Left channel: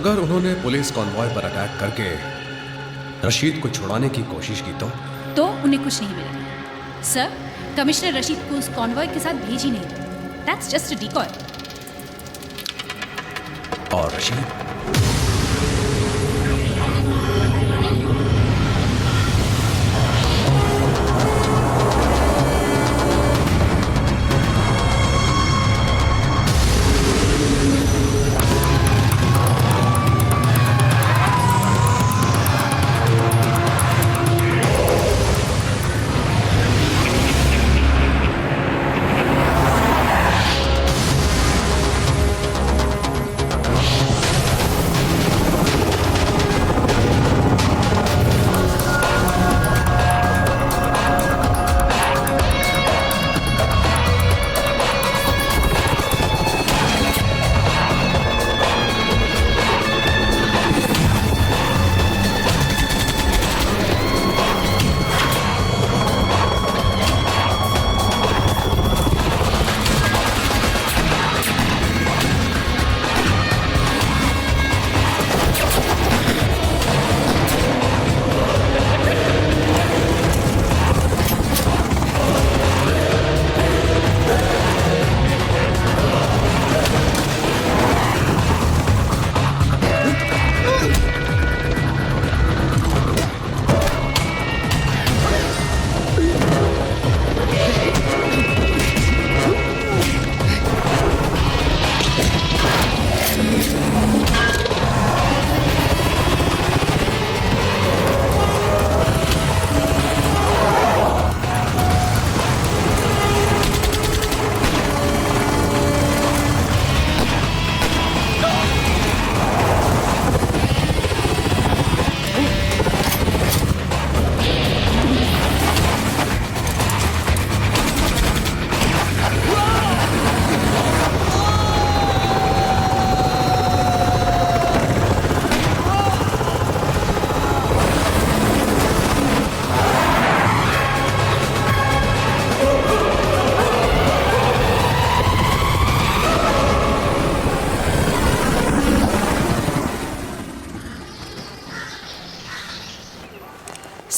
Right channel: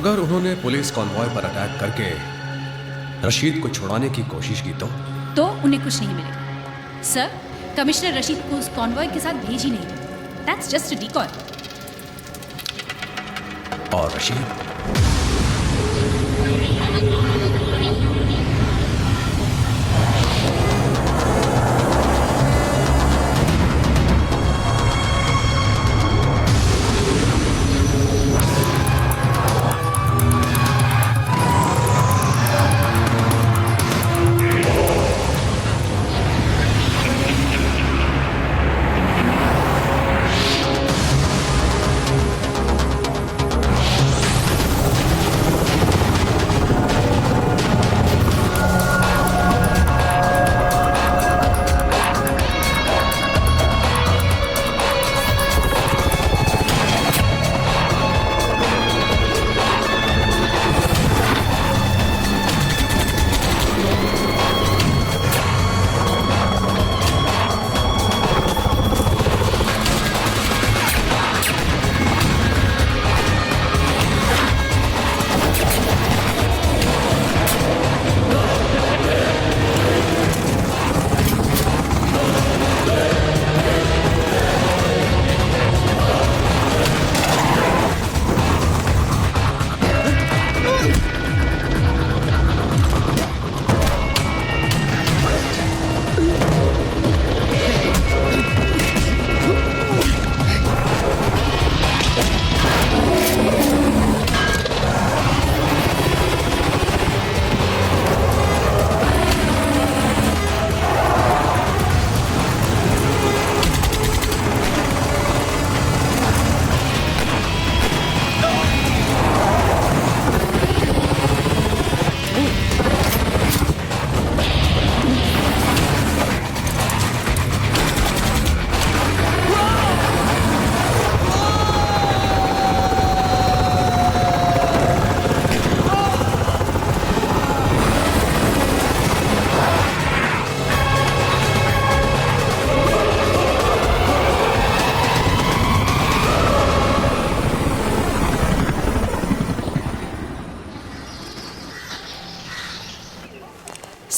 अगर उन्होंने police convoy पर अटैक करके रशीद को छुड़ाने की कोशिश की तो उन्हें कुछ नहीं मिलेगा। सर, कमिश्नर रशीद को उस कॉन्वॉय के साथ भेज ही नहीं रहे। That's just a decoy. और रशीद?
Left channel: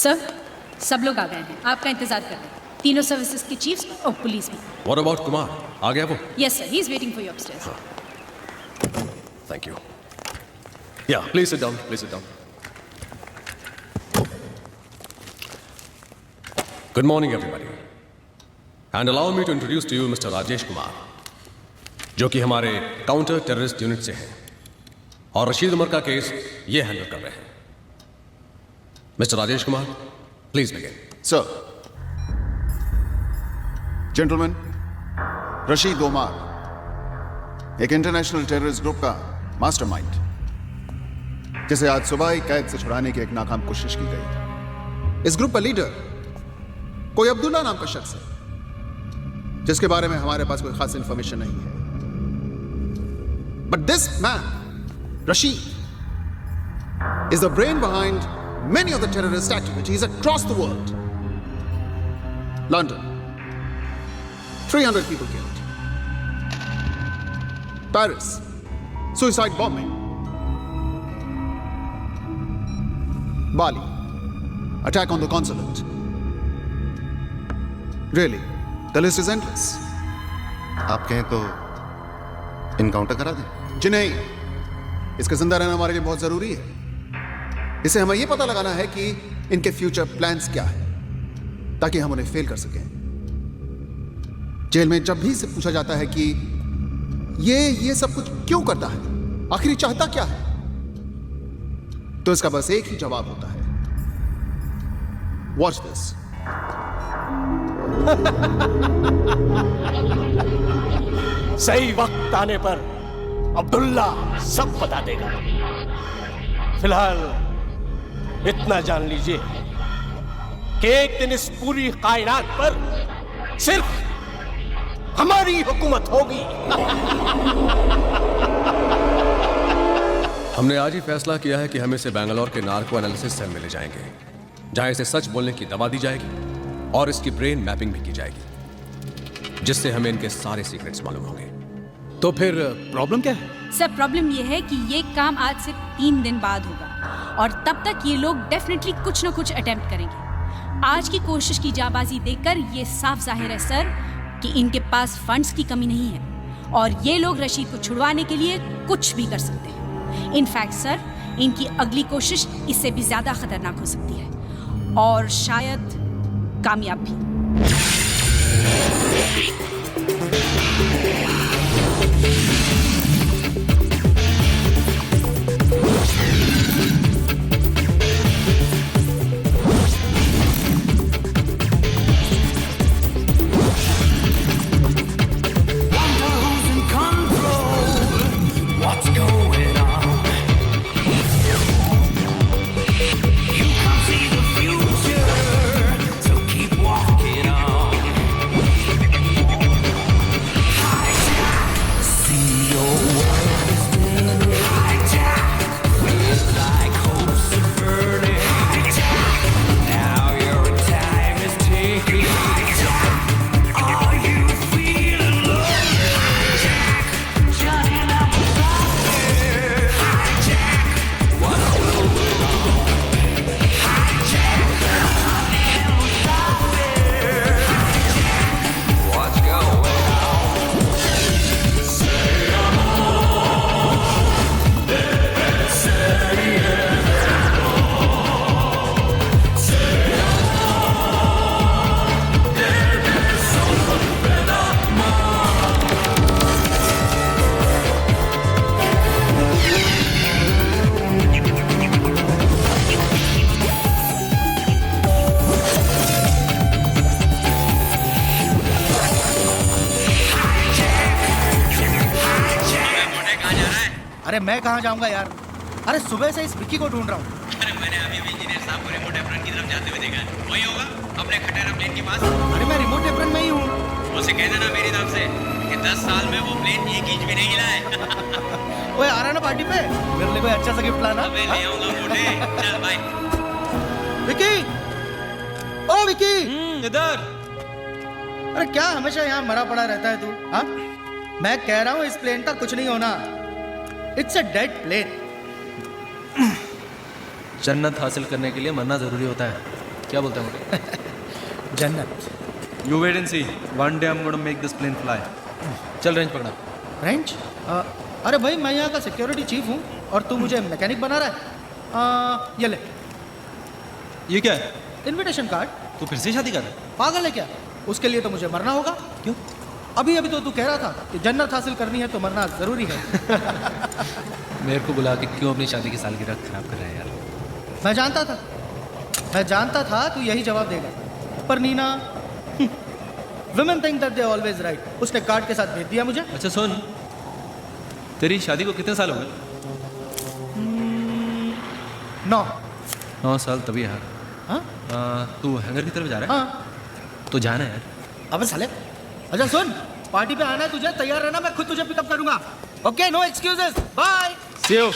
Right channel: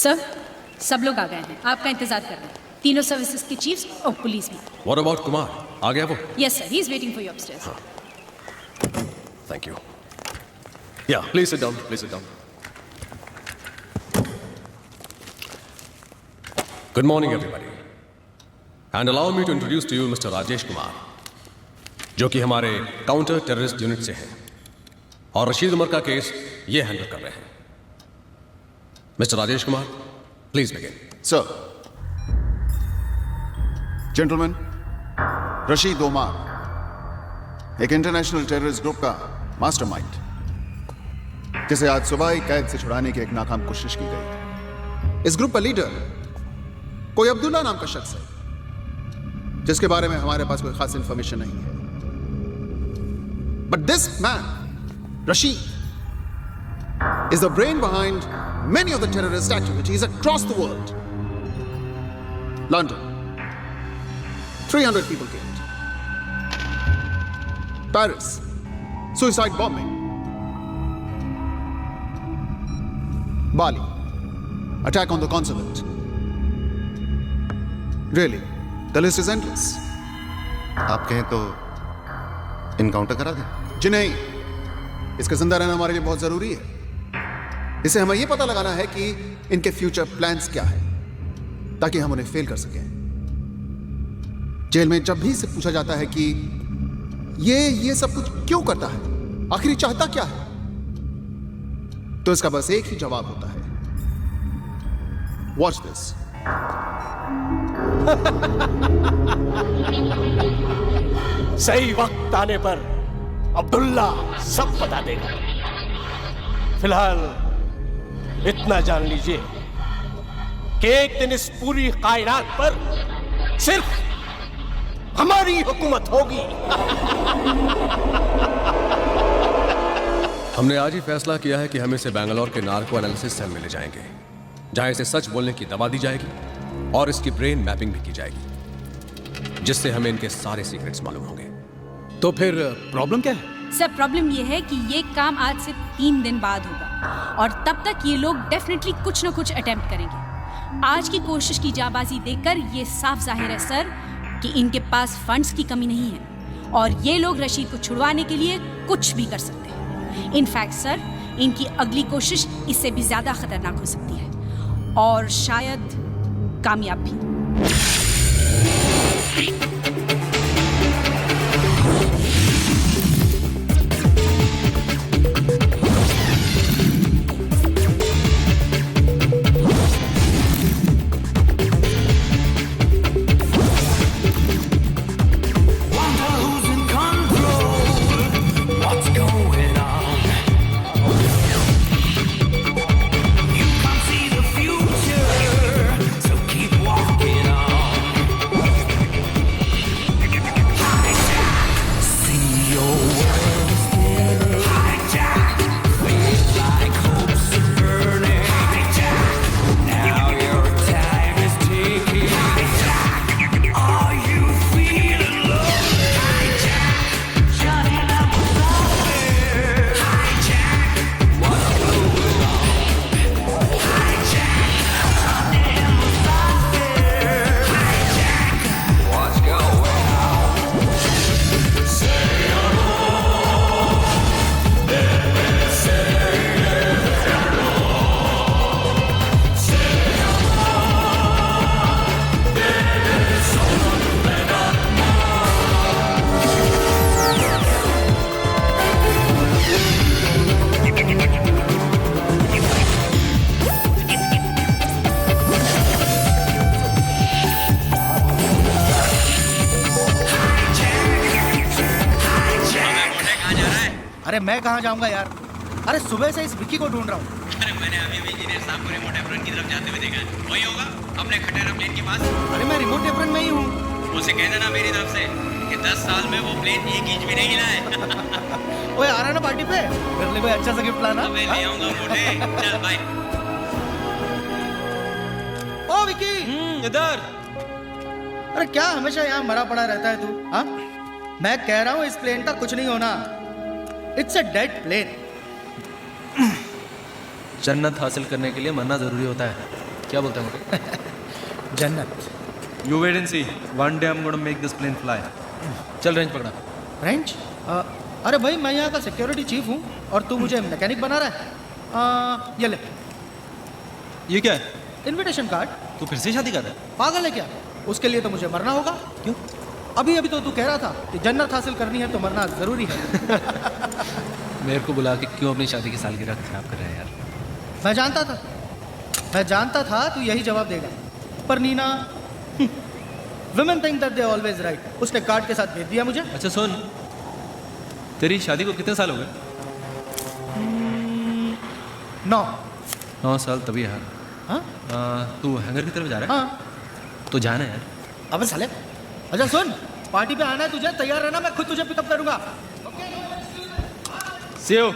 सर, सब लोग आ गए हैं। आपका इंतजार कर रहे हैं। तीनों सर्विसेज के चीफ्स और पुलिस भी। What about Kumar? आ गया वो? Yes sir, he is waiting for you upstairs. Thank you. या please sit down, please sit down. Good morning everybody, and allow me to introduce to you mister Rajesh Kumar, जो कि हमारे counter terrorist unit से हैं और रशीद उमर का केस ये handle कर रहे हैं। Mister Rajesh Kumar, please begin. Sir, gentleman, Rashid Umar एक इंटरनेशनल टेररिस्ट ग्रुप का मास्टरमाइंड, जिसे आज सुबह ही कैद से छुड़ाने की एक नाकाम कोशिश की गई। इस ग्रुप का लीडर कोई अब्दुल्ला नाम का शख्स है, जिसके बारे में हमारे पास कोई खास इंफॉर्मेशन नहीं है। But this man, Rashid, is the brain behind many of the terrorist activities across the world. London, 300 people killed. Paris, suicide bombing. Bali, attack on the consulate. Really, the list is endless. आप कहें तो encounter करा दें? जी नहीं, इसका जिंदा रहना हमारे लिए बहुत जरूरी है। इसे हमें यह पता लगाना है कि इनके फ्यूचर प्लान्स क्या है, ताकि हम उन्हें फेल कर सकें। जेल में जब भी से पूछा जाता है कि ये सब कुछ क्यों करता है, आखिर चाहता क्या है, तो इसका बस एक ही जवाब होता है, वॉच दिस। सही वक्त आने पर अब्दुल्ला सब बता देगा। फिलहाल इतना जान लीजिए कि एक दिन इस पूरी कायनात पर सिर्फ हमारी हुकूमत होगी। हमने आज ही फैसला किया है कि हम इसे बेंगलोर के नार्को एनालिसिस सेल में ले जाएंगे, जहां इसे सच बोलने की दवा दी जाएगी और इसकी ब्रेन मैपिंग भी की जाएगी, जिससे हमें इनके सारे सीक्रेट्स मालूम होंगे। तो फिर प्रॉब्लम क्या है? सर प्रॉब्लम ये है कि ये काम आज से 3 दिन बाद होगा और तब तक ये लोग डेफिनेटली कुछ ना कुछ अटेम्प्ट करेंगे। आज की कोशिश की जाबाजी देखकर ये साफ जाहिर है सर कि इनके पास फंड्स की कमी नहीं है और ये लोग रशीद को छुड़वाने के लिए कुछ भी कर सकते हैं। इनफैक्ट सर इनकी अगली कोशिश इससे भी ज्यादा खतरनाक हो सकती है और शायद कामयाब भी। अरे मैं कहाँ जाऊंगा यार, अरे सुबह से इस विक्की को ढूंढ रहा हूँ। अरे मैंने अभी भी इंजीनियर साहब को रिमोट एप्रन की तरफ जाते हुए देखा है। वही होगा अपने खटेरा प्लेन के पास। अरे मैं रिमोट एप्रन में ही हूँ। उसे कह देना मेरी तरफ से कि 10 साल में वो प्लेन 1 इंच भी नहीं हिला है। ओए आ रहा ना पार्टी पे, मेरे लिए कोई अच्छा सा गिफ्ट लाना। मैं ले आऊंगा मोटे। चल बाय। विक्की, ओ विक्की, इधर। अरे क्या हमेशा यहाँ मरा पड़ा रहता है तू? हाँ, मैं कह रहा हूँ इस प्लेन का कुछ नहीं होना। It's a dead plane. जन्नत हासिल करने के लिए मरना जरूरी होता है, क्या बोलते हैं मोटे? जन्नत। You wait and see, one day I am gonna make this plane fly. चल रेंज पकड़ा। रेंज? अरे भाई मैं यहाँ का सिक्योरिटी चीफ हूँ और तू मुझे मैकेनिक बना रहा है। ये ले, ये क्या है? Invitation card. तू फिर से शादी कर रहा है? पागल है क्या? उसके लिए तो मुझे मरना होगा। क्यों? अभी अभी तो तू कह रहा था कि जन्नत हासिल करनी है तो मरना जरूरी है। मेरे को बुला के क्यों अपनी शादी की सालगिरह खराब कर रहा है यार? मैं जानता था तू यही जवाब देगा, पर Nina, women think that they always right। उसने कार्ड के साथ भेज दिया मुझे। अच्छा सुन, तेरी शादी को कितने साल हो गए? 9। 9 साल तभी यार। हाँ तू हैंगर की तरफ जा रहा है? हाँ। तो जाना है यार। अबे साले, अच्छा सुन, पार्टी पे आना है तुझे, तैयार रहना, मैं खुद तुझे पिकअप करूंगा। Okay, no excuses, bye. See you.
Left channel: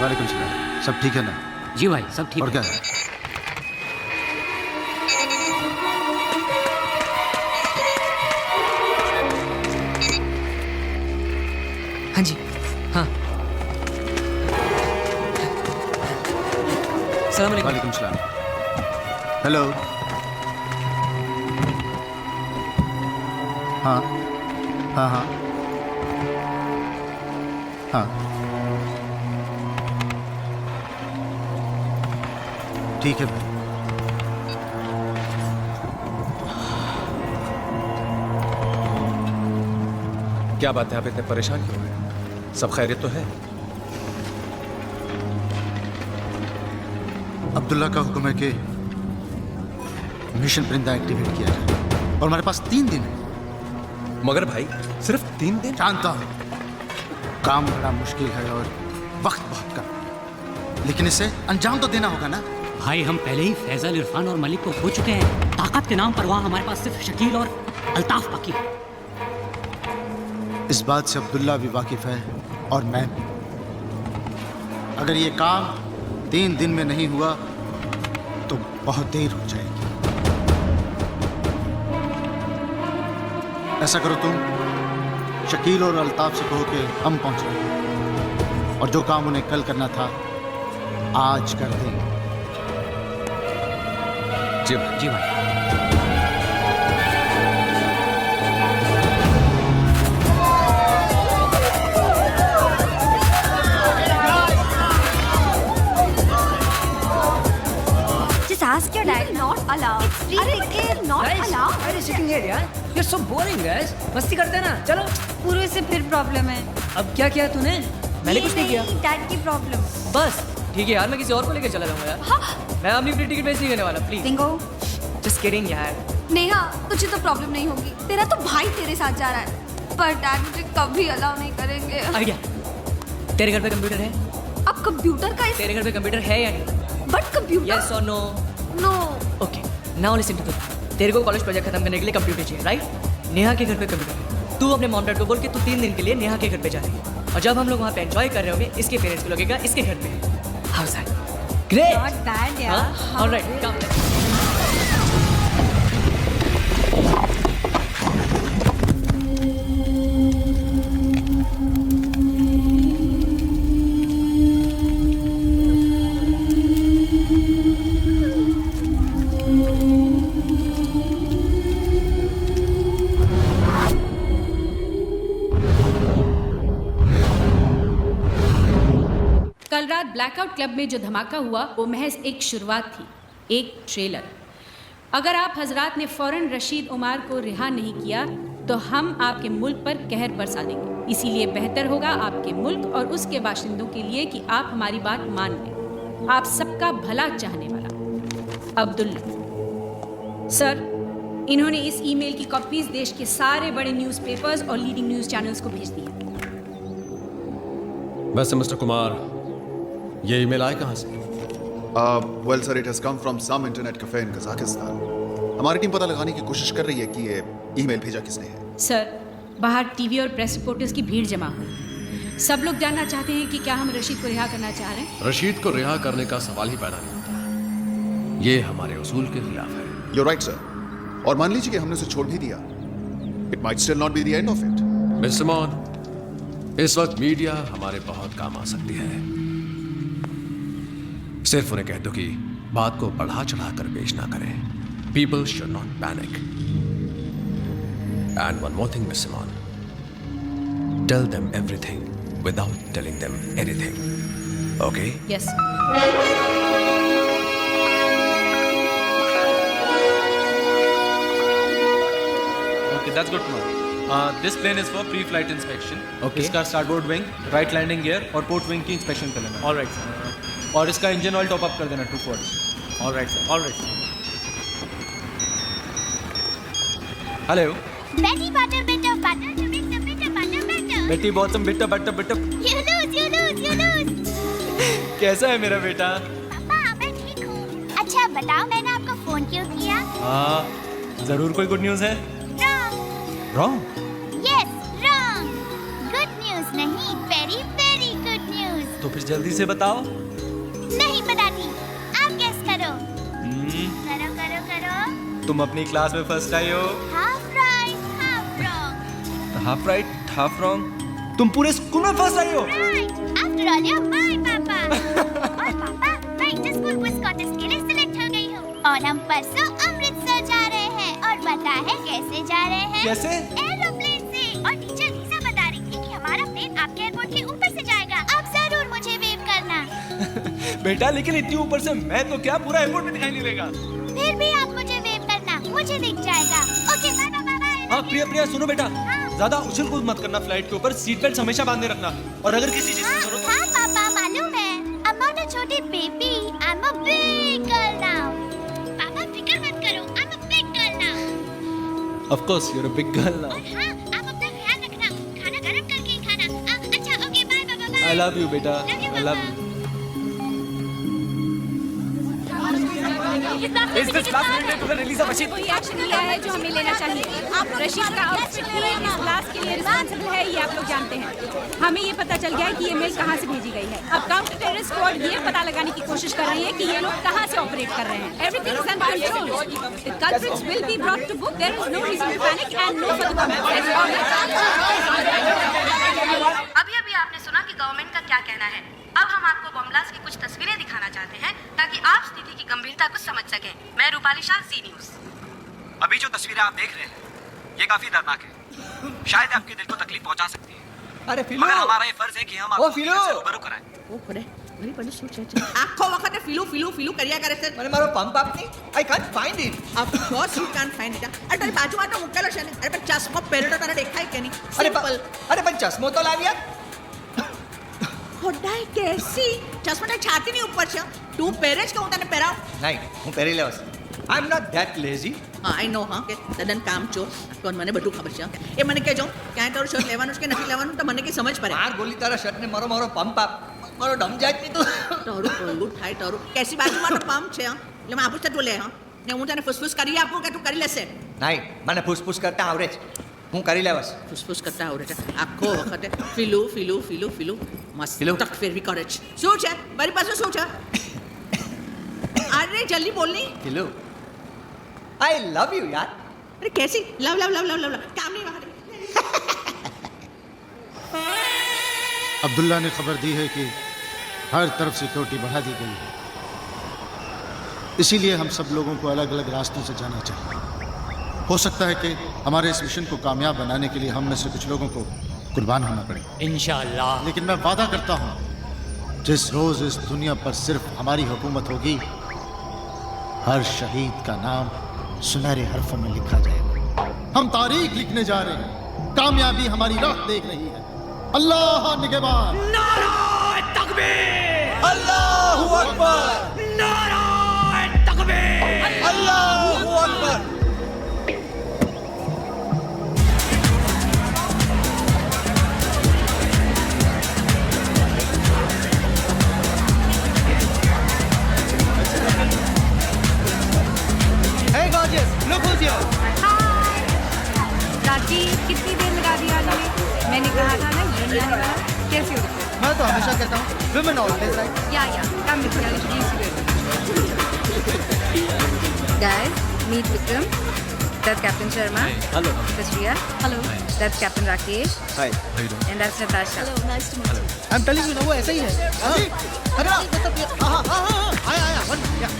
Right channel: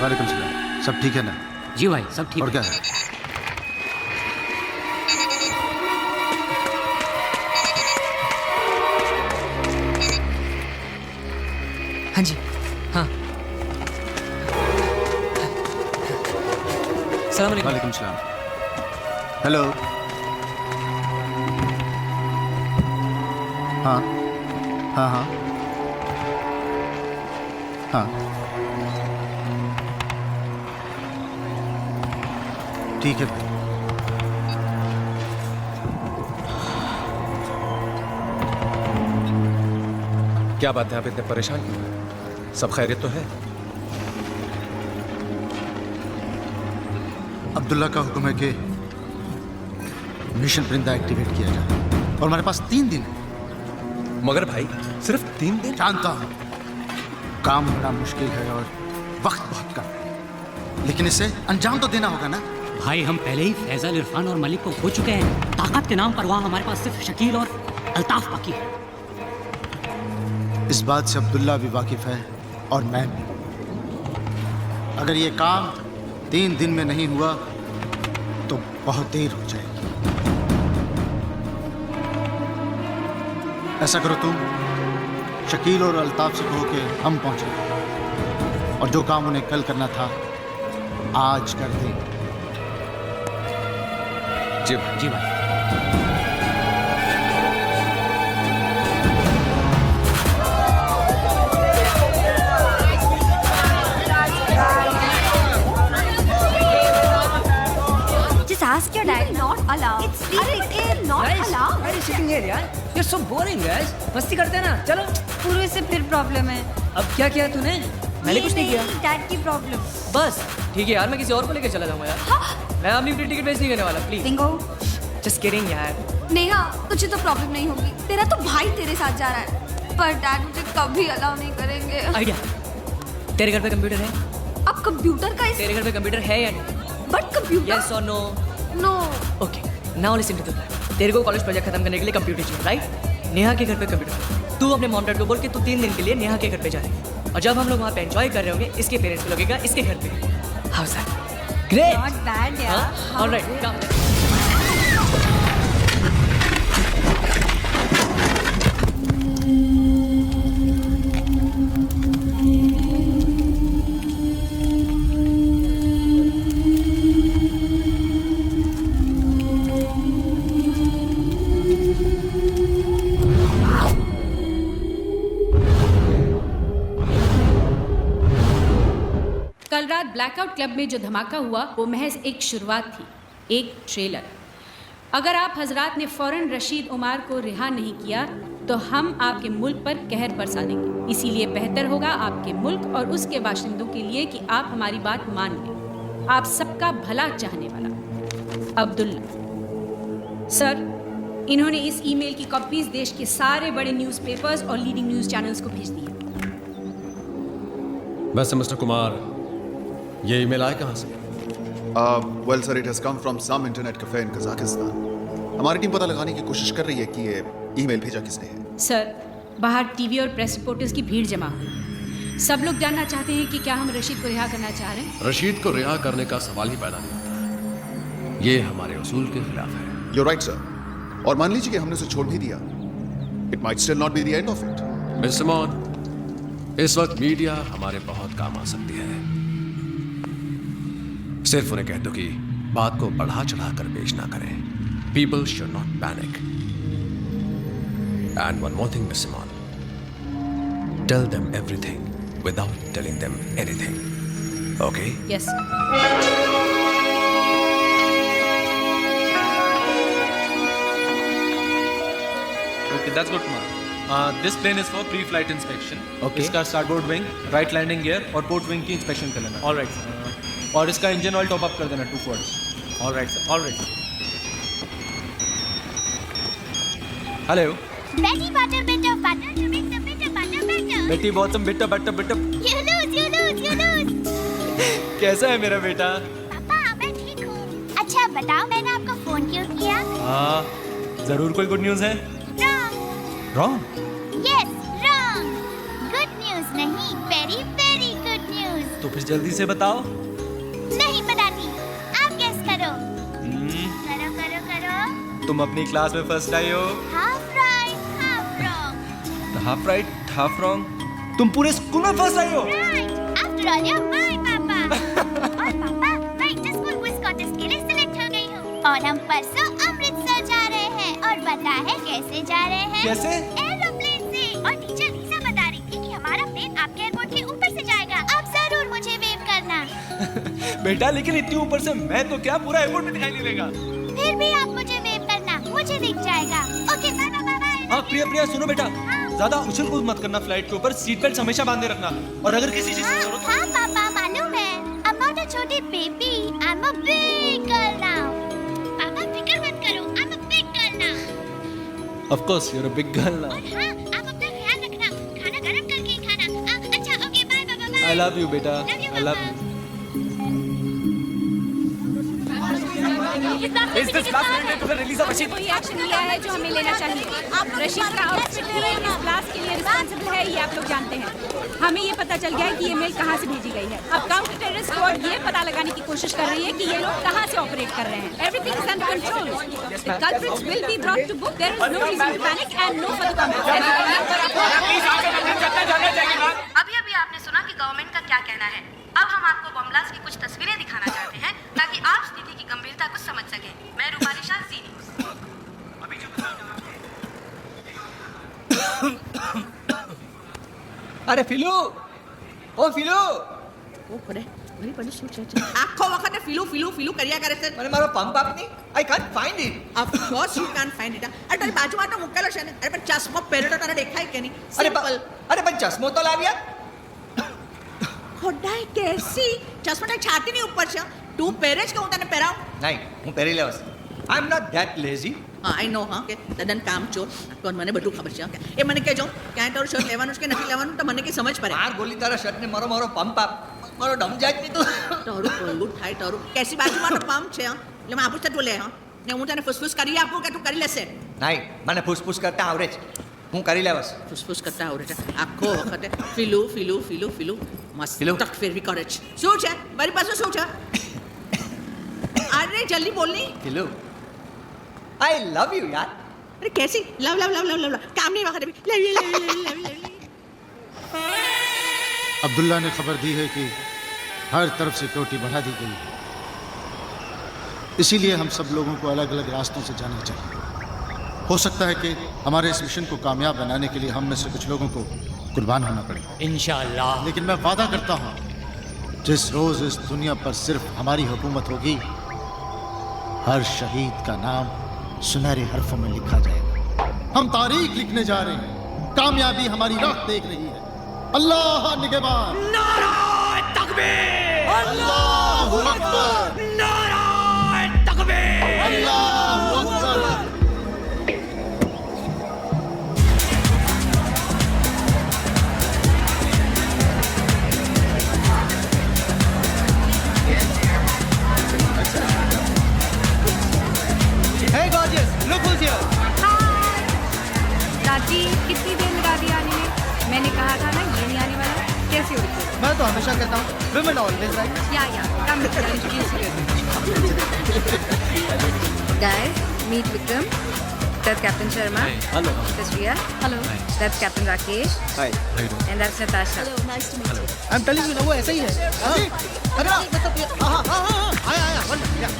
वालेकुम सलाम। सब ठीक है ना? जी भाई सब ठीक और है। क्या है? हाँ जी, हाँ। अस्सलाम वालेकुम। वालेकुम सलाम। हेलो। हाँ हाँ हाँ हाँ, ठीक है भाई। क्या बात है, आप इतने परेशान क्यों हैं? सब खैरियत तो है? अब्दुल्ला का हुक्म है कि मिशन परिंदा एक्टिवेट किया जाए और हमारे पास 3 दिन है। मगर भाई सिर्फ 3 दिन? जानता हूं काम बड़ा मुश्किल है और वक्त बहुत कम है, लेकिन इसे अंजाम तो देना होगा ना। भाई हम पहले ही फैजल, इरफान और मलिक को खो चुके हैं। ताकत के नाम पर वहाँ हमारे पास सिर्फ शकील और अल्ताफ बाकी है। इस बात से अब्दुल्ला भी वाकिफ है और मैं भी। अगर ये काम 3 दिन में नहीं हुआ तो बहुत देर हो जाएगी। ऐसा करो तुम शकील और अल्ताफ से कहो कि हम पहुंच रहे हैं और जो काम उन्हें कल करना था आज कर दें। जी भाई। जी भाई। Just ask your dad. Not allowed. It's free. Not allowed. Why are you sitting here, यार? You're so boring, guys. मस्ती करते हैं ना, चलो। पूर्व से फिर प्रॉब्लम है। अब क्या किया तूने? मैंने कुछ नहीं किया। डैड की प्रॉब्लम। बस ठीक है यार, मैं किसी और को लेकर चला जाऊंगा यार। हाँ? मैं अपनी फ्री टिकट वेस्ट नहीं करने वाला, प्लीज। सिंगो। जस्ट किडिंग यार। नेहा, तुझे तो प्रॉब्लम नहीं होगी। तेरा तो भाई तेरे साथ जा रहा है, पर डैड मुझे कभी अलाउ नहीं करेंगे। आइडिया। तेरे घर पे कंप्यूटर है? अब कंप्यूटर का तेरे घर पे कंप्यूटर है या नहीं? But computer. यस और no? No. Okay, now listen to the plan. तेरे को कॉलेज प्रोजेक्ट खत्म करने के लिए कंप्यूटर चाहिए, राइट? नेहा के घर पे कंप्यूटर है। तू अपने मॉम डैड को बोल के तू 3 दिन के लिए नेहा के घर पे जा रही है, और जब हम लोग वहाँ पे एंजॉय कर रहे होंगे, इसके पेरेंट्स को लगेगा इसके घर पे। How is that? Great. Not bad यार। Alright, come let's. कल रात ब्लैकआउट क्लब में जो धमाका हुआ वो महज एक शुरुआत थी, एक ट्रेलर। अगर आप हजरात ने फौरन रशीद उमर को रिहा नहीं किया तो हम आपके मुल्क पर कहर बरसा देंगे। इसीलिए बेहतर होगा आपके मुल्क और उसके बाशिंदों के लिए कि आप हमारी बात मान लें। आप सबका भला चाहने वाला अब्दुल्ला। सर, इन्होंने इस ईमेल की कॉपीज देश के सारे बड़े न्यूज़पेपर्स और लीडिंग न्यूज़ चैनल्स को भेज दी है। वैसे मिस्टर कुमार, ये ईमेल आए कहाँ से? Well sir, it has come from some internet cafe in Kazakhstan. हमारी टीम पता लगाने की कोशिश कर रही है कि ये ईमेल भेजा किसने है। सर, बाहर टीवी और प्रेस रिपोर्टर्स की भीड़ जमा हुई है। सब लोग जानना चाहते हैं कि क्या हम रशीद को रिहा करना चाह रहे हैं। रशीद को रिहा करने का सवाल ही पैदा नहीं होता। ये हमारे उसूल के खिलाफ है। You right sir. और मान लीजिए कि हमने उसे छोड़ भी दिया, it might still not be the end of it. Mister Mon, इस वक्त मीडिया हमारे बहुत काम आ सकती है। सिर्फ उन्हें कह दो कि बात को बढ़ा चढ़ा कर पेश ना करें। People should not panic. And one more thing mister Mon, tell them everything without telling them anything. Okay? Yes. Okay, that's good, Kumar. This plane is for pre-flight inspection. Okay. इसका starboard wing, right landing gear और port wing की inspection कर लेना. All right, sir. और इसका engine oil top up कर देना 2 quarts. All right, sir. All right. Hello. Betty butter, bit of butter to make the bitter butter better. Betty bought some bitter. You lose. कैसा है मेरा बेटा? पापा, मैं ठीक हूँ। अच्छा बताओ, मैंने आपको फोन क्यों किया? हाँ, जरूर कोई गुड न्यूज़ है? Wrong? Yes, wrong. Good news नहीं, very very good news. तो फिर जल्दी से बताओ. नहीं बताती, आप गेस करो. करो. तुम अपनी क्लास में फर्स्ट आई हो. Half right, half wrong. Half right, half wrong. तुम पूरे स्कूल में फर्स्ट आई हो. Right. After all, you're my papa. और पापा, मैं इंटर पुरपुस कॉन्टेस्ट के लिए सिलेक्ट हो गई हूँ और हम परसों अमृतसर जा रहे हैं। और पता है कैसे जा रहे हैं? कैसे? एरोप्लेन से। और टीचर लीजा बता रही थी कि हमारा प्लेन आपके एयरपोर्ट के ऊपर से जाएगा। आप जरूर मुझे वेव करना। बेटा लेकिन इतनी ऊपर से मैं तो क्या पूरा एयरपोर्ट में दिखाई नहीं देगा। फिर भी आप मुझे वेव करना, मुझे दिख जाएगा। Okay bye bye bye. हाँ प्रिया सुनो बेटा, ज्यादा उछल कूद मत करना फ्लाइट के ऊपर, सीट बेल्ट हमेशा बांधे रखना। और अगर किसी चीज की जरूरत हो। हाँ पापा मालूम है। I'm not a छोटी baby, I'm a big girl now. पापा फिक्र मत करो, I'm a big girl now. Of course you're a big girl now. और हाँ, आप अपना ख्याल रखना, खाना गरम करके ही खाना। अच्छा okay bye bye bye. I love you बेटा, I love you. Is this blast related to the release of Rashid? वही एक्शन लिया है जो हमें लेना चाहिए। रशीद का आउटफिट ही इस ब्लास्ट के लिए रिस्पांसिबल है, ये आप लोग जानते हैं। हमें ये पता चल गया है कि ये मेल कहाँ से भेजी गई है। अब काउंटर टेररिस्ट स्क्वाड ये पता लगाने की कोशिश कर रही है कि ये लोग कहाँ से ऑपरेट कर रहे हैं। Everything is under control. The culprits will be brought to book. There is no reason to panic and no further comments. अभी आपने सुना कि गवर्नमेंट का क्या कहना है। अब हम आपको बम ब्लास्ट की कुछ तस्वीरें दिखाना चाहते हैं ताकि आप स्थिति की गंभीरता को समझ सकें। मैं रूपाली शाह, ज़ी न्यूज़। अभी जो तस्वीरें आप देख रहे हैं ये काफी दर्दनाक है। शायद आपके दिल को तकलीफ पहुंचा सकती है। अरे फिलू, हमारा ये फर्ज है कि हम ओ फिलू, रूबरू कराएं। ओ खड़े मेरी पड़ी सोच आखो वखत फिलू फिलू फिलू કર્યા કરે છે। મને મારો પંપ આપની I can't find it. Of course you can't find it. અરે તારી બાજુમાં તો મુકેલો છે ને। અરે પણ ચશ્મો પહેર્યો તો તારે દેખાય કે નહીં? અરે પણ ચશ્મો તો લાવ્યા। ખોડાઈ કેસી ચશ્મા તારી છાતીની ઉપર છે। તું પહેરે છે કે હું તને પહેરાવ? નહીં, હું પહેરી લેવાશ। I am not that lazy. હા આઈ નો હા કે તદન કામ ચોર કોણ મને બધું ખબર છે। એ મને કહેજો ક્યાં તારું શર્ટ લેવાનું છે કે નથી લેવાનું તો મને કે સમજ પડે। માર ગોલી તારા શર્ટ ને મારો પંપ આપ, મારો ડમ જાય નહીં તું। તારું કોલું થાય તારું કેસી બાજુમાં તો પંપ છે। એટલે હું આપું તું લે હા ને હું તને ફુસફુસ કરી આપું કે તું કરી લેશે? નહીં, મને ફૂસફૂસ કરતા આવડે છે, હું કરી લેવાશ। ફુસફુસ કરતા આવડે છે આખો વખતે ફીલુ ફીલુ ફીલુ ફીલુ મસ્ત તક ફેરવી કરે છે। શું છે મારી પાસે શું છે? અરે જલ્દી બોલની। ફીલુ I love you यार। अरे कैसी love love love love love काम नहीं वक्त अब्दुल्ला ने खबर दी है कि हर तरफ सिक्योरिटी बढ़ा दी गई है, इसीलिए हम सब लोगों को अलग अलग रास्तों से जाना चाहिए। हो सकता है कि हमारे इस मिशन को कामयाब बनाने के लिए हम में से कुछ लोगों को कुर्बान होना पड़े इंशाअल्लाह। लेकिन मैं वादा करता हूँ जिस रोज इस दुनिया पर सिर्फ हमारी हुकूमत होगी, हर शहीद का नाम सुनहरे हरफों में लिखा जाएगा। हम तारीख लिखने जा रहे हैं, कामयाबी हमारी राह देख रही है। अल्लाह निगहबान। नाराए तकबीर, अल्लाहू अकबर, नाराए तकबीर, Allahu Akbar. Hey gorgeous, look who's here. हाय राजीव, कितनी देर लगा दी आने में? मैंने कहा था ना ये नहीं आने वाला। कैसी हो विक्रम? मैं तो हमेशा कहता हूँ women always right. या come with me, I'll introduce you to guys, meet Vikram. That's Captain Sharma. Hello. That's Riya. Hello. That's Captain Rakesh. Hi. How you doing? And that's Natasha. Hello, nice to meet you. I'm telling you ना वो ऐसा ही है। अरे मतलब हाँ आया one या।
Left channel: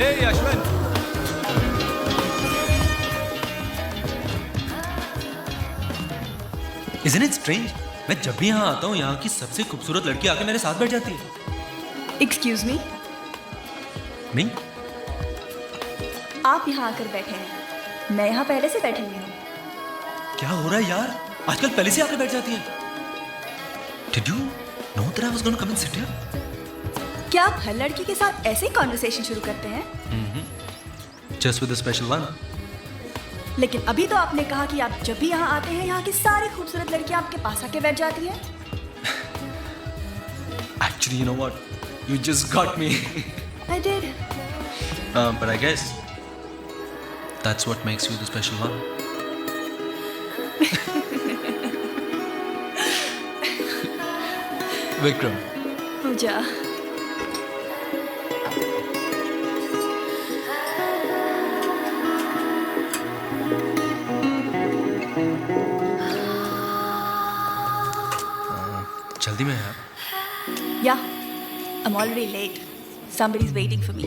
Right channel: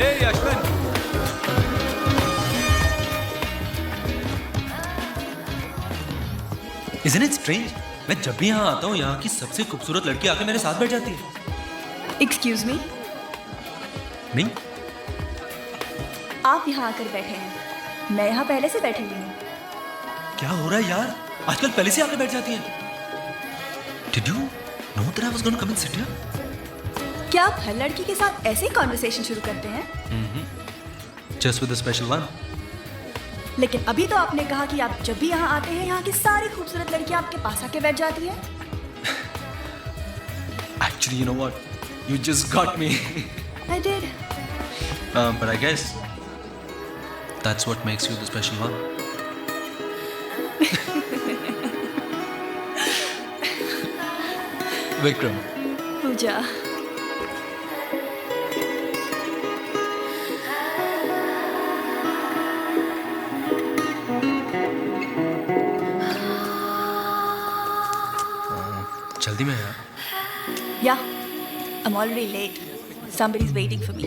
Hey Ashwin. Isn't it strange? मैं जब भी यहाँ आता हूँ यहाँ की सबसे खूबसूरत लड़की आके मेरे साथ बैठ जाती है। Excuse me? नहीं, आप यहाँ आकर बैठे हैं, मैं यहाँ पहले से बैठी हुई हूँ। क्या हो रहा है यार? आजकल पहले से आके बैठ जाती है। Did you know that I was going to come and sit here? क्या आप हर लड़की के साथ ऐसे ही कॉन्वर्सेशन शुरू करते हैं? Just with a special one. लेकिन अभी तो आपने कहा कि आप जब भी यहाँ आते हैं यहाँ की सारी खूबसूरत लड़कियाँ आपके पास आके बैठ जाती हैं। Actually, you know what? You just got me. I did. But I guess that's what makes you the special one. Vikram. पूजा। जल्दी में यार। Yeah, I'm already late. Somebody's waiting for me.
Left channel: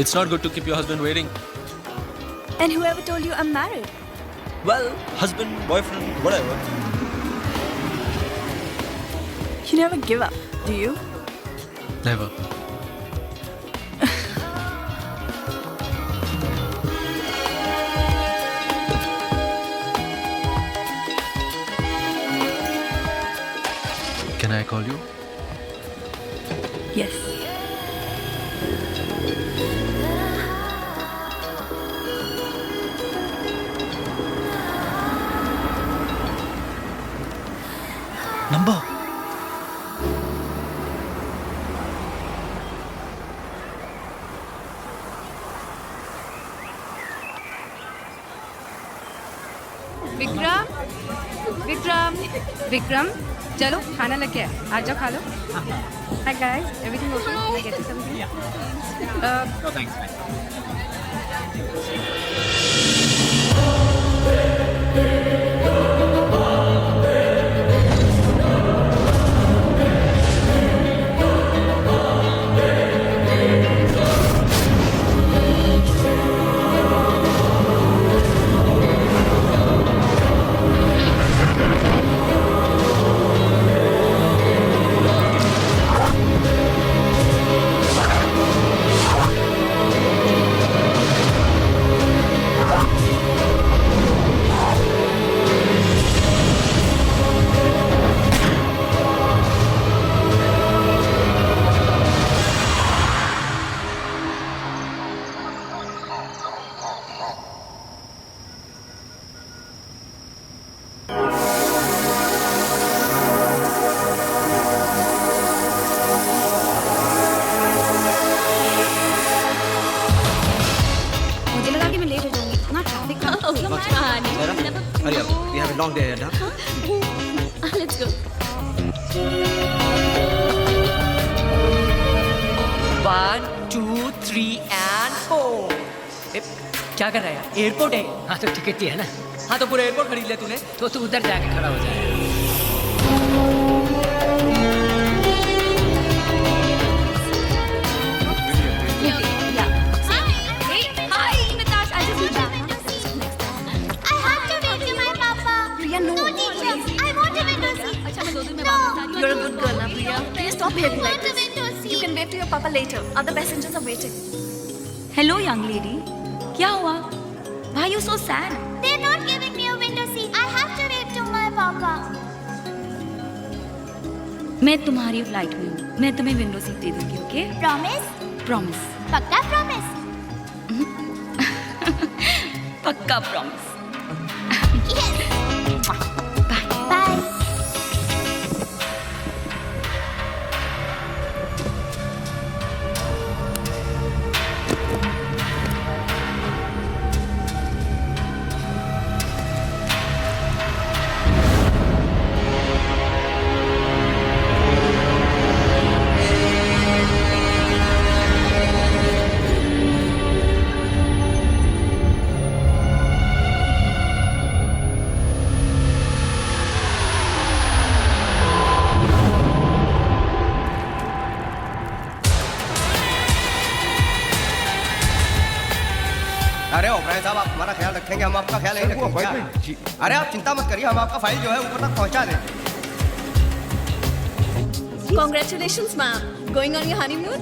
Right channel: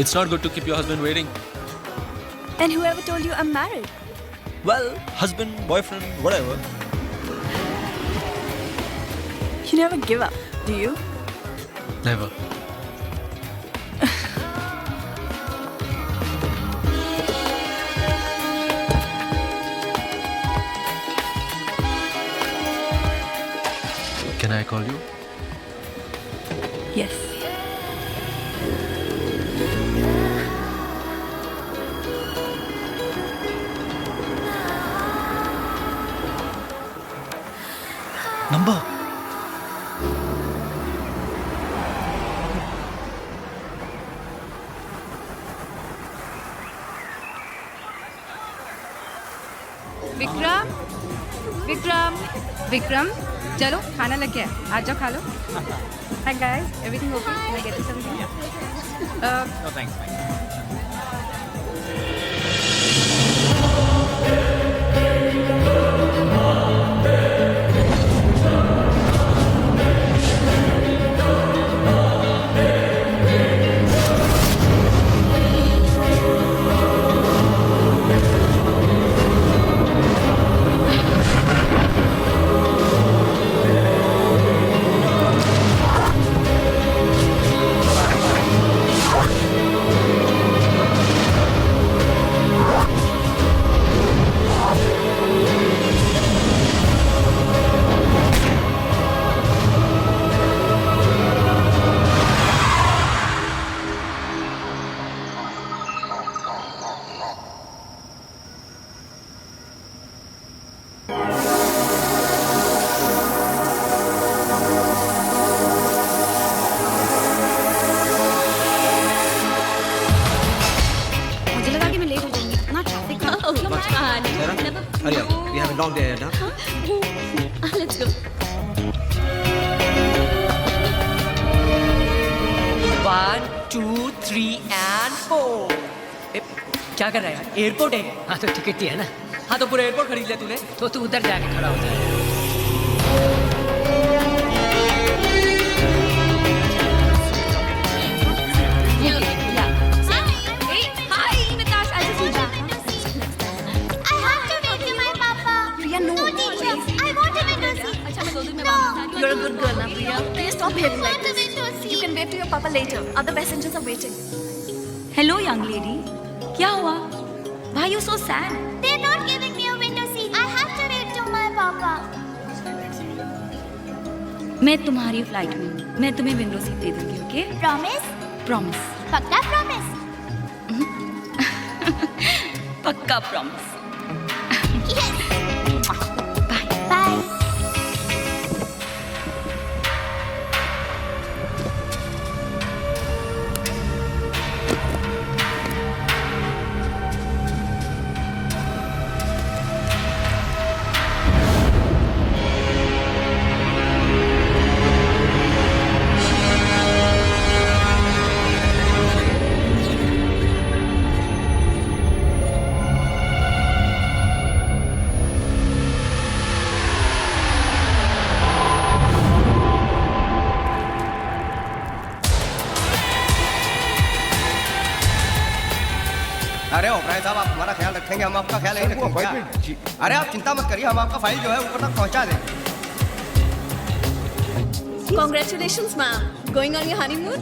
It's not good to keep your husband waiting. And whoever told you I'm married? Well, husband, boyfriend, whatever. You never give up, do you? Never. Can I call you? Yes. Number. Vikram, Vikram, Vikram, चलो खाना लग गया है, आ जाओ खा लो। Hi guys, everything okay? Can I get you something? No thanks, fine. मुझे लगा कि मैं लेट हो जाऊंगी, इतना ट्रैफिक था। Hurry up. We have a long day ahead, huh? Let's go. 1, 2, 3 and 4. क्या कर रहा है यार? एयरपोर्ट है। हाँ तो टिकट ही है ना। हाँ तो पूरा एयरपोर्ट खरीद लिया तूने? तो तू उधर जाके खड़ा हो जाए। Hi, Natasha. I just need that. I have to wave to my papa. Priya, no. No, teacher. I want a window seat. अच्छा मैं 2 दिन में वापस आ रही हूँ। You're a good girl, ना Priya. Please stop behaving like want a this. window seat. You can wave to your papa later. Other passengers are waiting. Hello young lady, क्या हुआ? Why are you so sad? They're not giving me a window seat. I have to wave to my papa. मैं तुम्हारी flight में हूँ, मैं तुम्हें window seat दे दूंगी, okay? Promise? Promise. पक्का promise? पक्का प्रॉमिस। Yes. बाय। Bye. अरे ओबराय साहब, आप हमारा ख्याल रखेंगे, हम आपका ख्याल नहीं रखेंगे क्या? अरे आप चिंता मत करिए, हम आपका फाइल जो है ऊपर तक पहुंचा देंगे। Congratulations, ma'am. Going on your honeymoon?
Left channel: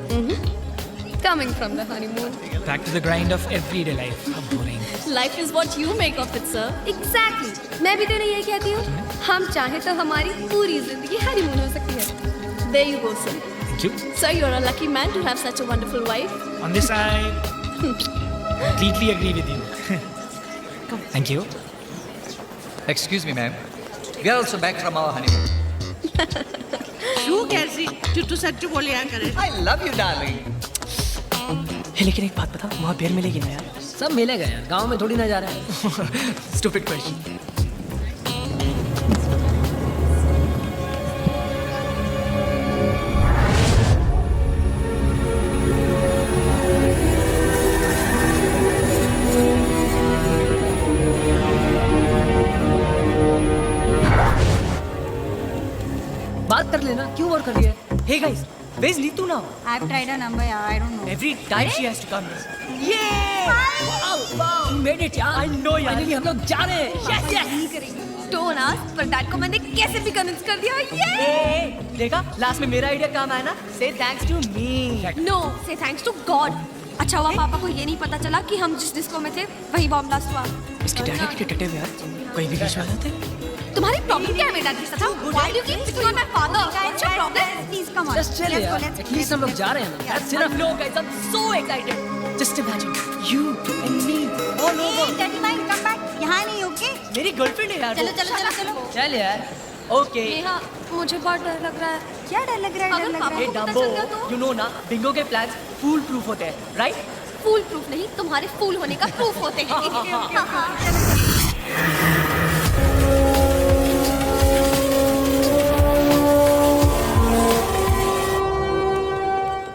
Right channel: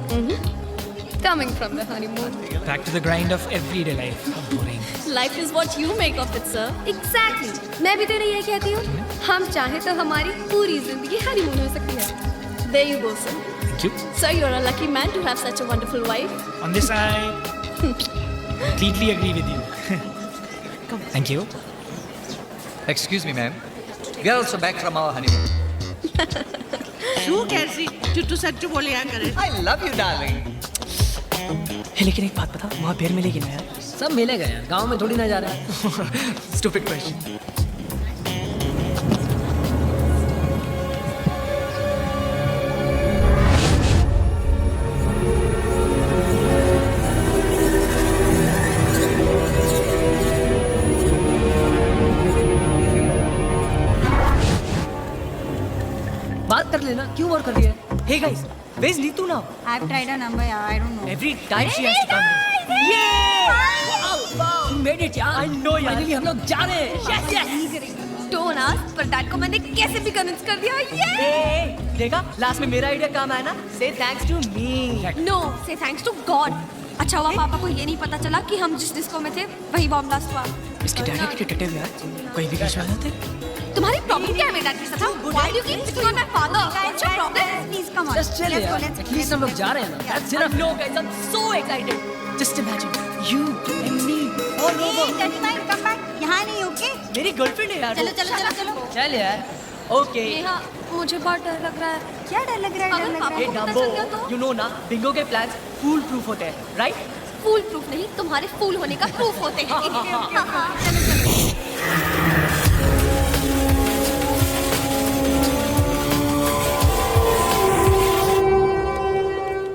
Coming from the honeymoon. Back to the grind of everyday life. How boring. Life is what you make of it, sir. Exactly. मैं भी तो नहीं ये कहती हूँ. हम चाहे तो हमारी पूरी जिंदगी हनीमून हो सकती है. There you go, sir. Thank you. Sir, you're a lucky man to have such a wonderful wife. On this, I completely agree with you. Thank you. Excuse me, ma'am. We are also back from our honeymoon. तू कैसी टुट्टू सच्चू बोले यार करे. I love you, darling. लेकिन एक बात बता, वहाँ बेर मिलेगी ना यार? सब मिलेगा यार, गांव में थोड़ी ना जा रहे हैं. Stupid question. बात कर लेना, क्यों और कर रही है? Hey guys, where's Neetu now? I've tried her number, yeah, I don't know. Every time she has to come. Yeah! Wow! You made it, यार. I know, यार. Finally हम लोग जा रहे हैं. Yes, yes. Don't ask, पर dad को मैंने कैसे भी कन्विंस कर दिया. Hey, देखा? Last में मेरा आइडिया काम आया ना? Say thanks to me. No, say thanks to God. अच्छा हुआ पापा को ये नहीं पता चला कि हम जिस डिस्को में थे वही बॉम्ब ब्लास्ट हुआ. इसके डैडी के डिटेक्टिव यार, कोई भी बीच में आ जाते. तुम्हारी प्रॉब्लम क्या है मेरे डैड के साथ? Why do you keep picking on my father? What's your problem? Please come on. Just chill, यार. At least हम लोग जा रहे हैं ना. That's enough. No guys, I'm so excited. Just imagine you and me all over. Daddy mine, come back. यहाँ नहीं, okay? मेरी गर्लफ्रेंड है यार. चलो चलो चलो चलो. चल यार. Okay. नेहा, मुझे बहुत डर लग रहा है. क्या डर लग रहा है? डर लग रहा Hey है? Dumbo, you know ना, बिंगो के plans fool proof होते हैं, right? फूल प्रूफ नहीं, तुम्हारे फूल होने का प्रूफ होते हैं. चलो चलो.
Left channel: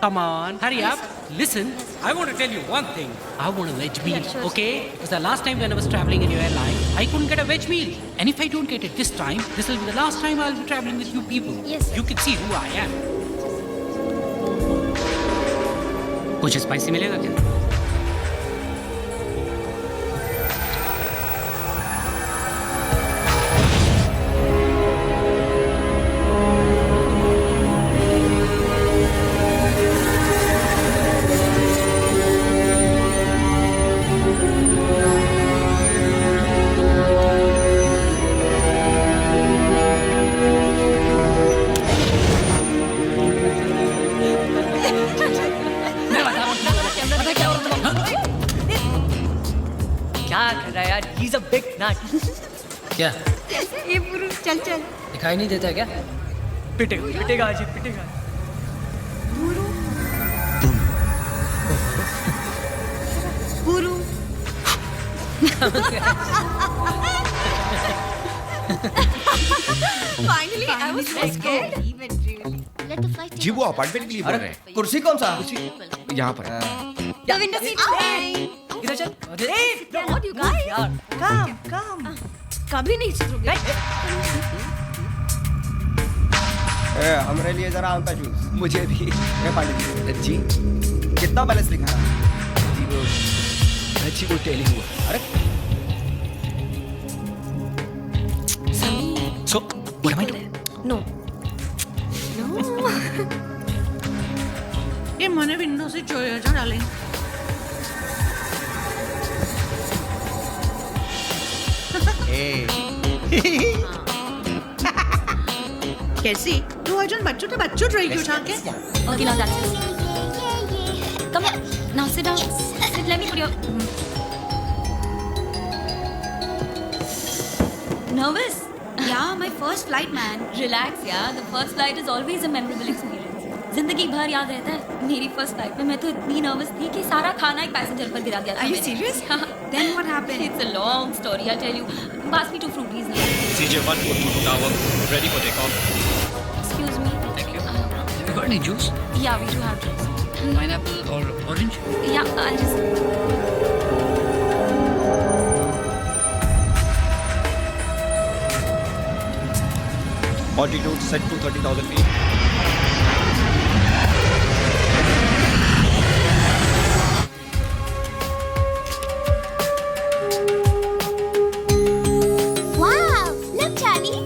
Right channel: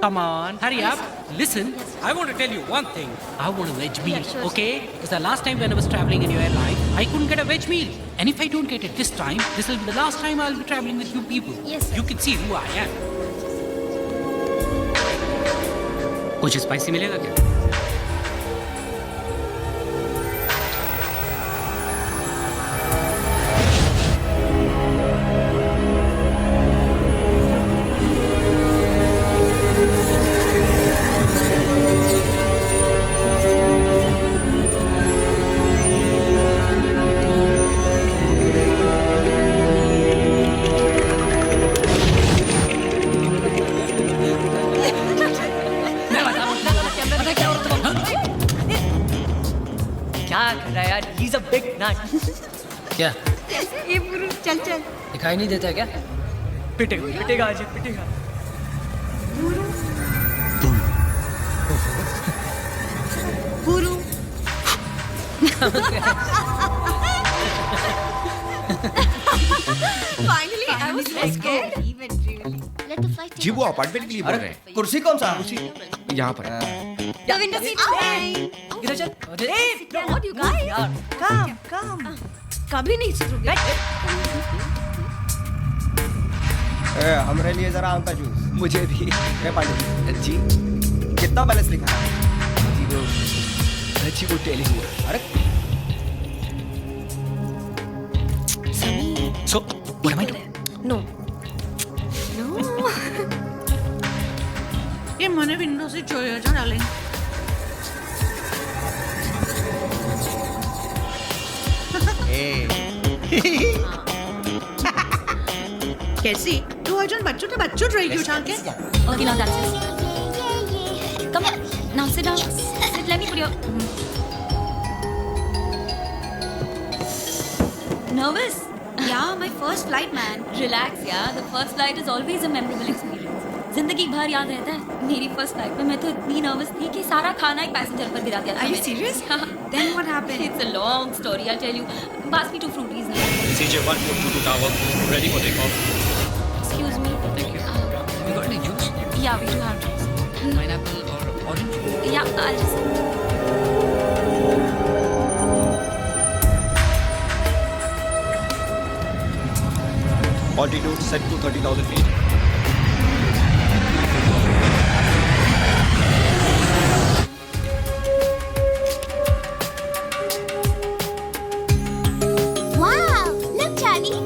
Come on, hurry up. Listen, I want to tell you one thing. I want a veg meal, okay? Because the last time when I was traveling in your airline, I couldn't get a veg meal. And if I don't get it this time, this will be the last time I'll be traveling with you people. Yes, sir. You can see who I am. कुछ spicy मिलेगा क्या? क्या कर रहा है यार? He's a big nut. क्या? ये पुरुष चल चल. दिखाई नहीं देता क्या? पिटेगा आज, पिटेगा. पुरु. Finally, I was so scared. जी वो अपार्टमेंट के लिए बोल रहे हैं. कुर्सी कौन सा? यहाँ पर. The window seat fine. इधर चल. Hey, what you guys? यार. Come. कभी नहीं सुधरोगे. हमारे लिए जरा आम का जूस. मुझे भी. पानी जी. कितना बैलेंस लिखा है? जी वो टेली हुआ. अरे So, what am I doing? No. ये मने विंडो से જોયો છો ડાર્લિંગ. कैसी? तू अजून बच्चू रही क्यों छाके? Okay, now that's it. Come on. Now sit down. Sit, let me put your... Nervous? Yeah, my first flight, man. Relax, yeah. The first flight is always a memorable experience. जिंदगी भर याद रहता है. मेरी first flight में मैं तो इतनी nervous थी कि सारा खाना एक पैसेंजर पर गिरा दिया था. Are you serious? Then what happened? It's a long story. I'll tell you. Pass me 2 fruities now. CJ1422 Tower, ready for takeoff. Excuse me. Thank you. Have you got any juice? Yeah, we do have juice. Pineapple or orange? Yeah, I'll just... Altitude set to 30,000 feet. Wow! Look, Charlie.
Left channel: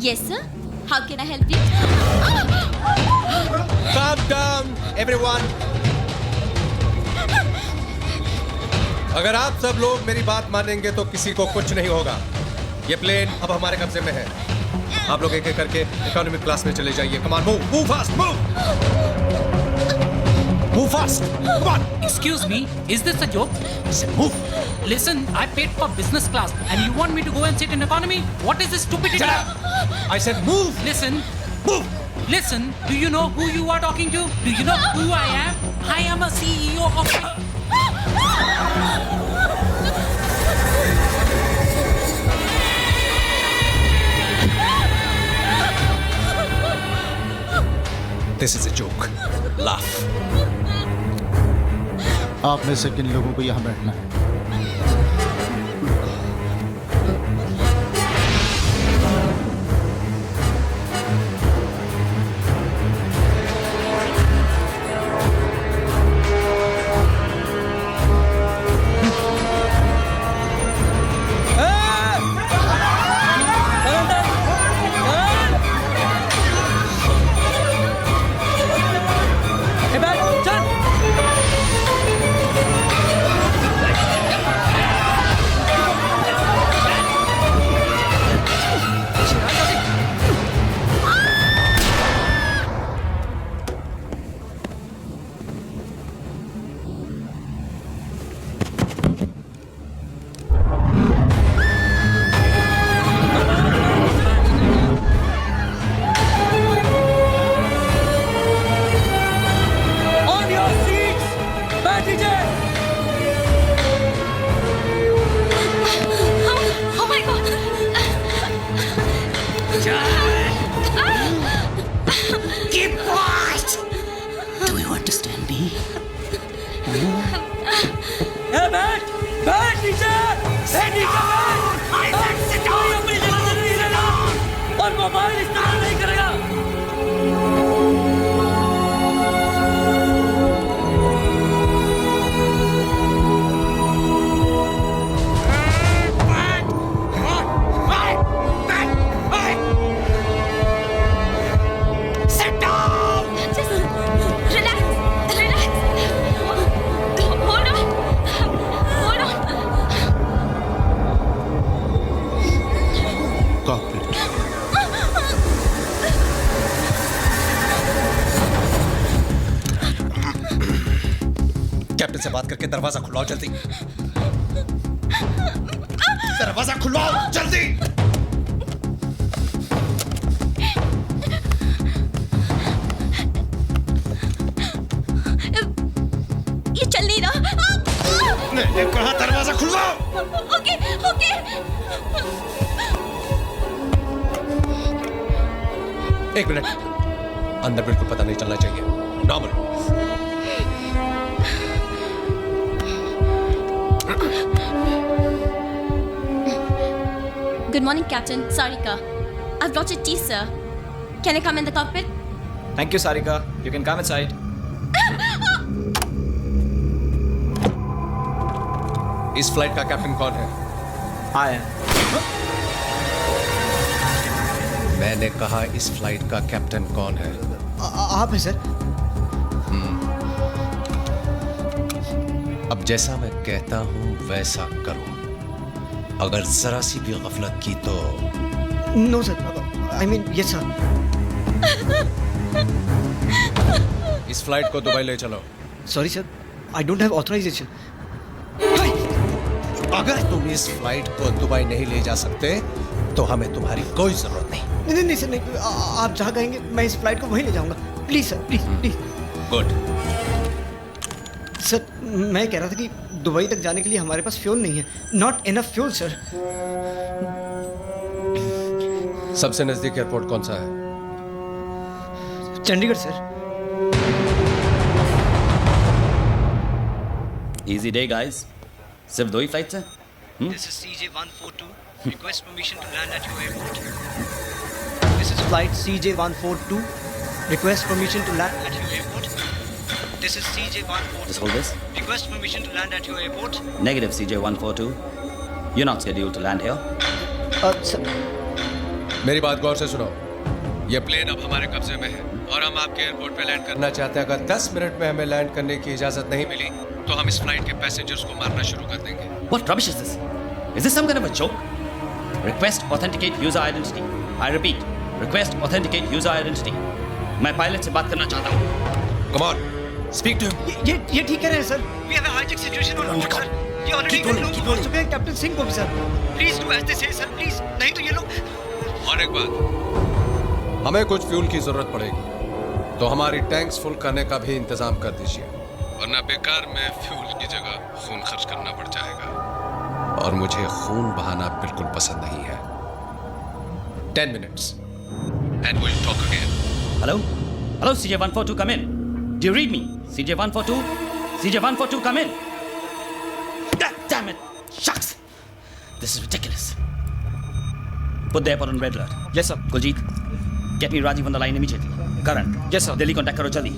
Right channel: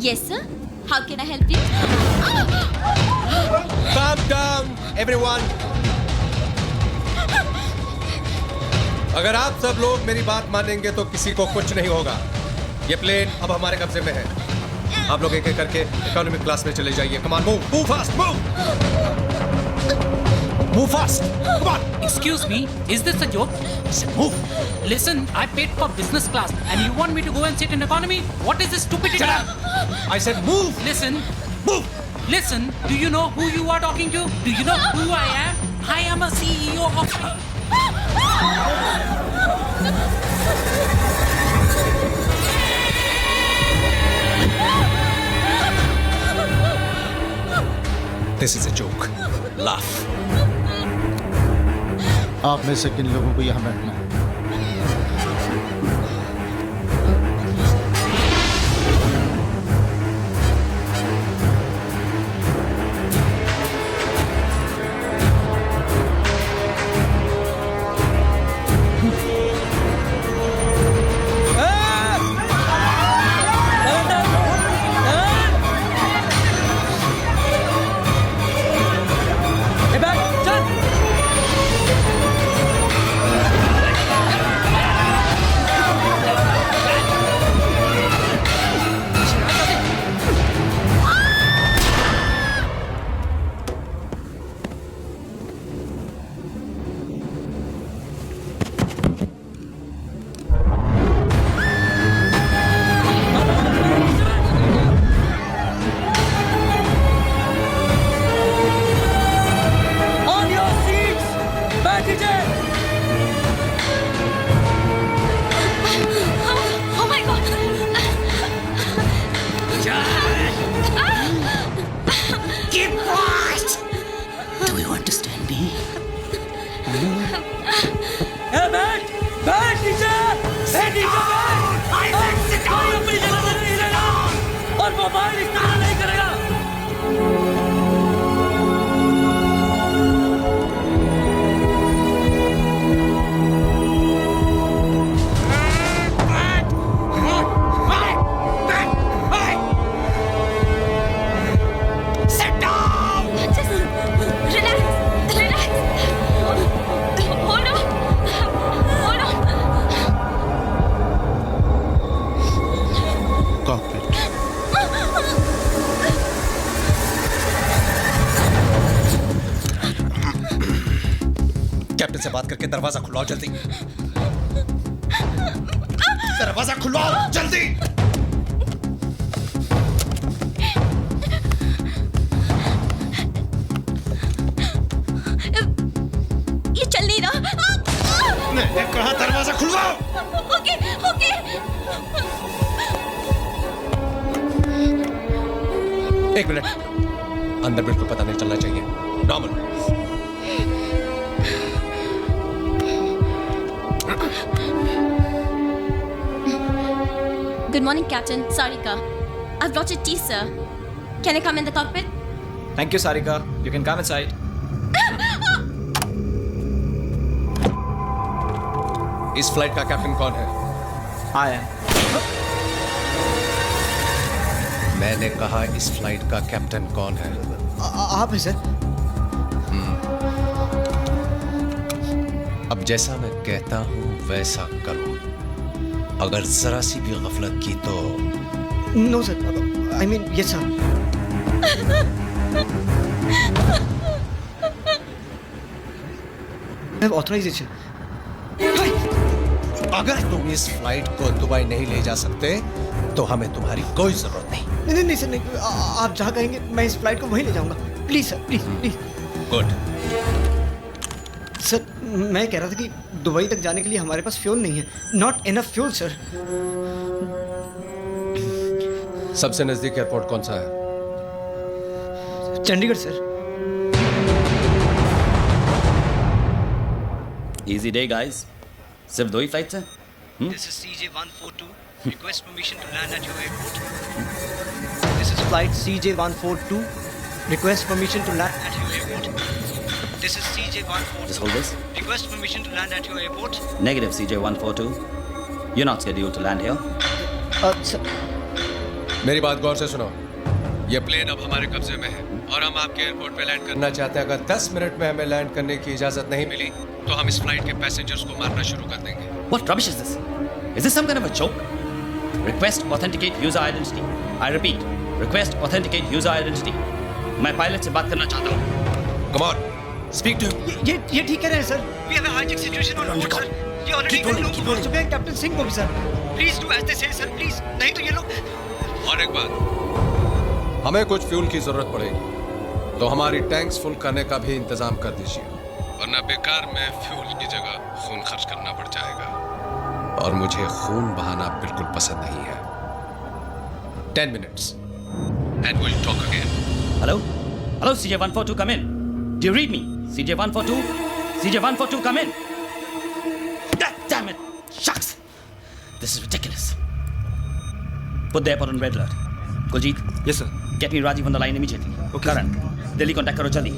Yes, sir. How can I help you? Calm down, everyone. अगर आप सब लोग मेरी बात मानेंगे तो किसी को कुछ नहीं होगा। ये प्लेन अब हमारे कब्जे में है। आप लोग एक-एक करके इकोनॉमिक क्लास में चले जाइए। Come on, move fast, move. Move fast. Come on. Excuse me, is this a joke? I said move. Listen, I paid for business class and you want me to go and sit in economy? What is this stupidity? Shut up. I said move. Listen. Move. Listen, do you know who you are talking to? Do you know who I am? I am a CEO of... This is a joke. Laugh. आप में से किन लोगों को यहाँ बैठना है? Captain से बात करके दरवाजा खुलवाओ जल्दी। दरवाजा खुलवाओ जल्दी। ये चल नहीं रहा। मैंने कहा दरवाजा खुलवाओ। Okay okay. एक मिनट, अंदर बिल्कुल पता नहीं चलना चाहिए। Normal. Good morning, Captain. Sarika. I've brought your tea, sir. Can I come in the cockpit? Thank you, Sarika. You can come inside. इस फ्लाइट का कैप्टन कौन है? I am. मैंने कहा इस फ्लाइट का कैप्टन कौन है? आप हैं सर। अब जैसा मैं कहता हूं वैसा करो। अगर जरा सी भी गफलत की तो no sir, I mean yes sir. इस फ्लाइट को दुबई ले चलो। Sorry sir, I don't have authorization. अगर तुम इस फ्लाइट को दुबई नहीं ले जा सकते तो हमें तुम्हारी कोई जरूरत नहीं। नहीं सर, नहीं। आप जहाँ कहेंगे मैं इस फ्लाइट को वहीं ले जाऊंगा। Please sir, please please. Good. Sir मैं कह रहा था कि दुबई तक जाने के लिए हमारे पास फ्यूल नहीं है। Not enough fuel sir. सबसे नजदीक एयरपोर्ट कौन सा है? Chandigarh sir. Easy day guys, सिर्फ 2 ही फ्लाइट्स हैं। This is CJ142. Request permission to land at your airport. This is flight CJ142. Request permission to land at your airport. This is CJ142. Just hold this. Request permission to land at your airport. Negative CJ142. You're not scheduled to land here. Sir. मेरी बात गौर से सुनो। ये plane अब हमारे कब्जे में है और हम आपके एयरपोर्ट पे लैंड करना चाहते हैं। अगर 10 मिनट में हमें लैंड करने की इजाजत नहीं मिली तो हम इस फ्लाइट के पैसेंजर्स को मारना शुरू कर देंगे। What rubbish is this? Is this some kind of a joke? Request authenticate user identity. I repeat, request authenticate user identity. मैं पायलट से बात करना चाहता हूँ। Come on, speak to him. ये ठीक कह रहे हैं sir. We have a hijack situation on board, sir. ये ऑलरेडी लोग बोल चुके हैं कैप्टन सिंह को भी sir. Please do as they say, sir, please. नहीं तो ये लोग। और एक बात, हमें कुछ फ्यूल की जरूरत पड़ेगी तो हमारी टैंक्स फुल करने का भी इंतजाम कर दीजिए, वरना बेकार में फ्यूल की जगह खून खर्च करना पड़ जाएगा और मुझे खून बहाना बिल्कुल पसंद नहीं है। 10 minutes and we'll talk again. Hello? Hello, CJ142, come in. Do you read me? CJ142? CJ142, come in. God damn it! Shucks! This is ridiculous. Put the airport on red alert. Yes, sir. Kuljit? Yes, sir. Get me Rajiv on the line immediately. Okay. Karan? Yes, sir. Delhi contact karo jaldi.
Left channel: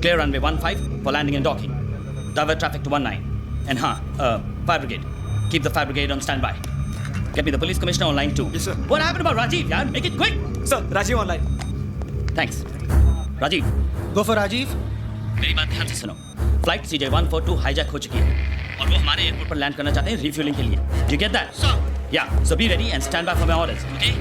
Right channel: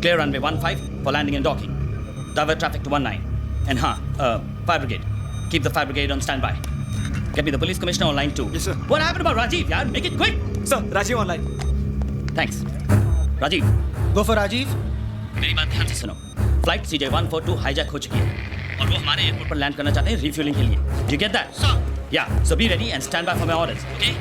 Clear runway 15 for landing and docking. Divert traffic to 19. And fire brigade. Keep the fire brigade on standby. Get me the police commissioner on line 2. Yes, sir. What happened about Rajiv, yaar? Make it quick! Sir, Rajiv online. Thanks. Rajiv. Go for Rajiv. मेरी बात ध्यान से सुनो। Flight CJ142 hijack हो चुकी है और वो हमारे एयरपोर्ट पर लैंड करना चाहते हैं रिफ्यूलिंग के लिए। Do you get that? Sir. Yeah. So be ready and stand by for my orders. Okay?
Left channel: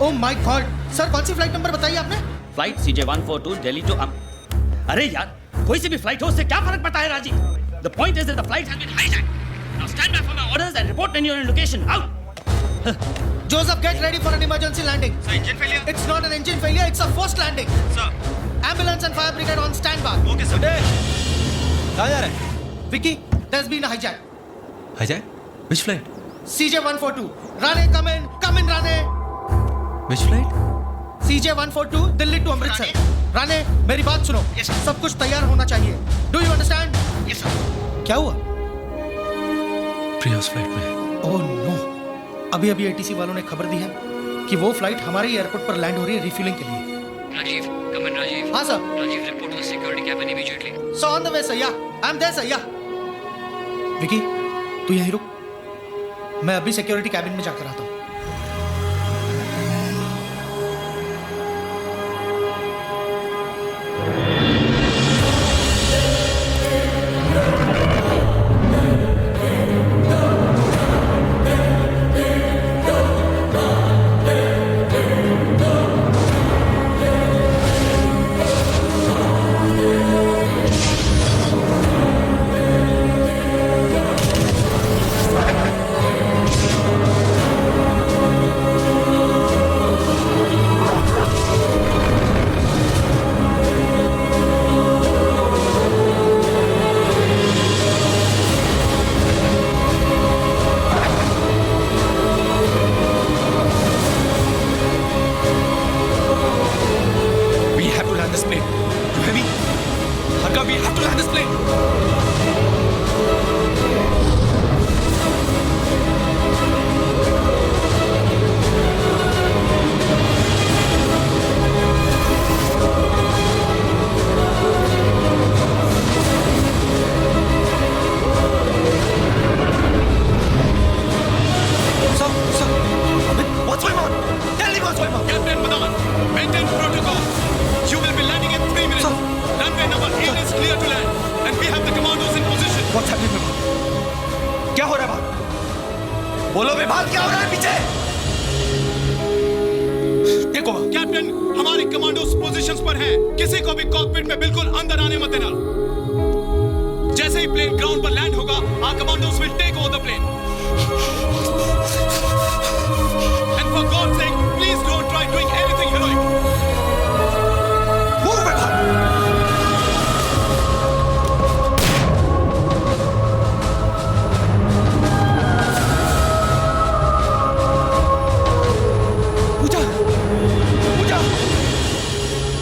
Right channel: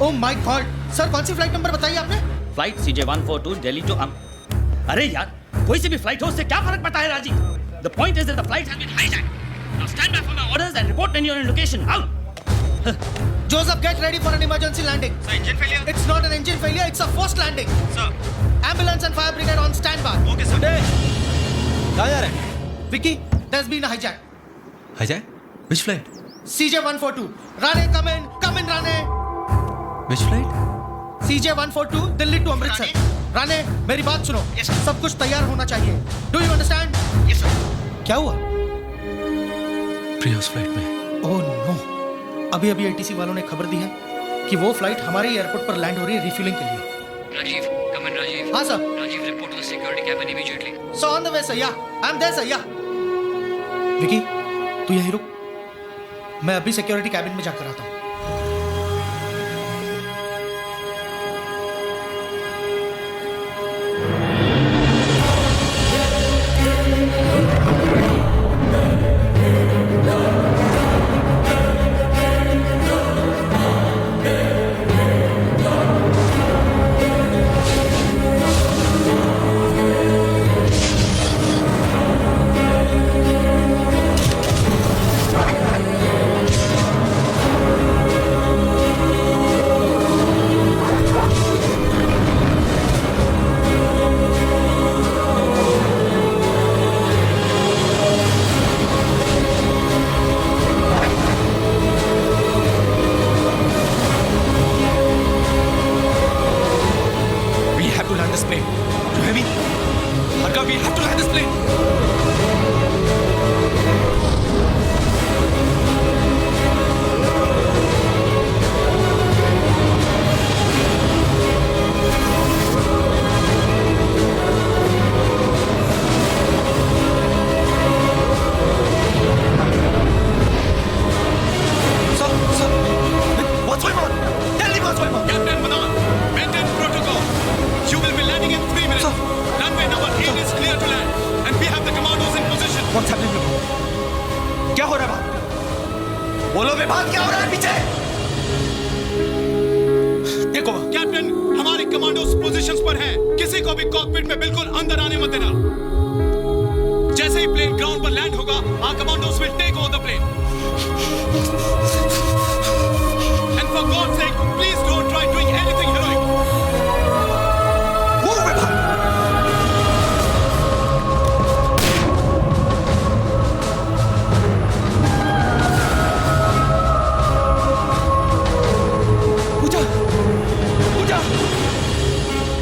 Oh my God! Sir कौन सी फ्लाइट नंबर बताइए आपने? फ्लाइट CJ142 दिल्ली टू अरे यार, कोई सी भी फ्लाइट हो उससे क्या फर्क पड़ता है Rajiv? The point is that the flight has been hijacked. Now stand by for my orders and report when you're in location. Out. Joseph, get ready for an emergency landing. Sir, engine failure? It's not an engine failure, it's a forced landing. Sir. Ambulance and fire brigade on standby. Okay, sir. कहाँ जा रहे हैं? Vicky, there's been a hijack. Hijack? Which flight? CJ142. Rane, come in, Rane. Which flight? CJ142 Delhi to Amritsar. Rane, मेरी बात सुनो। Yes, sir. सब कुछ तैयार होना चाहिए। Do you understand? Yes, sir. क्या हुआ? प्रिया उस फ्लाइट में। ओह नो, अभी ATC वालों ने खबर दी है कि वो फ्लाइट हमारे एयरपोर्ट पर लैंड हो रही है रिफ्यूलिंग के लिए। Rajiv, come in, Rajiv. हाँ sir. Rajiv, report to the security cabin immediately. So on the way, sir. Yeah, I'm there, sir. Yeah. Vicky, तू यहीं रुक। मैं अभी सिक्योरिटी कैबिन में जाकर आता हूँ। this plane. You hear me? Harka, we have to land this plane. Sir, what's going on? Tell me what's going on. Captain Madan, maintain protocol. You will be landing in 3 minutes. Runway number 8 is clear to land, and we have the commandos in position. What's happening, Vibhav? क्या हो रहा है बात? बोलो विभाग, क्या हो रहा है पीछे? देखो कैप्टन, हमारे कमांडोज पोजीशंस पर हैं। किसी को भी कॉकपिट में बिल्कुल अंदर आने मत देना। जैसे ही प्लेन ग्राउंड पर लैंड होगा, our commandos will take over the plane. And for God's sake, please don't try doing anything heroic. Move, Vibhav! Puja! Puja!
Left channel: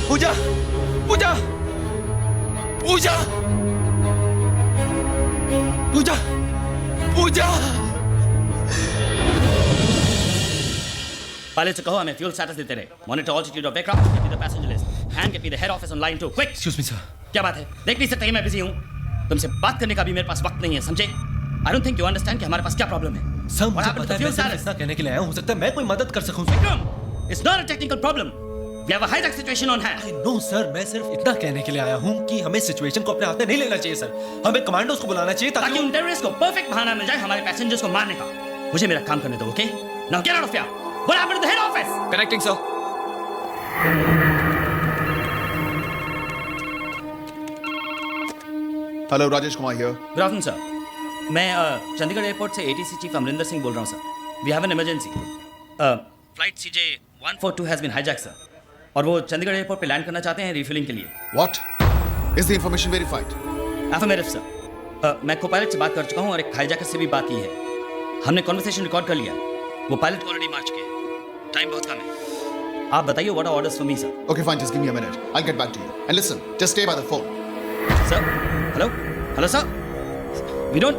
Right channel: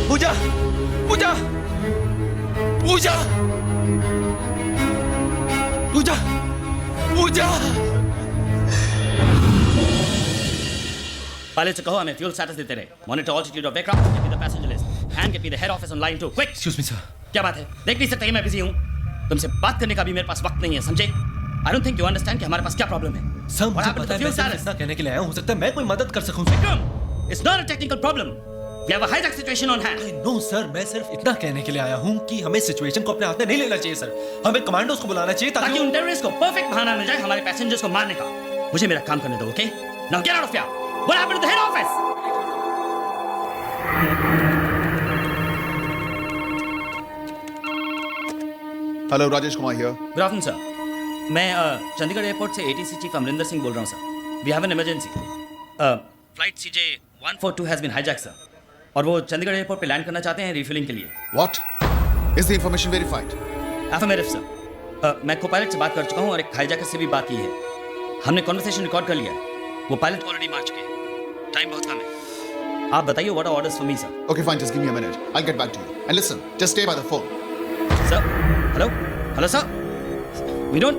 Puja! Puja! Puja! Puja! Puja! Pilot से कहो हमें fuel status देते रहे. Monitor altitude of aircraft, get me the passenger list, and get me the head office on line 2. Quick! Excuse me, sir. क्या बात है? देख नहीं सकते मैं बिजी हूँ. तुमसे बात करने का भी मेरे पास वक्त नहीं है, समझे? I don't think you understand कि हमारे पास क्या प्रॉब्लम है. सर, What मुझे happened to पता the है, fuel मैं status? इतना कहने के लिए आया हूँ. हो सकता है मैं कोई मदद कर सकूँ. Vikram, It's not a technical problem. We have a hijack situation on hand. No sir, मैं सिर्फ इतना कहने के लिए आया हूँ कि हमें सिचुएशन को अपने हाथ में नहीं लेना चाहिए सर. हमें कमांडोज को बुलाना चाहिए ताकि उन टेररिस्ट को परफेक्ट बहाना मिल जाए हमारे पैसेंजर्स को मारने का. मुझे मेरा काम करने दो, okay? Now get out of here. What happened to the head office? Connecting, sir. Hello, Rajesh Kumar here. Good afternoon sir. मैं चंडीगढ़ एयरपोर्ट से एटीसी चीफ अमरिंदर सिंह बोल रहा हूँ sir. We have an emergency. Flight CJ142 has been hijack sir. और वो Chandigarh airport पे land करना चाहते हैं रिफ्यूलिंग के लिए. What? Is the information verified? Affirmative sir. मैं को पायलट से बात कर चुका हूँ और एक हाईजैकर से भी बात की है. हमने कॉन्वर्सेशन रिकॉर्ड कर लिया. वो पायलट ऑलरेडी मार चुके हैं. टाइम बहुत कम है. आप बताइए what are orders for me sir. Okay, fine. Just give me a minute. I'll get back to you. And listen, just stay by the phone. Sir, hello, hello, sir. We don't.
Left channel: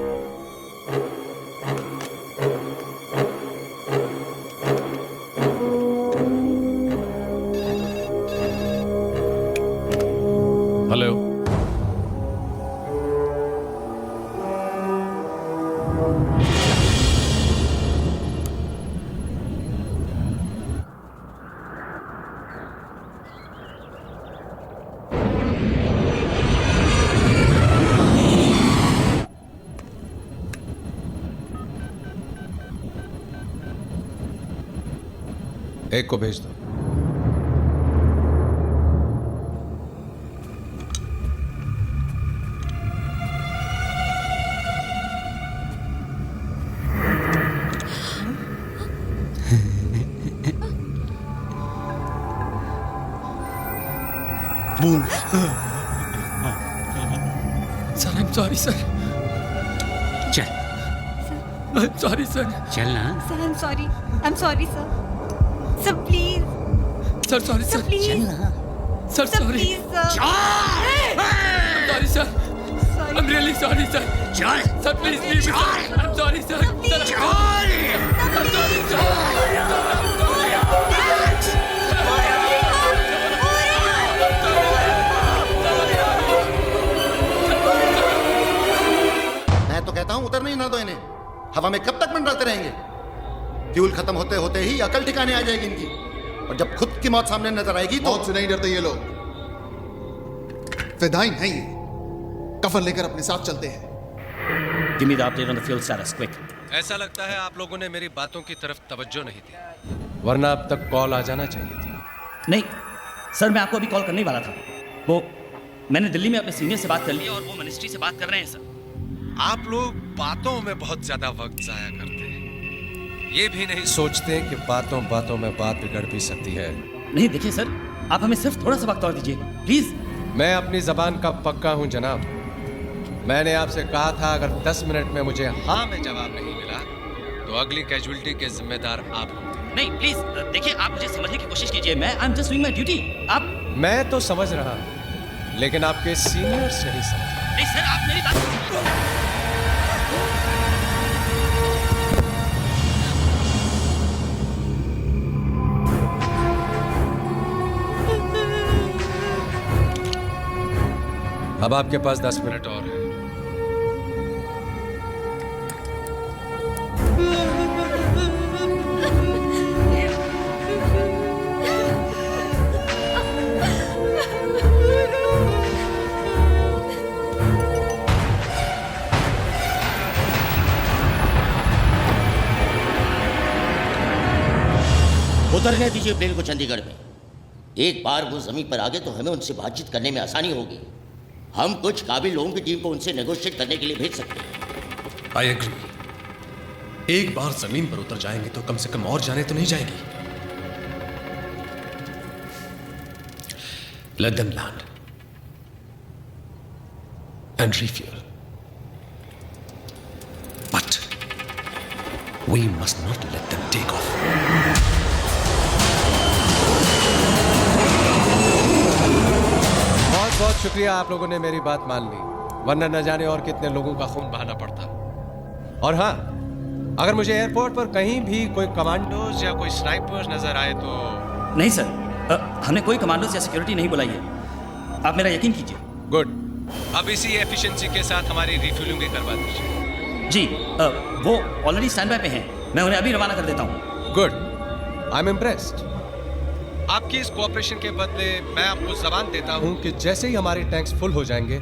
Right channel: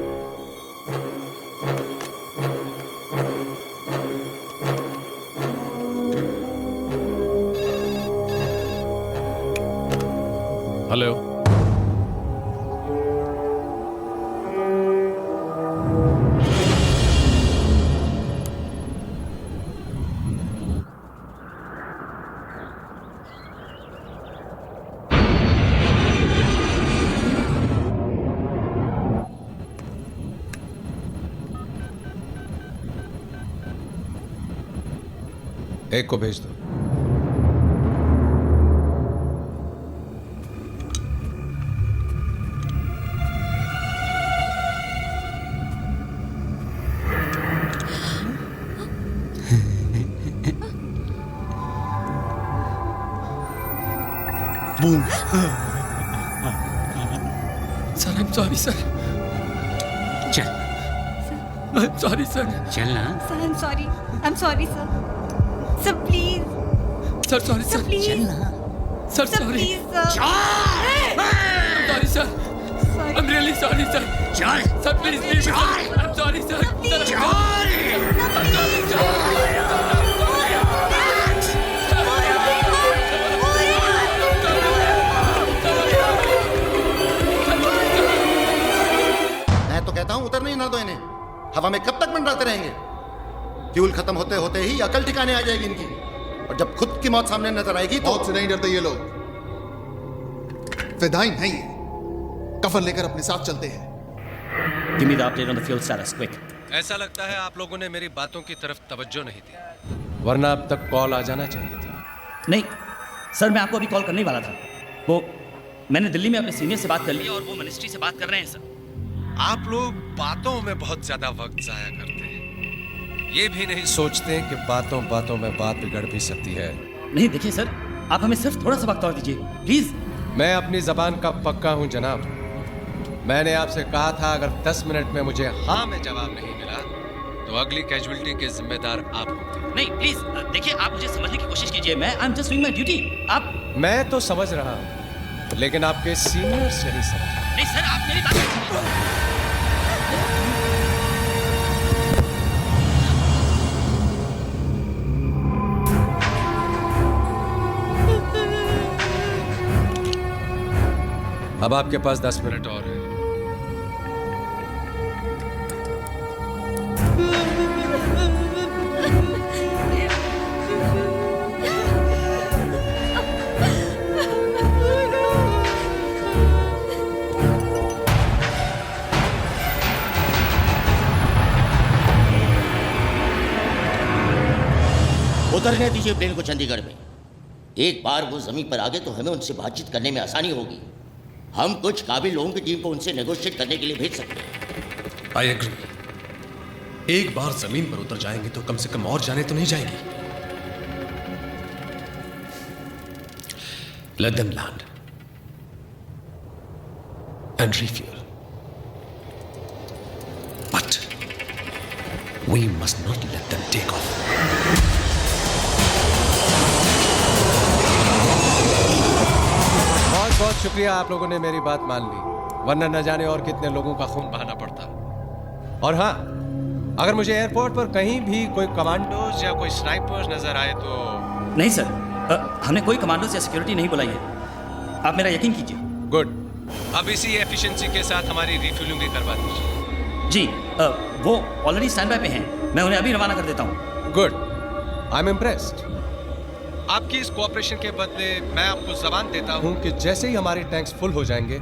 Hello. एक को भेज दो. Sir, I'm sorry, sir. चल. I'm sorry, sir. चल ना. Sir, I'm sorry. I'm sorry, sir. Sir, please. Sir, sorry, sir. please. चल ना. Sir, Sir, sorry. please, sir. I'm sorry, sir. Sorry. I'm really sorry, sir. चल. Sir, please leave me, sir. I'm sorry, sir. Sir, I'm sorry. I'm sorry, sir. मैं तो कहता हूं उतरने ही ना दो इन्हें. हवा में कब तक मंडराते रहेंगे? फ्यूल खत्म होते होते ही अकल ठिकाने आ जाएगी इनकी. और जब खुद की मौत सामने नजर आएगी तो मौत से नहीं डरते ये लोग. फिदाइन हैं ये. कफन लेकर अपने साथ चलते हैं. Give me the update on the fuel status, quick. ऐसा लगता है आप लोगों ने मेरी बातों की तरफ तवज्जो नहीं दी, वरना अब तक कॉल आ जाना चाहिए था. नहीं सर, मैं आपको अभी कॉल करने ही वाला था. वो मैंने दिल्ली में अपने सीनियर से बात कर लिया और वो मिनिस्ट्री से बात कर रहे हैं सर. आप लोग बातों में बहुत ज्यादा वक्त जाया करते हैं. ये भी नहीं सोचते कि बातों बातों में बात बिगड़ भी सकती है. नहीं देखिए सर, आप हमें सिर्फ थोड़ा सा वक्त और दीजिए प्लीज. मैं अपनी जबान का पक्का हूं जनाब. मैंने आपसे कहा था अगर 10 मिनट में मुझे हाँ में जवाब नहीं मिला तो अगली कैजुअलिटी के जिम्मेदार आप होंगे. नहीं प्लीज देखिए, आप मुझे समझने की कोशिश कीजिए. मैं I am just doing my duty. आप मैं तो समझ रहा हूं, लेकिन आपके सीनियर्स नहीं समझ रहे. नहीं सर, आप मेरी बात अब आपके पास 10 मिनट और है. उतरने दीजिए प्लेन को चंडीगढ़ में. एक बार वो जमीन पर आ गए तो हमें उनसे बातचीत करने में आसानी होगी. हम कुछ काबिल लोगों की टीम को उनसे नेगोशिएट करने के लिए भेज सकते हैं. I agree. एक बार जमीन पर उतर जाएंगे तो कम से कम और जाने तो नहीं जाएगी. Let them land and refuel. But we must not let them take off. बहुत बहुत शुक्रिया, आप लोगों ने मेरी बात मान ली, वरना न जाने और कितने लोगों का खून बहाना पड़ता. और हाँ, अगर मुझे एयरपोर्ट पर कहीं भी कोई कमांडोज या कोई स्नाइपर्स नजर आए तो. नहीं सर, हमने कोई कमांडोज या सिक्योरिटी नहीं बुलाई है. आप मेरा यकीन कीजिए. गुड. अब इसी एफिशिएंसी के साथ हमारी रिफ्यूलिंग भी करवा दीजिए. जी वो ऑलरेडी स्टैंड बाय पे हैं. मैं उन्हें अभी रवाना कर देता हूँ. गुड. I am impressed. आपकी इस कोऑपरेशन के बदले मैं आपको जबान देता हूं कि जैसे ही हमारे टैंक्स फुल हो जाएंगे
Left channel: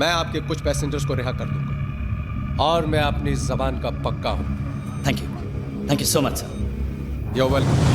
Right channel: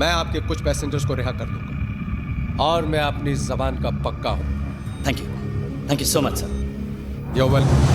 मैं आपके कुछ पैसेंजर्स को रिहा कर दूंगा और मैं अपनी जबान का पक्का हूं। Thank you so much sir. You welcome.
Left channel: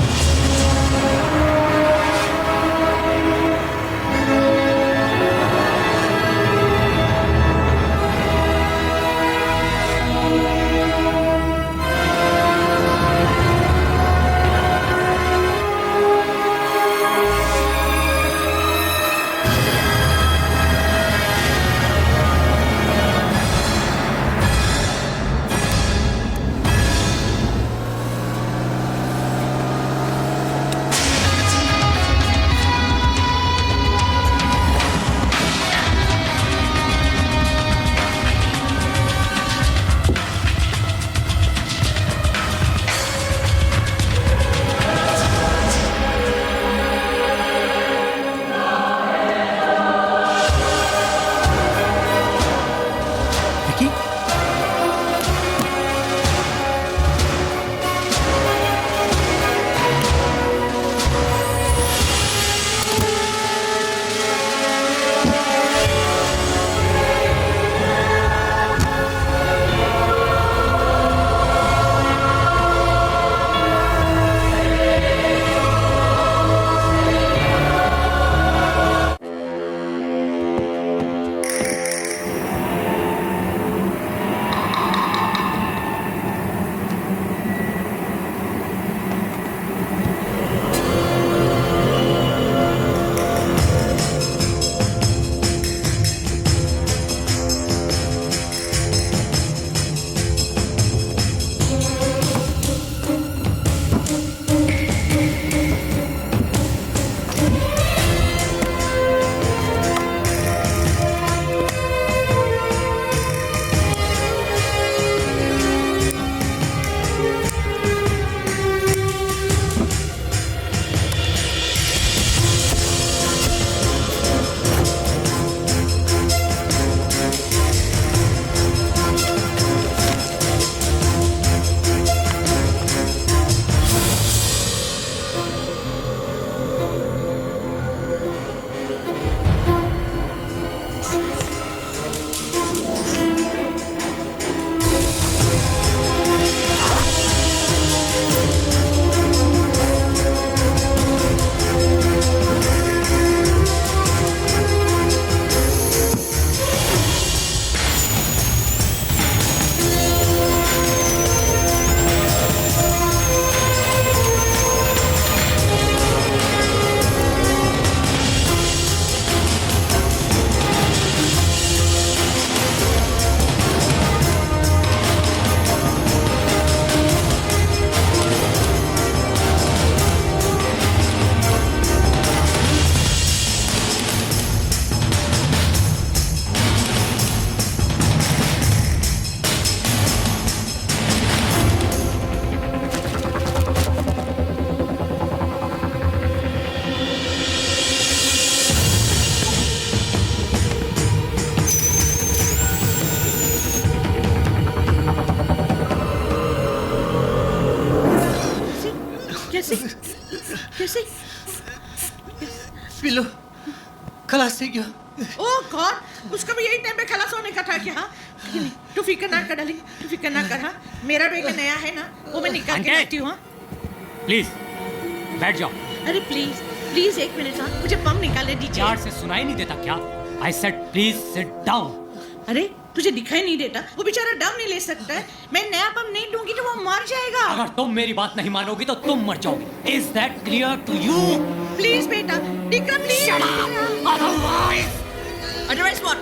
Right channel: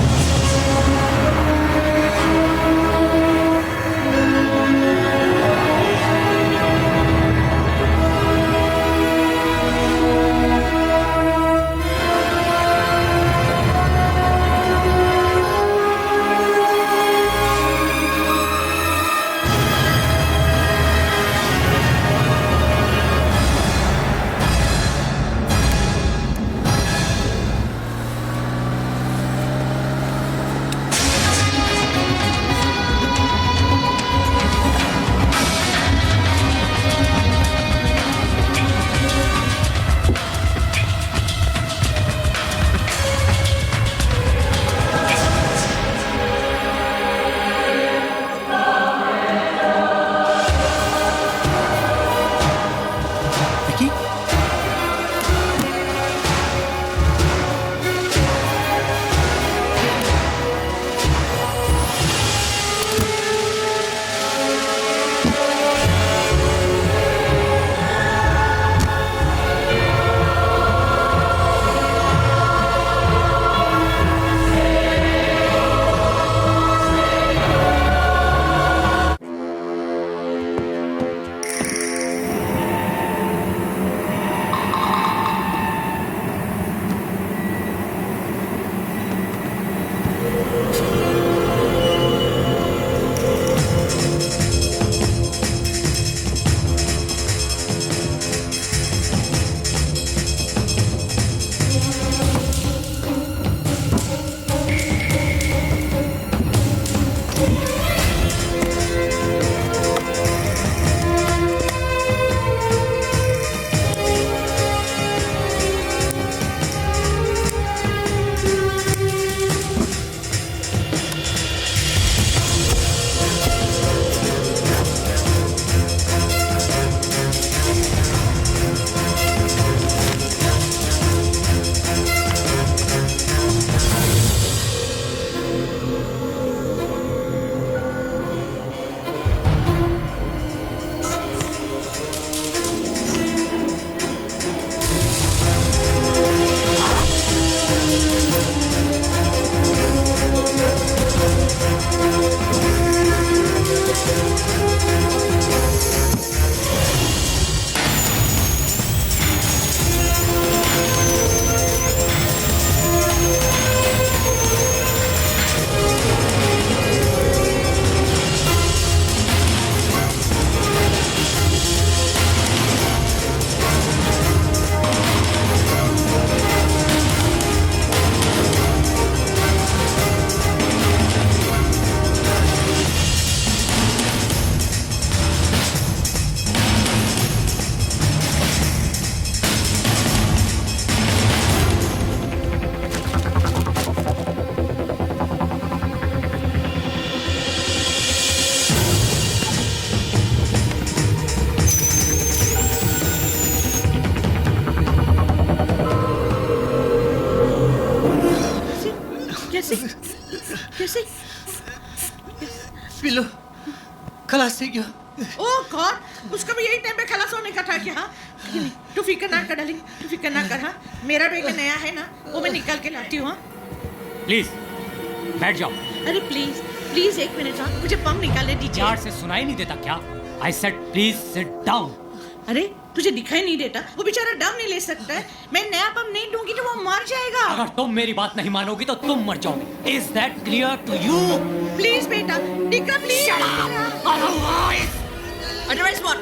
कैसे? पिलो खलास हो गया। ओह गॉड, उसका भी यही टाइम पे खलास होने का था क्या? तू फिक्र ना कर डार्लिंग, तू फिक्र ना कर। हाँ, मेरा बेग नया है ना, वो मैं निकाल के लाती हूँ। हाँ प्लीज बैठ जाओ। अरे प्लीज प्लीज एक मिनट, हाँ मुझे पंप निकालने दीजिए। यार से सुनाई नहीं देता क्या? I said please sit down. अरे तुझे दिखाई नहीं देता? वो बेचारा दम नहीं ले सकता है। मैं नया पंप नहीं दूंगी तो वो मर जाएगा। अगर तुम मेरी बात नहीं मानोगी तो तुम मर जाओगी। Is that clear to you? Please बेटा, डिकरा please. Otherwise what?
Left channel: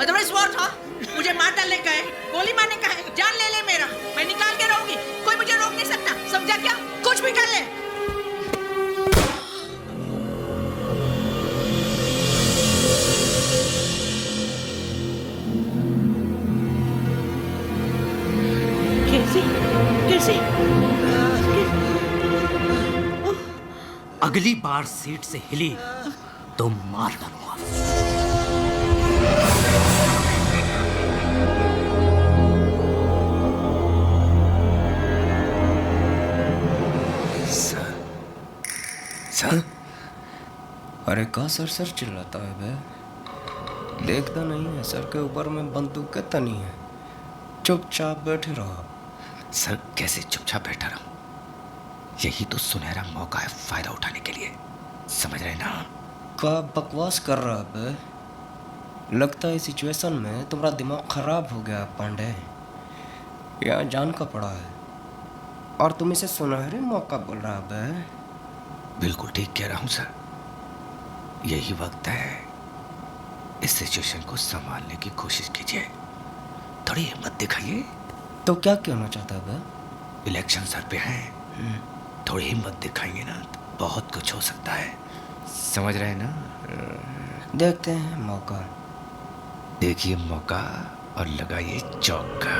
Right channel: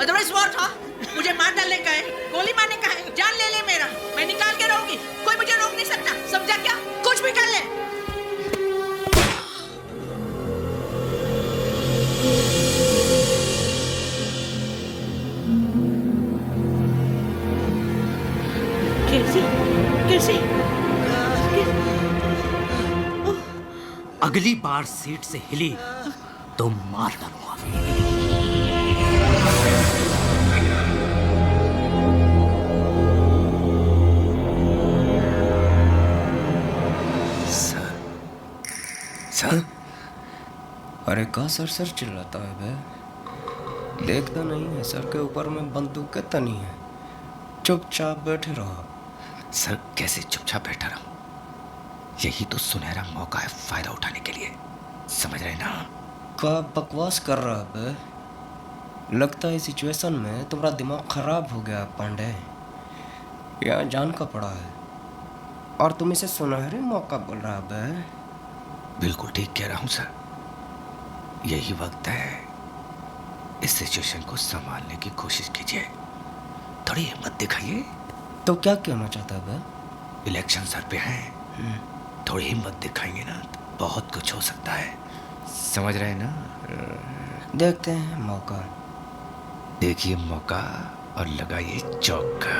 Otherwise what? हाँ मुझे मार डालने का है, गोली मारने का है, जान ले ले मेरा, मैं निकाल के रहूंगी, कोई मुझे रोक नहीं सकता, समझा क्या? कुछ भी कर ले। कैसे कैसे? अगली बार सीट से हिली तो मार डालूंगा। सर अरे का सर सर चिल्लाता है बे? देखता नहीं है सर के ऊपर में बंदूक तनी है। चुपचाप बैठे रहो। सर कैसे चुपचाप बैठा रहूं? यही तो सुनहरा मौका है फायदा उठाने के लिए, समझ रहे ना? का बकवास कर रहा है बे? लगता है सिचुएशन में तुम्हारा दिमाग खराब हो गया पांडे। यहाँ जान का पड़ा है और तुम इसे सुनहरे मौका बोल रहा है बे? बिल्कुल ठीक कह रहा हूं सर। यही वक्त है, इस सिचुएशन को संभालने की कोशिश कीजिए, थोड़ी हिम्मत दिखाइए। तो क्या कहना चाहता है बे? इलेक्शन सर पे है, थोड़ी हिम्मत दिखाएंगे ना तो बहुत कुछ हो सकता है, समझ रहे ना? देखते हैं मौका। देखिए मौका और लगाइए चौका।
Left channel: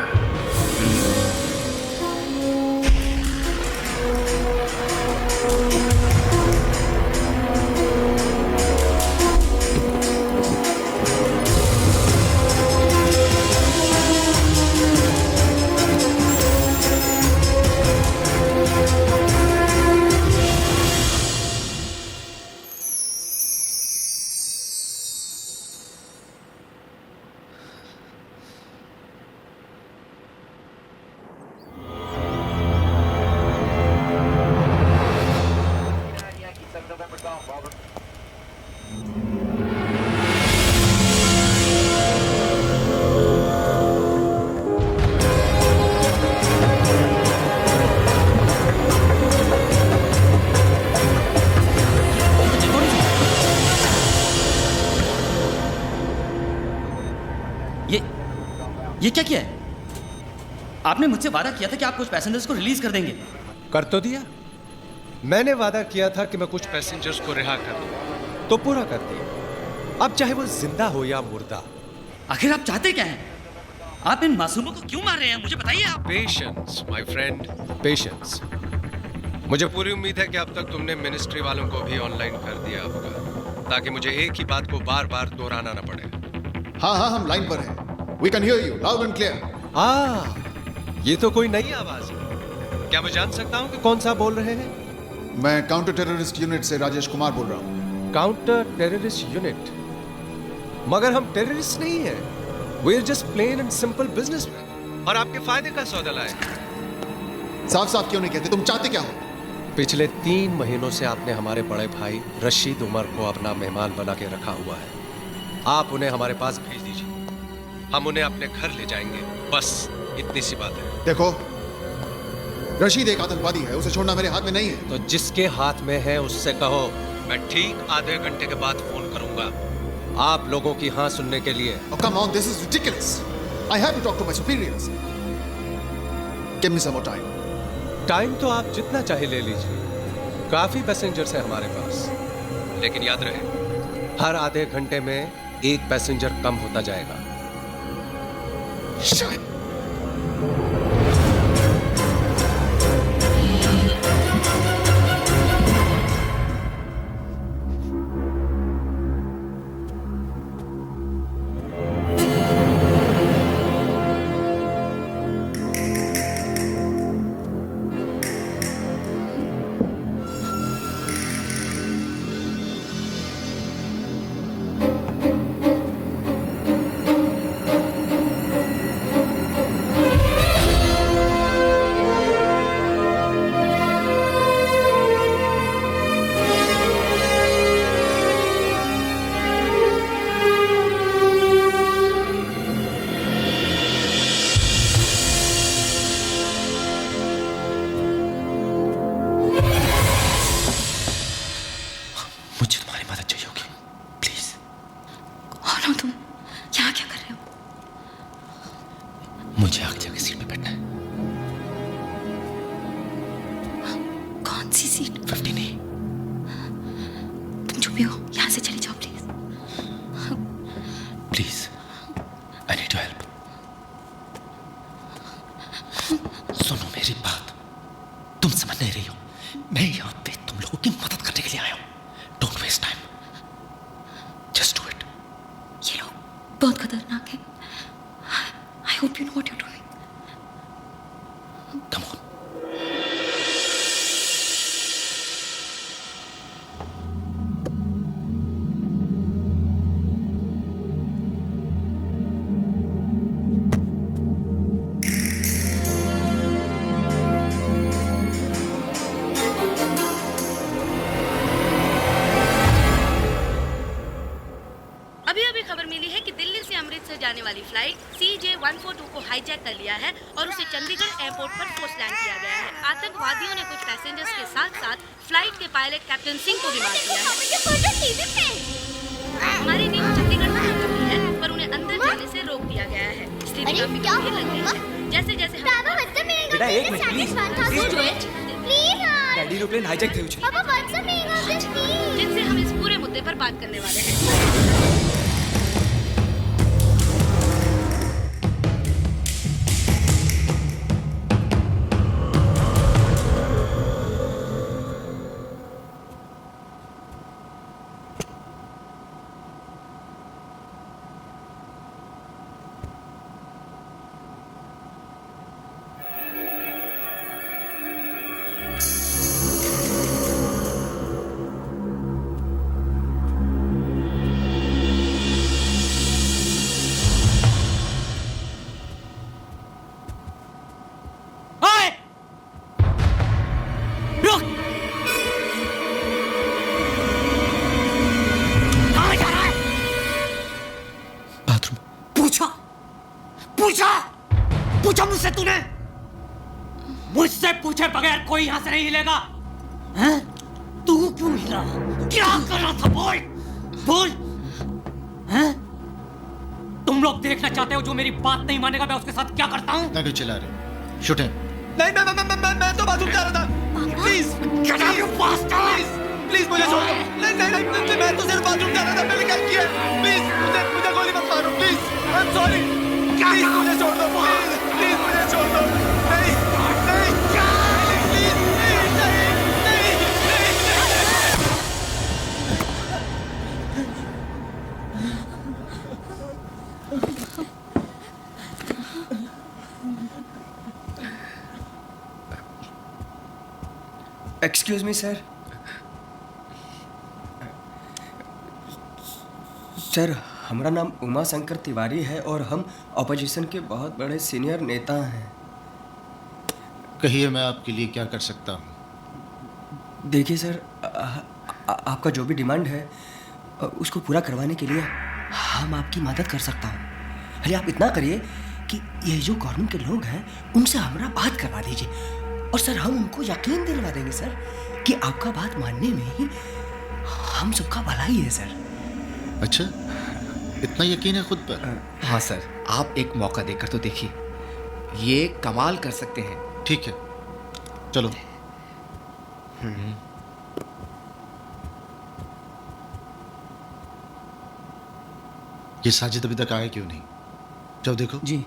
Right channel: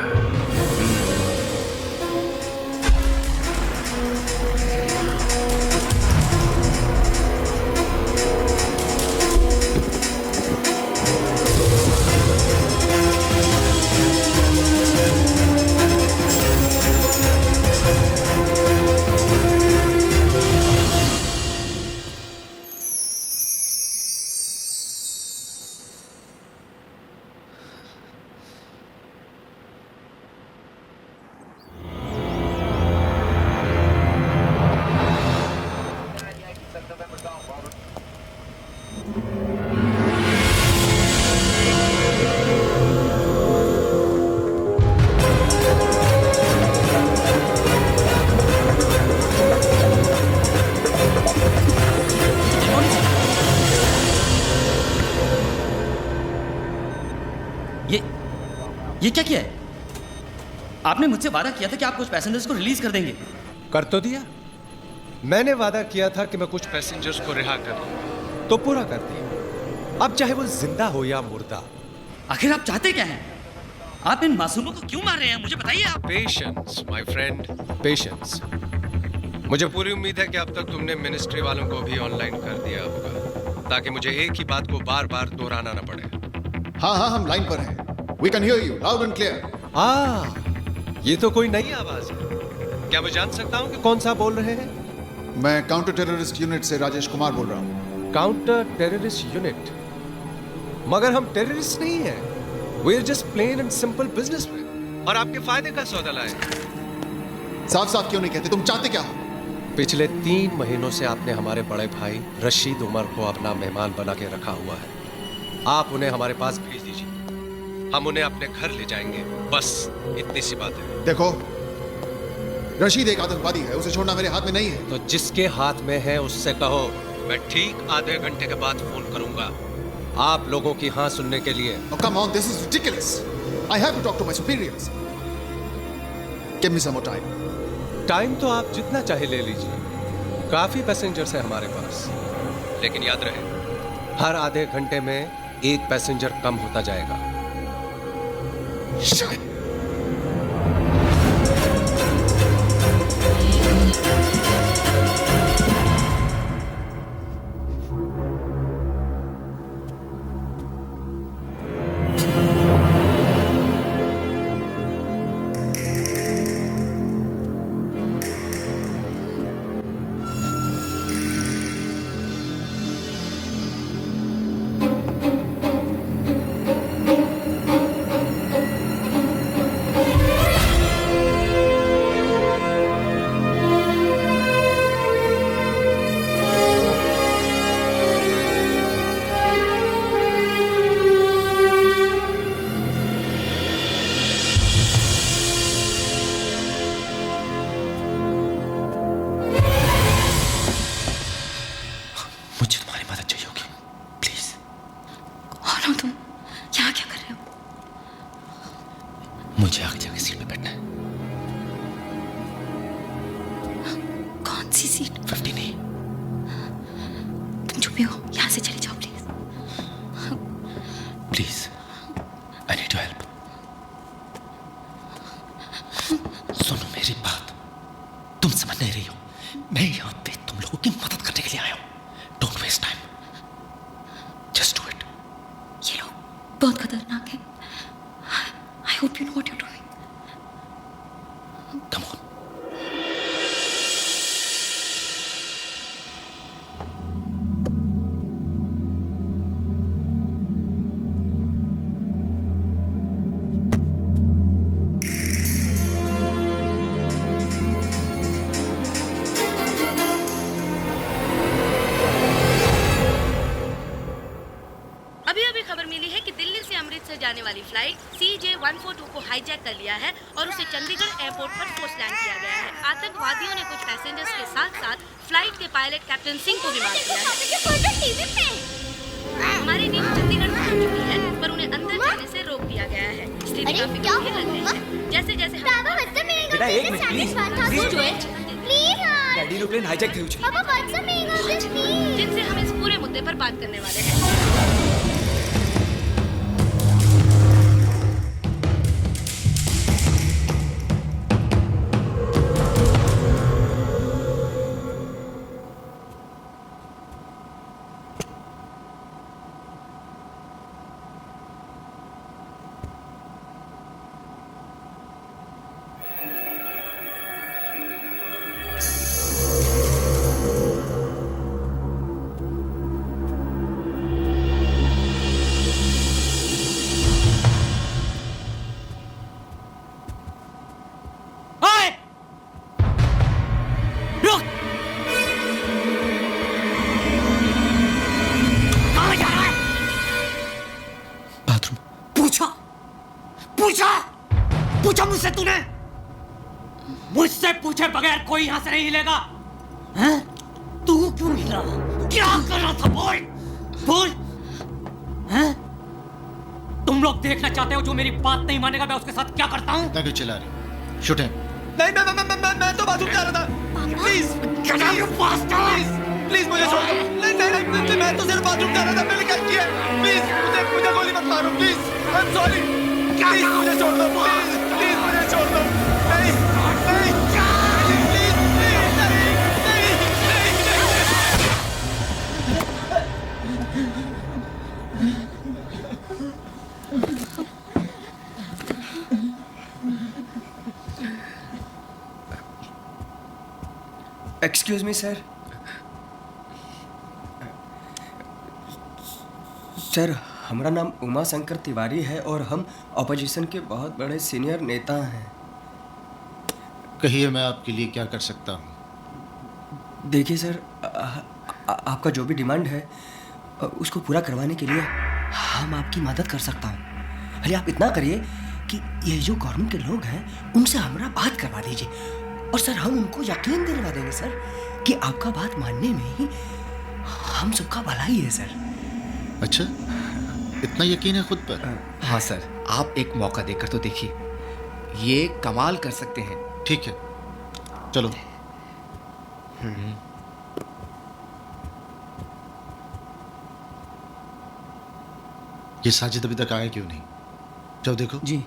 ये क्या किया है? आपने मुझसे वादा किया था कि आप कुछ पैसेंजर्स को रिलीज कर देंगे। कर तो दिया। मैंने वादा किया था कि मैं कुछ पैसेंजर्स को रिहा कर दूंगा, तो पूरा कर दिया। अब चाहे वो जिंदा हो या मुर्दा। आखिर आप चाहते क्या हैं? आप इन मासूमों को क्यों मार रहे हैं? मुझे बताइए आप। Patience my friend, patience. मुझे पूरी उम्मीद है कि अब तक तुमने मिनिस्ट्री वालों को भी ऑनलाइन कर दिया होगा, ताकि मुझे एक ही बात को बार बार दोहराना न पड़े। हाँ हाँ, हम लाइन पर हैं। We can hear you loud and clear. ये तो कोई नई आवाज है। क्या मैं जान सकता हूँ कि कौन सा बोल रहे हैं? मैं काउंटर टेररिस्ट यूनिट से राजेश कुमार बोल रहा हूँ। Counter terrorist unit? मगर हम टेररिस्ट नहीं हैं। We are just plain and simple businessmen। और आपके फायदे का सौदा लाए। साफ साफ क्यों नहीं कहते? तुम चाहते क्या हो? पिछले 3 महीनों से आपने हमारे बड़े भाई रशीद उमर को अपना मेहमान बना के रखा हुआ है। आप उन्हें हमारे पास भेज दीजिए, हम उन्हें अपने घर ले जाएंगे। बस इतनी सी बात है। देखो, रशीद एक आतंकवादी है, उसे छोड़ना मेरे हाथ में नहीं है। तो जिसके हाथ में है उससे कहो मैं ठीक आधे घंटे के बाद फोन करूंगा, आप लोगों की हाँ सुनने के लिए। Oh, come on, this is ridiculous. I have to talk to my superiors. Give me some more time. Time तो आप जितना चाहे ले लीजिए, काफी पैसेंजर्स हैं हमारे पास, लेकिन याद रहे हर आधे घंटे में एक पैसेंजर कम होता जाएगा। Shit. मुझे आगे जाके सीट पे बैठना है। कौन सी सीट? 50 नहीं। तुम चुप ही हो, यहाँ से चले जाओ please. Please, I need your help. सुनो मेरी बात, तुम समझ नहीं रही हो। मैं यहाँ पे तुम लोगों की मदद करने के लिए आया हूँ। Don't waste time, just do it. ये लोग बहुत खतरनाक है। I hope you know what you're doing. Come on. Bharat से जाने वाली फ्लाइट CJ142 को हाईजैक कर लिया है और उसे चंडीगढ़ एयरपोर्ट पर फोर्स लैंड किया गया है। आतंकवादियों ने कुछ पैसेंजर्स के साथ साथ फ्लाइट के पायलट कैप्टन सिंह को भी मार दिया है। हमारी टीम चंडीगढ़ पहुंच चुकी है, पर उन्हें अंदर जाने से रोक दिया गया है। स्थिति काफी गंभीर लग रही है। जैसे जैसे बेटा एक minute please daddy no plane hijack થયું છે जिनसे हम इस पूरे मुद्दे पर बात करने वाले हैं। पूछा मुझसे तूने? मुझसे पूछे बगैर कोई यहां से नहीं हिलेगा। हैं? तू क्यों हिला? क्या कर रहा था? बोल बोल। हैं? तुम लोग देखना चाहते हो जो मेरी बात नहीं मानेगा मैं उसके साथ क्या करता हूं? क्यों चिल्ला रहे हो? शूटिंग। नहीं मैं तो बाथरूम जा रहा था। प्लीज प्लीज मुझे छोड़ दो। नहीं मैं तो सिर्फ बाथरूम जा रहा था। मैंने क्या किया? प्लीज मुझे गोली मत मारो। Please I am sorry. Please मुझे छोड़ दो। प्लीज मुझे छोड़ दो। नहीं प्लीज नहीं। Excuse me sir. सर हमारा नाम उमा शंकर तिवारी है और हम ऑपोजिशन के बहुत बड़े सीनियर नेता हैं। कहिए मैं आपके लिए क्या कर सकता हूँ? देखिए सर आपका जो भी डिमांड है उसको पूरा करवाने के लिए हम आपकी मदद कर सकता हूँ। अरे आप इतना करिए कि ये जो गवर्नमेंट के लोग हैं उनसे हमारा बात करवा दीजिए और सर हम उनको यकीन दिलवा देंगे सर कि आपका बात मानने में ही हम सबका भलाई है सर। अच्छा इतना यकीन है खुद पर? हाँ सर आप एक मौका देकर तो देखिए, ये कमाल कर सकते हैं। ठीक है चलो। ये साजिद अभी तक आया क्यों नहीं? जाओ देखो। जी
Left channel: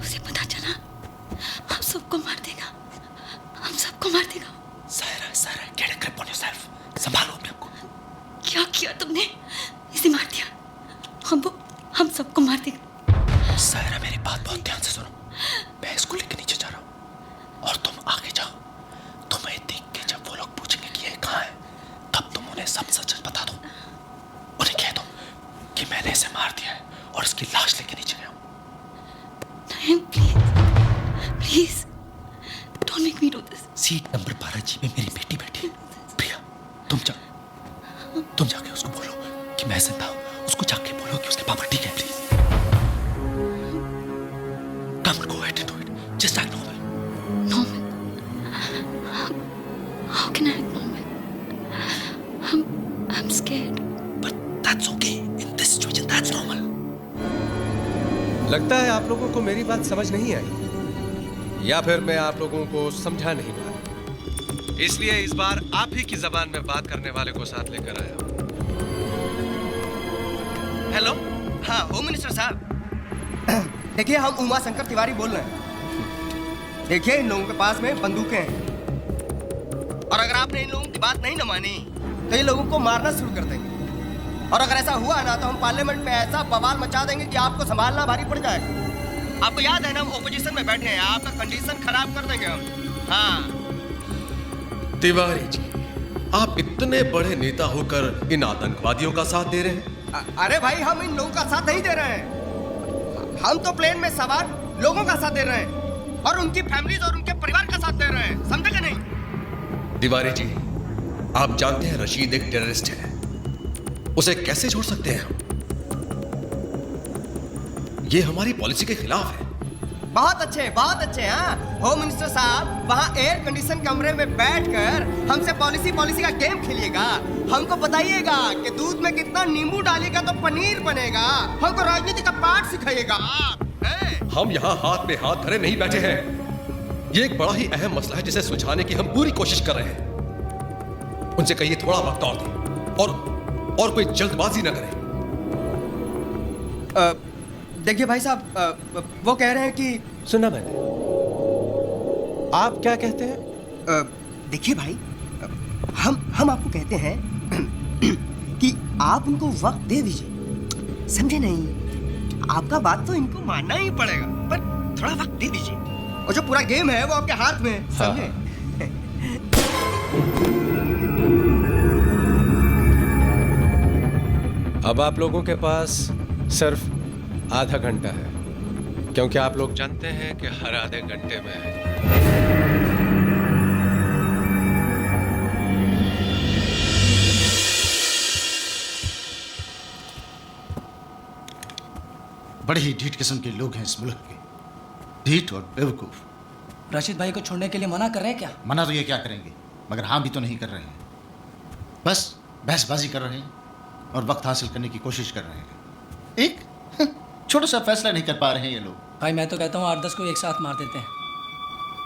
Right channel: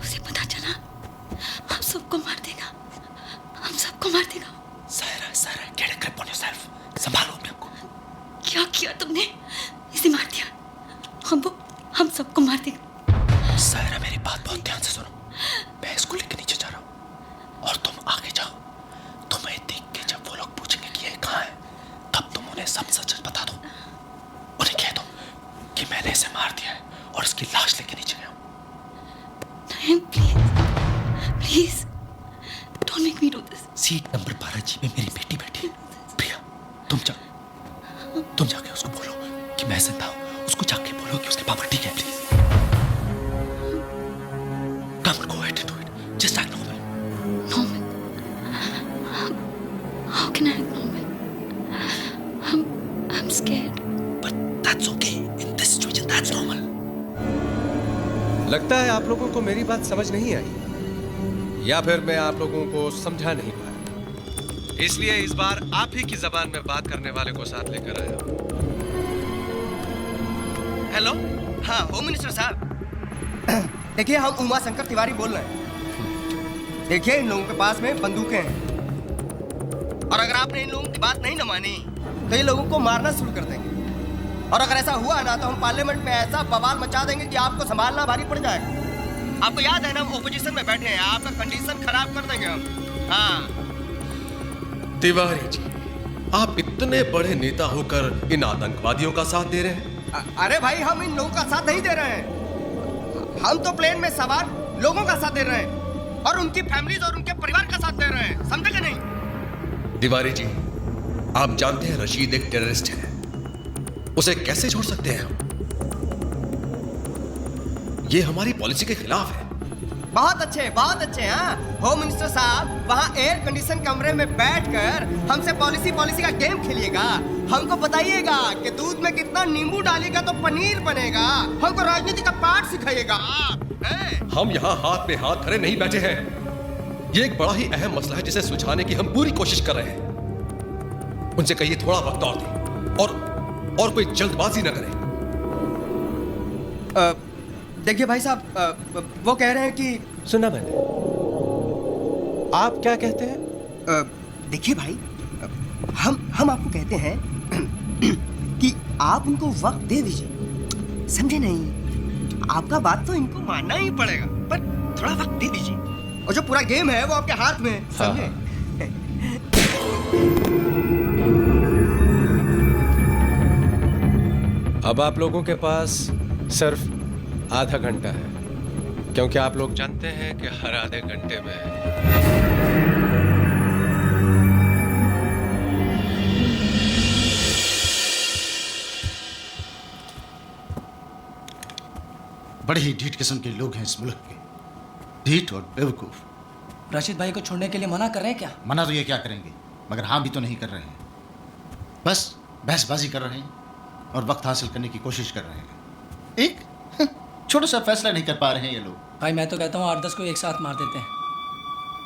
उसे पता चला हम सबको मार देगा। Saira get a grip on yourself. संभालो अपने आप को। क्या किया तुमने? इसे मार दिया। हम सबको मार देगा। सायरा मेरी बात बहुत ध्यान से सुनो। मैं इसको लेकर नीचे जा रहा हूँ और तुम आगे जाओ। तुम्हें देख के जब वो लोग पूछेंगे कि ये कहाँ है तब तुम उन्हें सब सच बता दो। उन्हें कह दो कि मैंने इसे मार दिया है और इसकी लाश लेके नीचे गया हूँ। नहीं please don't make me do this. Seat number 12G में मेरी बेटी बैठी है। प्रिया तुम जाके उसको बोलो कि मैं जिंदा हूँ। उसको जाके बोलो कि उसके पापा ठीक है। Please come on, go ahead and do it. Just act normal. How can I act normal? I'm scared. But that's okay. In this situation, that's normal. लगता है आप लोगों को मेरी बात समझ नहीं आई या फिर मैं आप लोगों को समझा नहीं पाया। इसलिए इस बार आप ही की जबान में बात करने वाले को साथ लेकर आया हूं। हेलो। हाँ होम मिनिस्टर साहब। देखिए हम उमा शंकर तिवारी बोल रहे हैं। देखिए इन लोगों के पास में बंदूकें हैं और अगर आपने इन लोगों की बात नहीं न मानी तो ये लोगों को मारना शुरू कर देंगे और अगर ऐसा हुआ ना तो हम पार्लियामेंट में ऐसा बवाल मचा देंगे कि आपको संभालना भारी पड़ जाएगा। आपको याद है ना, हम ओपोजिशन में बैठे हैं, आपका कंडीशन खराब कर देंगे हम। हाँ तिवारी जी, आप इतने बड़े नेता होकर इन आतंकवादियों का साथ दे रहे हैं? अरे भाई, हम इन लोगों का साथ नहीं दे रहे हैं, हम तो प्लेन में सवार लोगों का साथ दे रहे हैं और उनकी फैमिलीज और उनके परिवार का साथ दे रहे हैं, समझे कि नहीं? तिवारी जी, आप जानते हैं रशीद एक टेररिस्ट है, उसे कैसे छोड़ सकते हैं हम? ये हमारी पॉलिसी के खिलाफ है। बहुत अच्छे। हाँ, होम मिनिस्टर साहब वहाँ एयर कंडीशन कमरे में बैठकर हमसे पॉलिसी का गेम खेलिएगा, हमको बताइएगा कि दूध में कितना नींबू डालेगा तो पनीर बनेगा, हमको राजनीति का पाठ सिखाइएगा। हम यहाँ हाथ में हाथ धरे नहीं बैठे हैं, ये एक बड़ा ही अहम मसला है जिसे सुलझाने की हम पूरी कोशिश कर रहे हैं। उनसे कहिए थोड़ा वक्त और दें और कोई जल्दबाजी न करें। देखिए भाई साहब, वो कह रहे हैं कि सुना मैंने। आप क्या कहते हैं? देखिए भाई, हम आपको कहते हैं कि आप उनको वक्त दे दीजिए, समझे नहीं? आपका बात तो इनको मानना ही पड़ेगा, पर थोड़ा वक्त दे दीजिए, और जो पूरा गेम है वो आपके हाथ में है, समझे? अब आप लोगों के पास सिर्फ आधा घंटा है, क्योंकि आप लोग जानते हैं कि हर आधे घंटे में बड़े ही ढीठ किस्म के लोग हैं इस मुल्क के, ढीठ और बेवकूफ। राशिद भाई को छोड़ने के लिए मना कर रहे हैं क्या? मना तो ये क्या करेंगे, मगर हाँ भी तो नहीं कर रहे हैं, बस बहसबाजी कर रहे हैं और वक्त हासिल करने की कोशिश कर रहे हैं। एक छोटा सा फैसला नहीं कर पा रहे हैं ये लोग। भाई मैं तो कहता हूँ 8-10 को एक साथ मार देते हैं,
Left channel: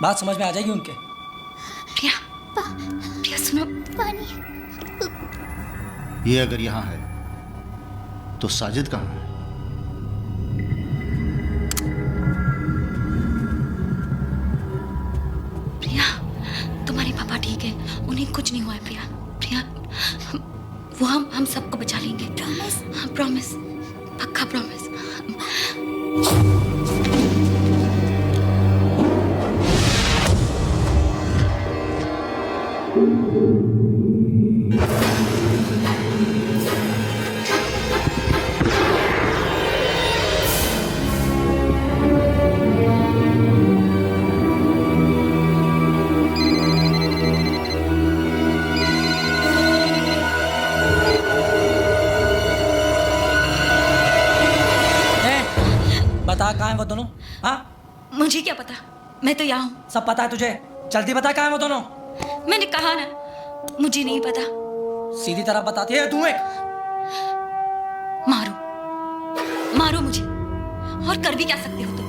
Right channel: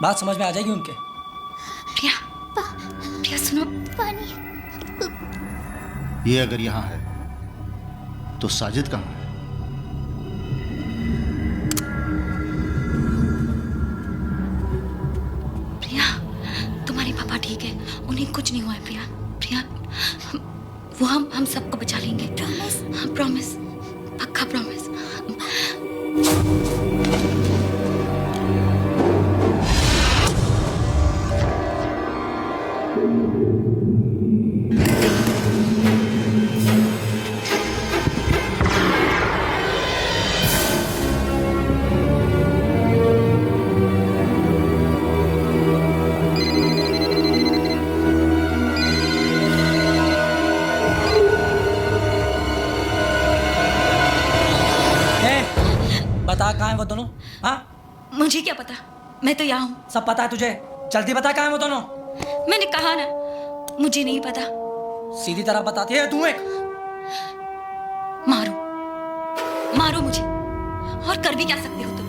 बात समझ में आ जाएगी उनके। प्रिया सुनो, पानी। ये अगर यहाँ है तो साजिद कहाँ है? प्रिया, तुम्हारे पापा ठीक है, उन्हें कुछ नहीं हुआ है। प्रिया, वो हम सबको बचा लेंगे, प्रॉमिस। हाँ प्रॉमिस, पक्का प्रॉमिस। बता कहाँ हैं वो दोनों? हाँ, मुझे क्या पता, मैं तो यहाँ हूँ। सब पता है तुझे, जल्दी बता कहाँ हैं वो दोनों। मैंने कहा ना, मुझे नहीं पता। सीधी तरह बताती है तू। एक मारो मुझे, और कर भी क्या सकते हो तुम?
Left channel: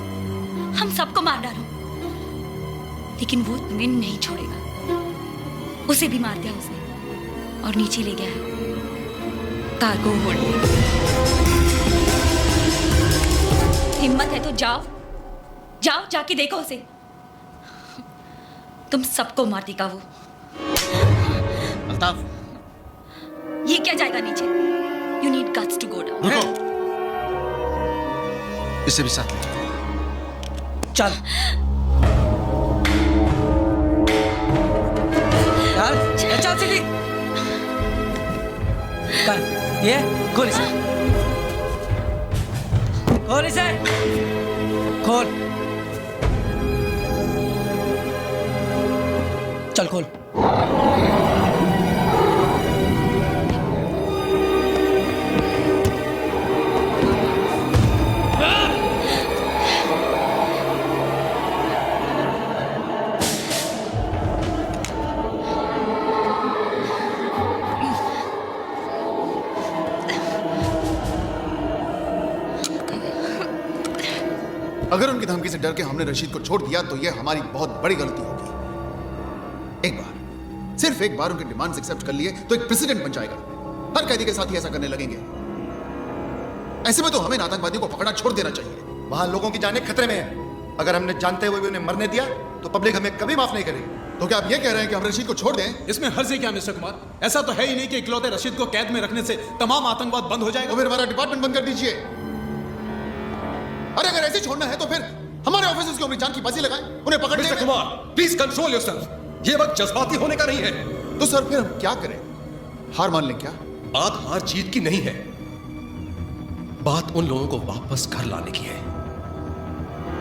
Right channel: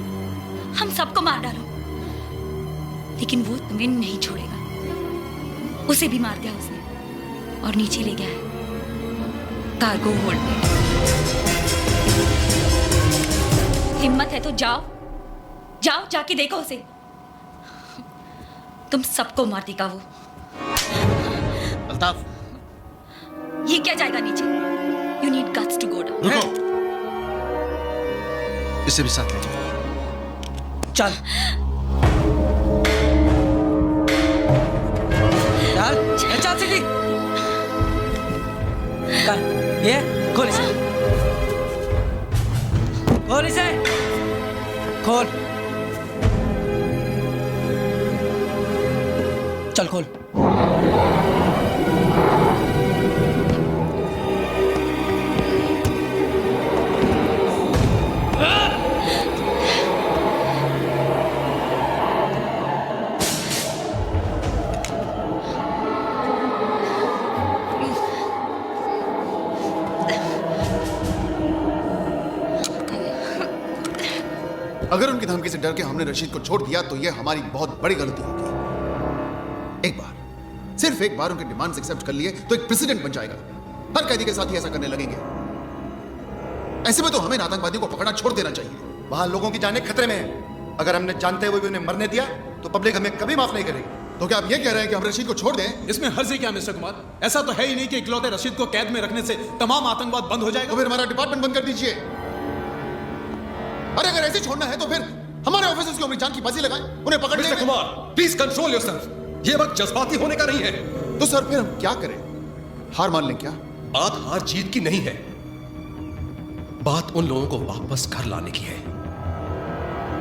हम सबको मार डालो, लेकिन वो तुम्हें नहीं छोड़ेगा। उसे भी मार दिया उसने और नीचे ले गया है कार्गो होल्ड में। हिम्मत है तो जाओ, जाके देखो उसे, तुम सबको मार देगा वो। अल्ताफ, ये क्या जाएगा नीचे? You need guts to go down. रुको, इसे भी साथ ले जाओ। चल चल सीधी। ये खोल इसे, खोल इसे, खोल। चल खोल। अगर उनकी धमकी से डर के हमने रशीद को छोड़ दिया तो यह हमारी बहुत बड़ी गलती होगी। एक बार, सिर्फ एक बार उनके डिमांड्स एक्सेप्ट कर लिए तो एक प्रेसिडेंट बन जाएगा। हर कैदी के साथ ही ऐसा करने लगेंगे। ऐसे में तो हमें आतंकवादियों को पकड़ना छोड़ देना चाहिए। वहां लोगों की जानें खतरे में है। अगर हमने जानते हुए भी उन्हें मरने दिया तो पब्लिक हमें कभी माफ नहीं करेगी। तो क्या आप ये कह रहे हैं कि हम रशीद को छोड़ दें? इसमें हर्ज क्या मिस्टर कुमार? ऐसा तो है ही नहीं कि इकलौते रशीद को कैद में रखने से तमाम आतंकवाद बंद हो जाएगा। तो फिर हमारा डिपार्टमेंट बंद कर दीजिए। अरे अगर ऐसे छोड़ना है तो फिर हमारे ऑफिसर्स को अपनी जान की बाजी लगाएं, उन्हें पकड़ने mister Kumar, please control yourself. ये वक्त जज्बाती होने का नहीं है। तो सर फिर हम क्या करें? हार मान लें क्या? बात हार जीत की नहीं है, बात उन लोगों को वापस घर लाने की है,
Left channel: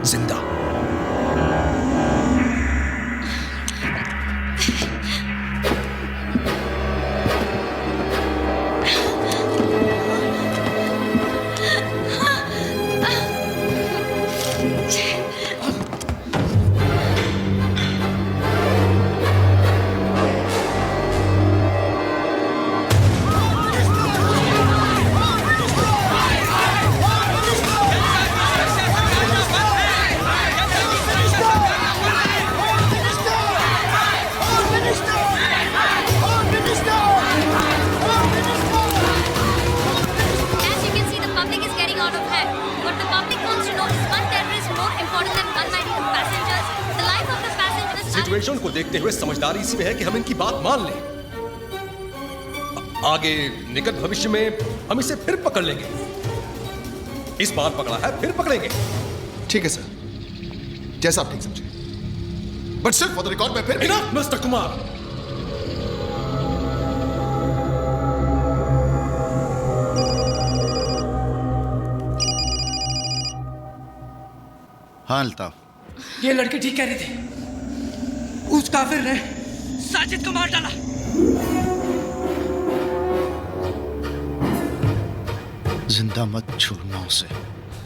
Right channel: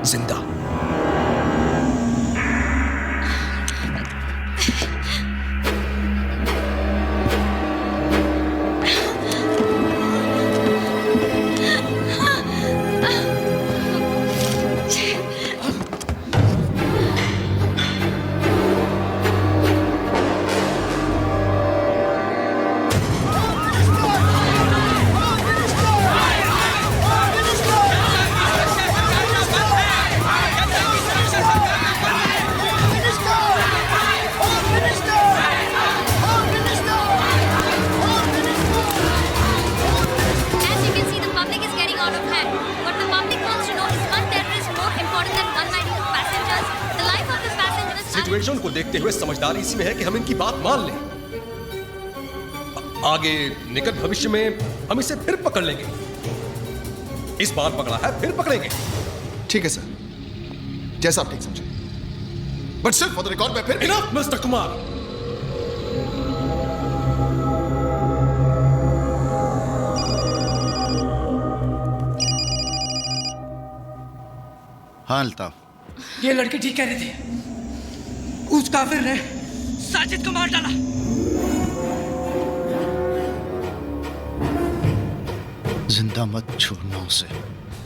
जिंदा। सिचुएशन को देखते हुए समझदारी इसी में है कि हम इनकी बात मान लें। आगे निकट भविष्य में हम इसे फिर पकड़ लेंगे। इस बार पकड़ा है, फिर पकड़ेंगे। ठीक है सर, जैसा आप ठीक समझे। बट सिर्फ फॉर द रिकॉर्ड में फिर इनफ मिस्टर कुमार। हाँ अल्ताफ, ये लड़की ठीक कह रही थी। उस काफिर ने साजिद को मार डाला। जिंदा मत छोड़ना उसे।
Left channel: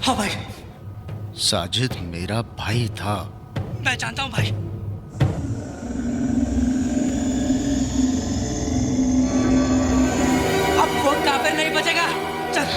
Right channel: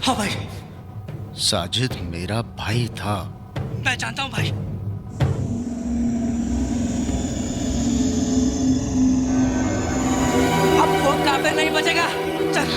हाँ भाई। साजिद मेरा भाई था। मैं जानता हूँ भाई। अब वो काफिर नहीं बचेगा। चल।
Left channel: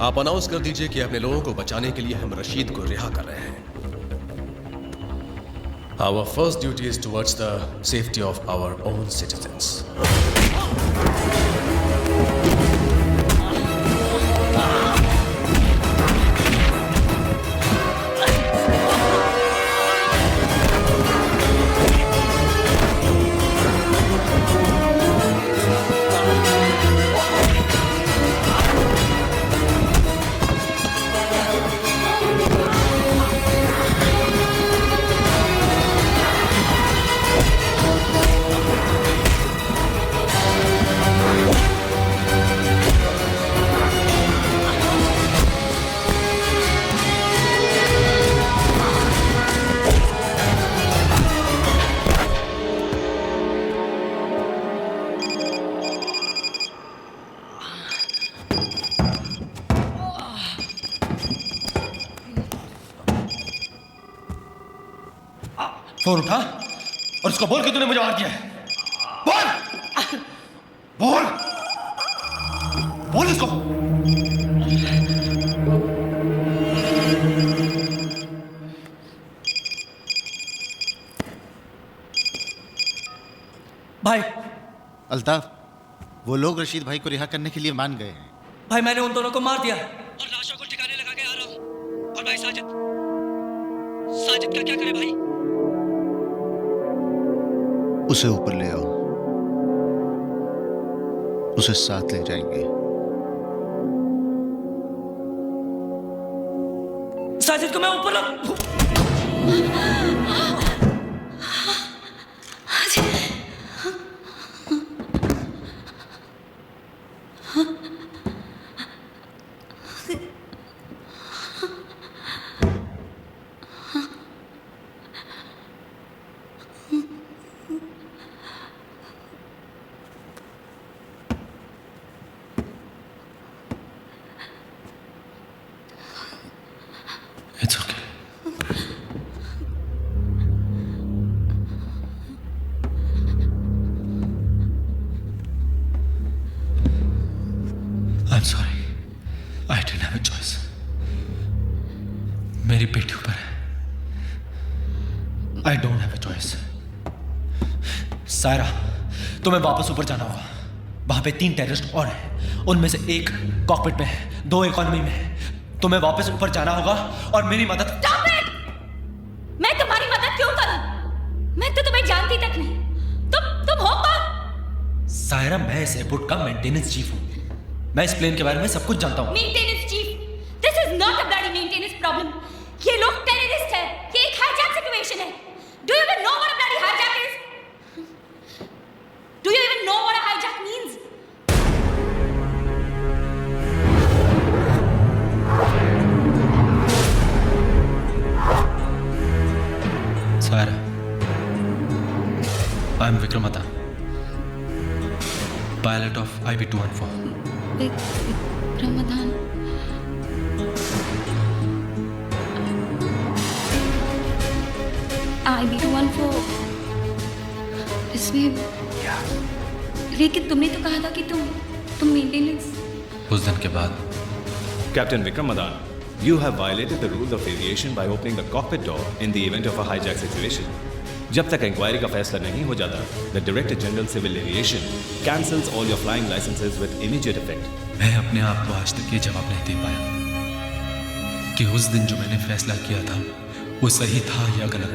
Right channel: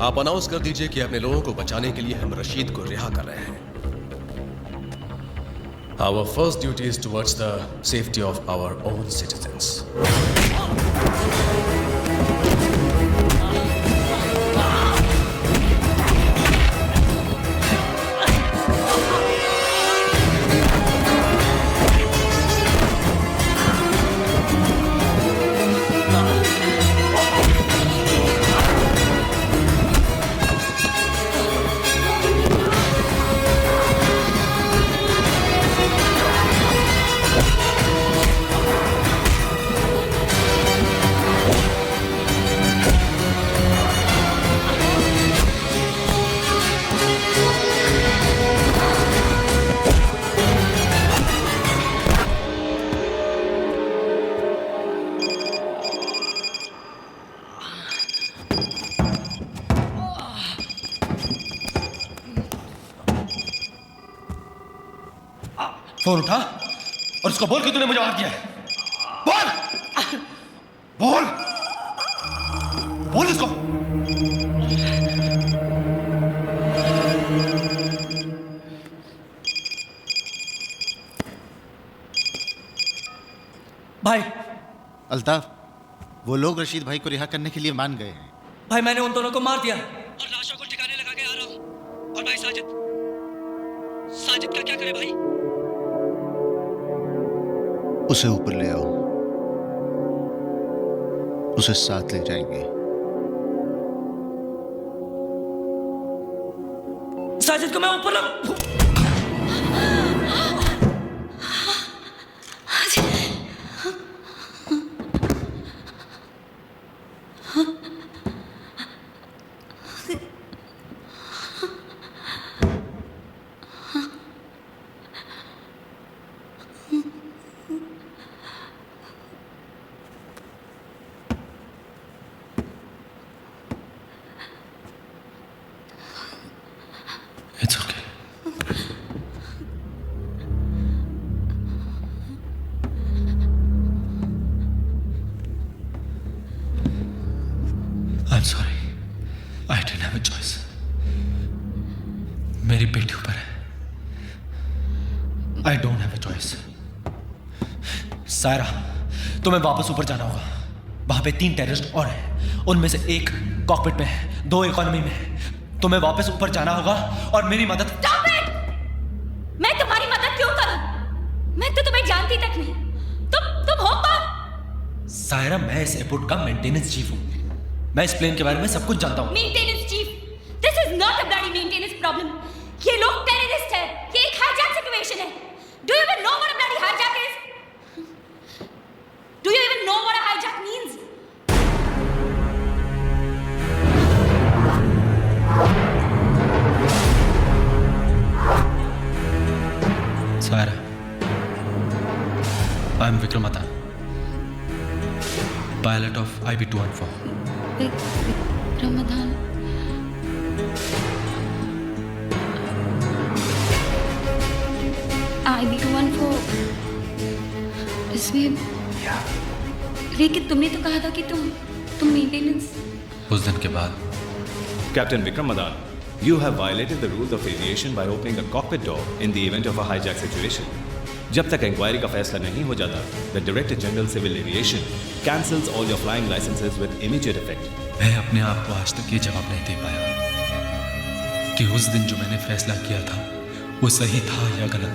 आप अनाउंस कर दीजिए कि अपने लोगों को बचाने के लिए हम रशीद को रिहा कर रहे हैं। Our first duty is towards the safety of our own citizens. Phone उठा और उसको बोल कि तूने मुझे मार दिया है। बोल बोल बोल उसको। भाई। अल्ताफ, वो लोग रशीद भाई को रिहा करने के लिए मान गए हैं। भाई मैंने उन दोनों को मार दिया और लाशों को ठिकाने लगा के आ रहा हूं। और भाई साजिद का क्या करे भाई? उसे ऊपर ले आओ, उसे साथ ले जाएंगे। साजिद को मैं ऊपर मेरी बेटी ऊपर है। आई don't have a choice. Saira, तुम्हें वापस ऊपर जाना होगा। वहां पे 3 टेररिस्ट और हैं, उनमें से एक कॉकपिट में है, 2 इकोनॉमी में है। तुम्हें वापस ऊपर जाना होगा और मेरी मदद। Stop it! मैं तुम्हारी मदद क्यों करूं? मैं तो तुम्हें जानती तक नहीं। तुम हो कौन? सायरा, मैं इस एयरपोर्ट का मेंटेनेंस चीफ हूं। मैं इस प्लेन के बारे में सब कुछ जानता हूं। Maintenance chief? This is not a bloody maintenance problem. ये लोग टेररिस्ट है। ये एक हाईजैक सिचुएशन है। Do you even know what a bloody hijack is? Do you even know what a hijack means? Saira, I am Vikram Adhan, pilot of IB-214. Vikram Adhan. IB-214 इसमें लेकिन तुमने तो कहा था कि तुम मेंटेनेंस। उस दिन के बाद Captain Vikram Madan, you have violated the rules of aviation by opening the cockpit door in the event of a hijack situation. जब तक इंक्वायरी का फैसला नहीं हो जाता, the Director General Civil Aviation cancels all your flying licenses with immediate effect. मैं अपने आप को आज तक ये जवाब नहीं दे पाया कि उस दिन जो मैंने फैसला किया था वो सही था या गलत।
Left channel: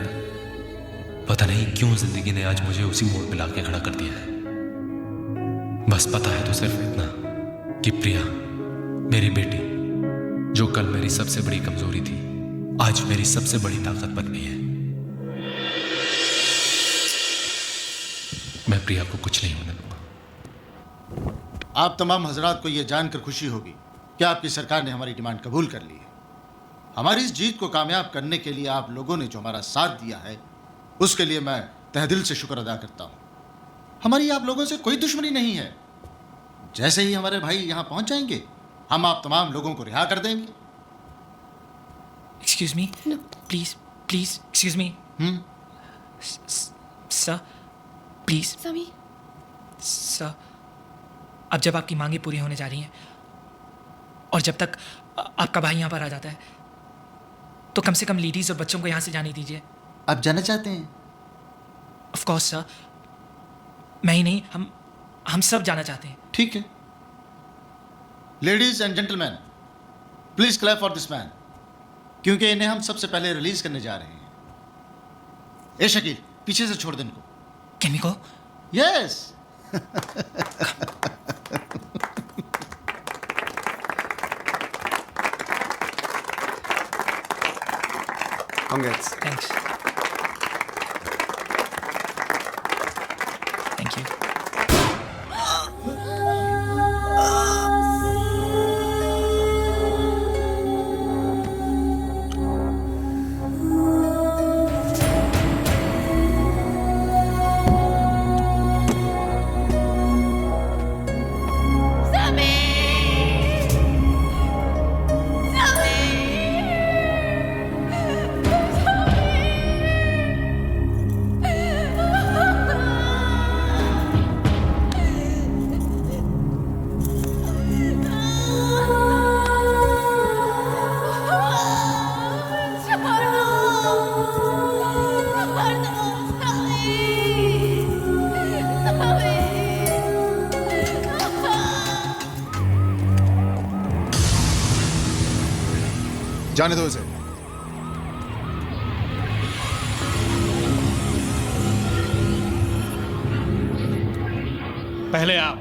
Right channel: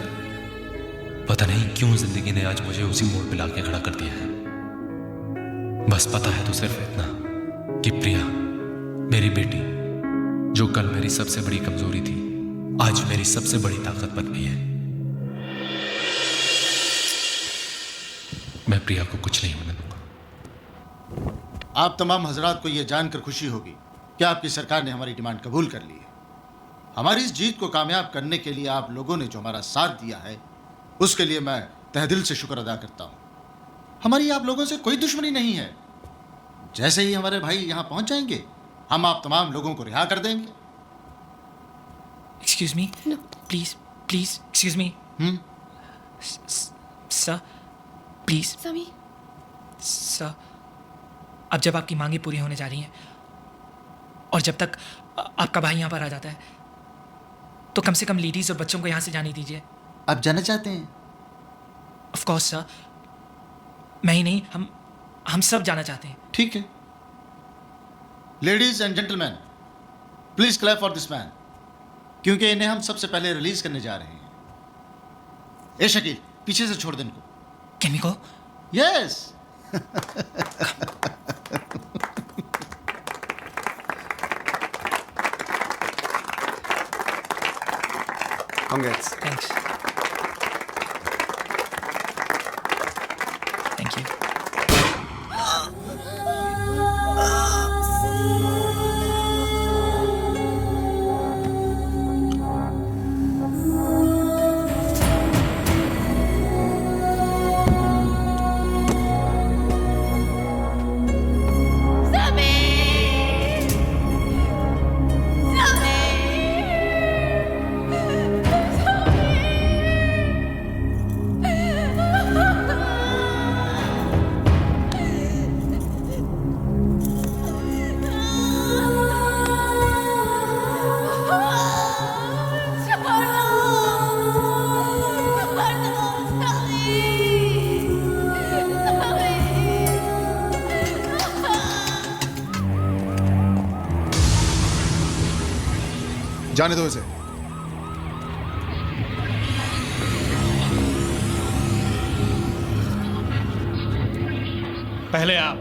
पता नहीं क्यों जिंदगी ने आज मुझे उसी मोड़ पे लाके खड़ा कर दिया है। बस पता है तो सिर्फ इतना कि प्रिया, मेरी बेटी, जो कल मेरी सबसे बड़ी कमजोरी थी, आज मेरी सबसे बड़ी ताकत बन गई है। मैं प्रिया को कुछ नहीं होने दूंगा। आप तमाम हजरात को यह जानकर खुशी होगी कि आपकी सरकार ने हमारी डिमांड कबूल कर ली है। हमारी इस जीत को कामयाब करने के लिए आप लोगों ने जो हमारा साथ दिया है, उसके लिए मैं तहे दिल से शुक्र अदा करता हूं। हमारी आप लोगों से कोई दुश्मनी नहीं है। जैसे ही हमारे भाई यहां पहुंच जाएंगे, हम आप तमाम लोगों को रिहा कर देंगे। Excuse me, please please excuse me. Sir please. समी सर, अब जब आपकी मांगे पूरी होने जा रही हैं और जब तक आपका भाई यहाँ पर आ जाता है, तो कम से कम लेडीज और बच्चों को यहाँ से जाने दीजिए। आप जाना चाहते हैं? ऑफ कोर्स सर, मैं ही नहीं, हम सब जाना चाहते हैं। ठीक है। Ladies and gentleman, please clap for this man, क्योंकि इन्हें हम सबसे पहले रिलीज करने जा रहे हैं। ए शकील, पीछे से छोड़ दे इनको। Can we go? Yes. Congrats. Thanks. Thank you. जाने दो इसे। पहले आप।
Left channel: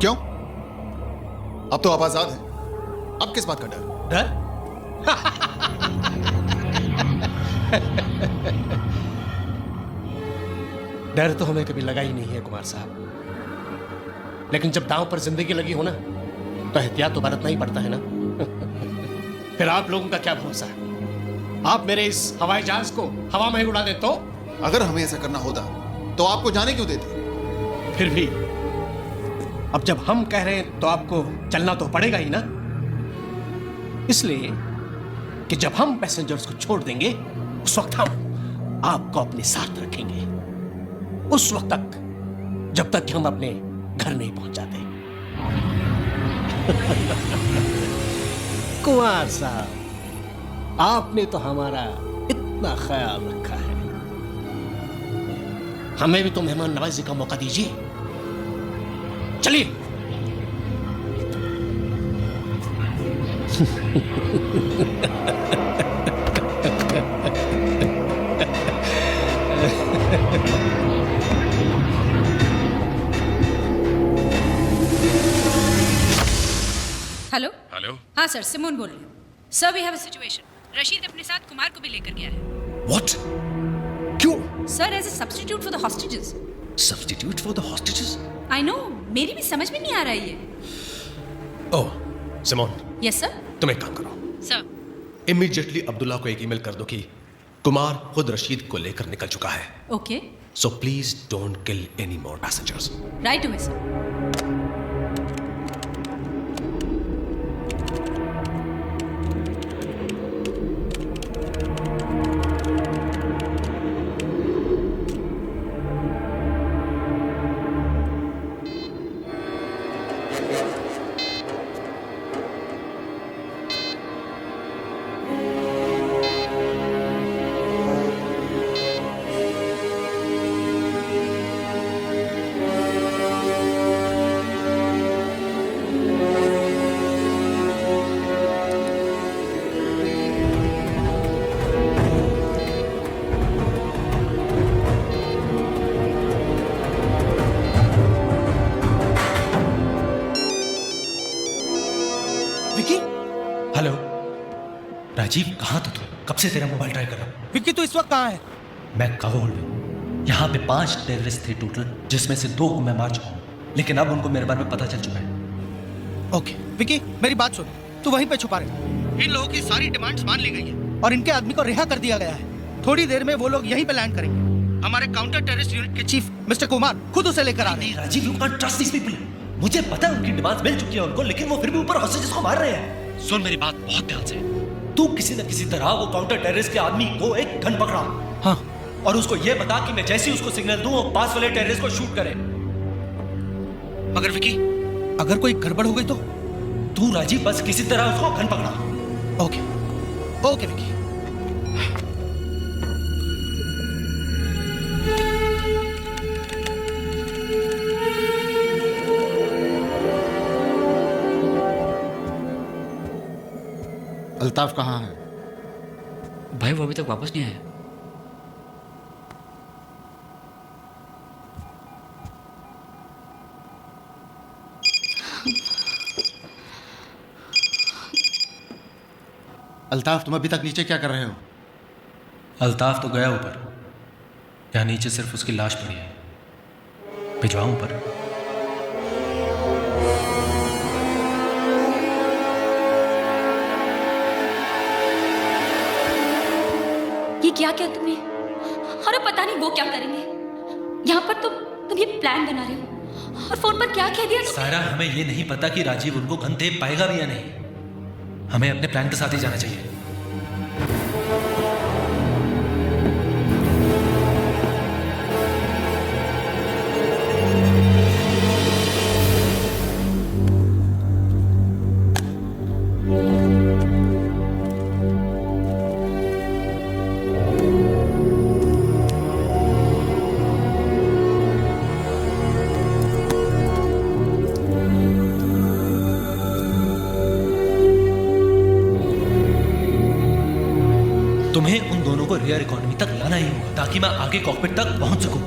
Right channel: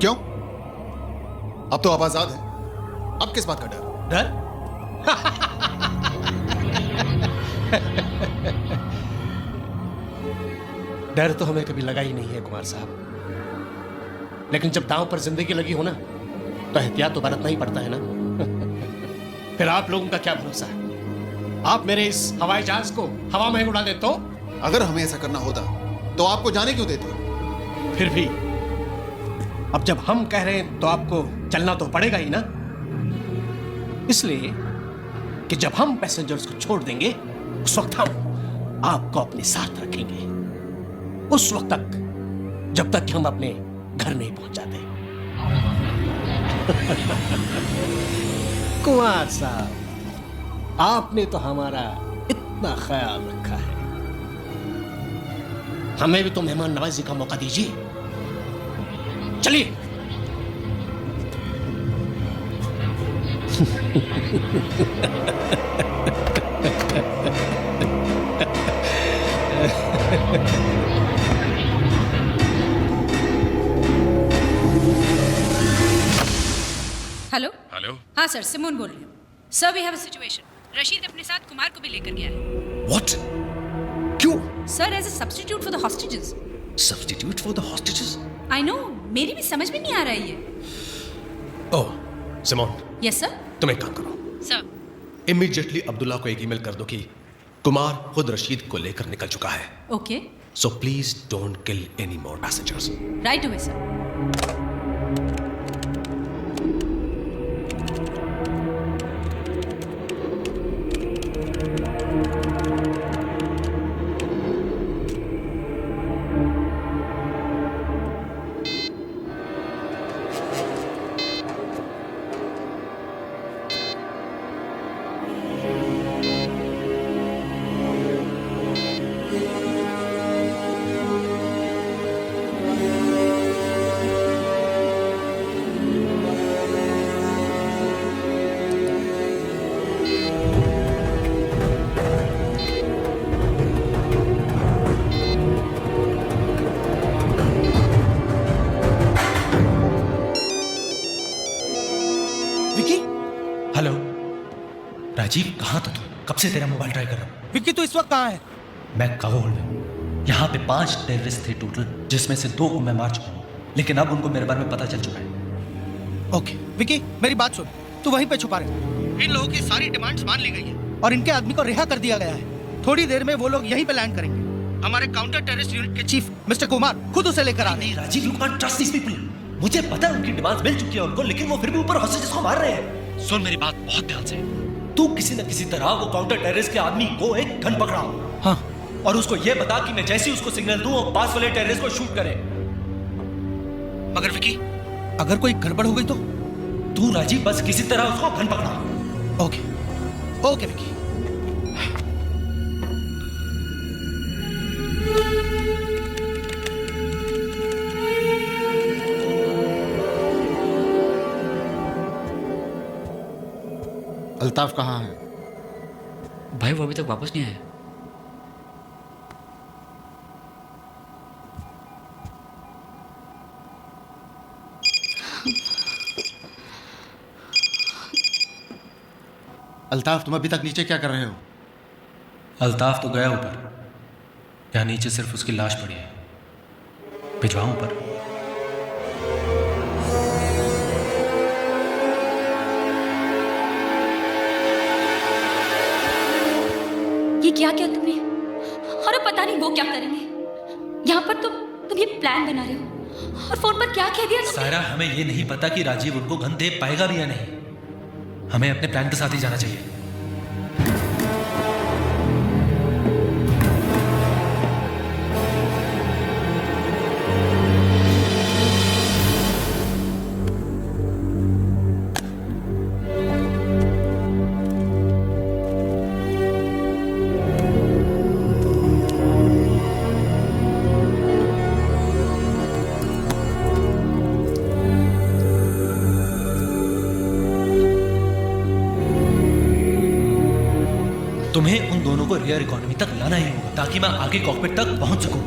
क्यों? अब तो आप आजाद हैं। अब किस बात का डर? डर? डर तो हमें कभी लगा ही नहीं है कुमार साहब, लेकिन जब दांव पर जिंदगी लगी हो ना, तो एहतियात तो बरतना ही पड़ता है ना। फिर आप लोगों का क्या भरोसा है? आप मेरे इस हवाई जहाज को हवा में उड़ा दे तो? अगर हमें ऐसा करना होता तो आपको जाने क्यों देते? फिर भी अब जब हम कह रहे हैं तो आपको चलना तो पड़ेगा ही ना, इसलिए कि जब हम पैसेंजर्स को छोड़ देंगे, उस वक्त हम आपको अपने साथ रखेंगे, उस वक्त तक जब तक कि हम अपने घर नहीं पहुंच जाते। कुमार साहब, आपने तो हमारा इतना ख्याल रखा है, हमें भी तो मेहमान नवाजी का मौका दीजिए। चलिए। Hello hello. हाँ सर, सिमोन बोल रही हूँ। Sir, we have a situation. Rashid अपने साथ कुमार को भी लेकर गया है। What? क्यों? Sir, as a substitute for the hostages. Substitute for the hostages? I know, मेरी भी समझ में नहीं आ रहा है ये। Oh, Simone, yes sir. तुम एक काम करो, सर। इमीडिएटली अब्दुल्ला को एक ईमेल कर दो कि कुमार खुद रशीद को लेकर निकल चुका है। Okay, so please don't kill any more passengers. Right away sir. Vicky, hello Rajiv, कहाँ था तू? कब से तेरा मोबाइल ट्राई कर रहा हूँ। विकी तू इस वक्त कहाँ है? मैं काबुल में। यहाँ पे 5 टेररिस्ट थे टोटल, जिसमें से 2 को मैं मार चुका हूँ, लेकिन अब उनको मेरे बारे में पता चल चुका है। ओके विकी, मेरी बात सुन, तू वहीं पे छुपा रहे। इन लोगों की सारी डिमांड्स मान ली गई है और इनके आदमी को रिहा कर दिया गया है। थोड़ी देर में वो लोग यहीं पे लैंड करेंगे। हमारे काउंटर टेररिस्ट यूनिट के चीफ मिस्टर कुमार खुद उसे लेकर आ रहे हैं। Rajiv, you can't trust these people. मुझे पता है उनकी डिमांड्स मिल चुकी है उनको, लेकिन वो फिर भी ऊपर हॉस्टेजेस को मार रहे हैं। सुन मेरी बात बहुत ध्यान से, तू किसी न किसी तरह वो काउंटर टेररिस्ट के आदमी को एक गन पकड़ा। हाँ। और उसको ये बता कि मैं जैसे ही उसको सिग्नल दूं वो पास वाले टेररिस्ट को शूट करे। मगर विकी, अगर कोई गड़बड़ हो गई तो? तू राजीव बस किसी तरह उसको गन पकड़ा। Okay okay Vicky. अल्ताफ कहाँ है? भाई वो अभी तक वापस नहीं आया। अल्ताफ, तुम अभी तक नीचे क्या कर रहे हो? अल्ताफ तो गया ऊपर, यहाँ नीचे सिर्फ उसकी लाश पड़ी है। भिजवाऊं ऊपर? ये क्या किया तुमने? और अब पता नहीं वो क्या करेंगे। यहाँ पर तुम ये प्लान बना रहे हो और फोन पर क्या कह दिया तुमने? सारा, हमें ये नहीं पता कि राजीव उनको गन दे पाएगा भी या नहीं। हमें अपने प्लान के साथ ही जाना चाहिए। तुम्हें उन दोनों को रियर इकोनॉमी तक लाना ही होगा ताकि मैं आगे कॉकपिट तक पहुंच सकूं।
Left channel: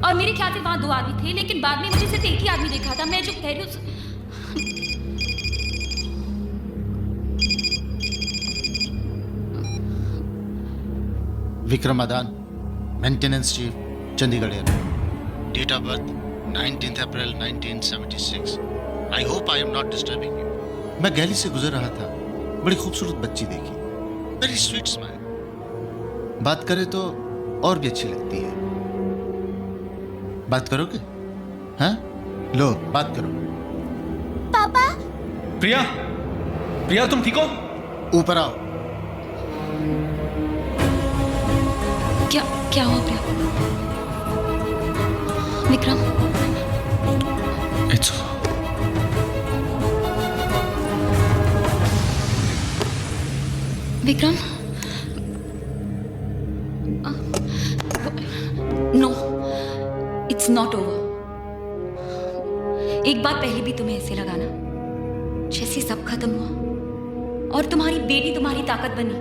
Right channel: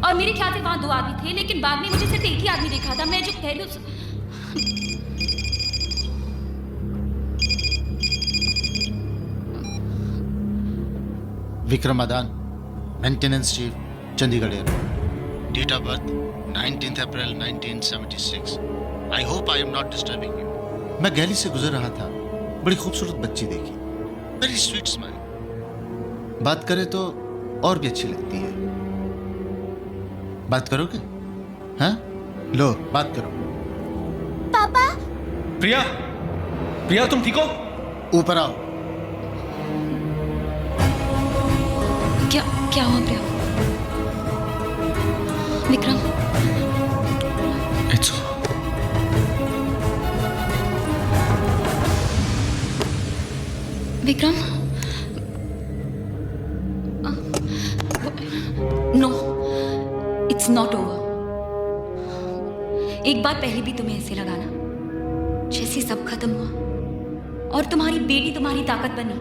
और मेरे ख्याल से वहां 2 आदमी थे, लेकिन बाद में मुझे सिर्फ एक ही आदमी देखा था। मैं जो कह रही हूँ Vikram Adan, maintenance chief, Chandigarh airport. Date of birth 19 April 1976। I hope I am not disturbing you. मैं गैली से गुजर रहा था, बड़ी खूबसूरत बच्ची देखी, वेरी स्वीट स्माइल। बात करे तो और भी अच्छी लगती है। बात करोगे? हाँ, लो बात करो। पापा। प्रिया, प्रिया तुम ठीक हो? ऊपर आओ। क्या हुआ Priya? Vikram, it's Vikram, no, it's not over. एक बात पहले भी तुम्हें ऐसे लगा ना, जैसे सब खत्म हुआ और तुम्हारी बेटी तुम्हारी ताकत बनी।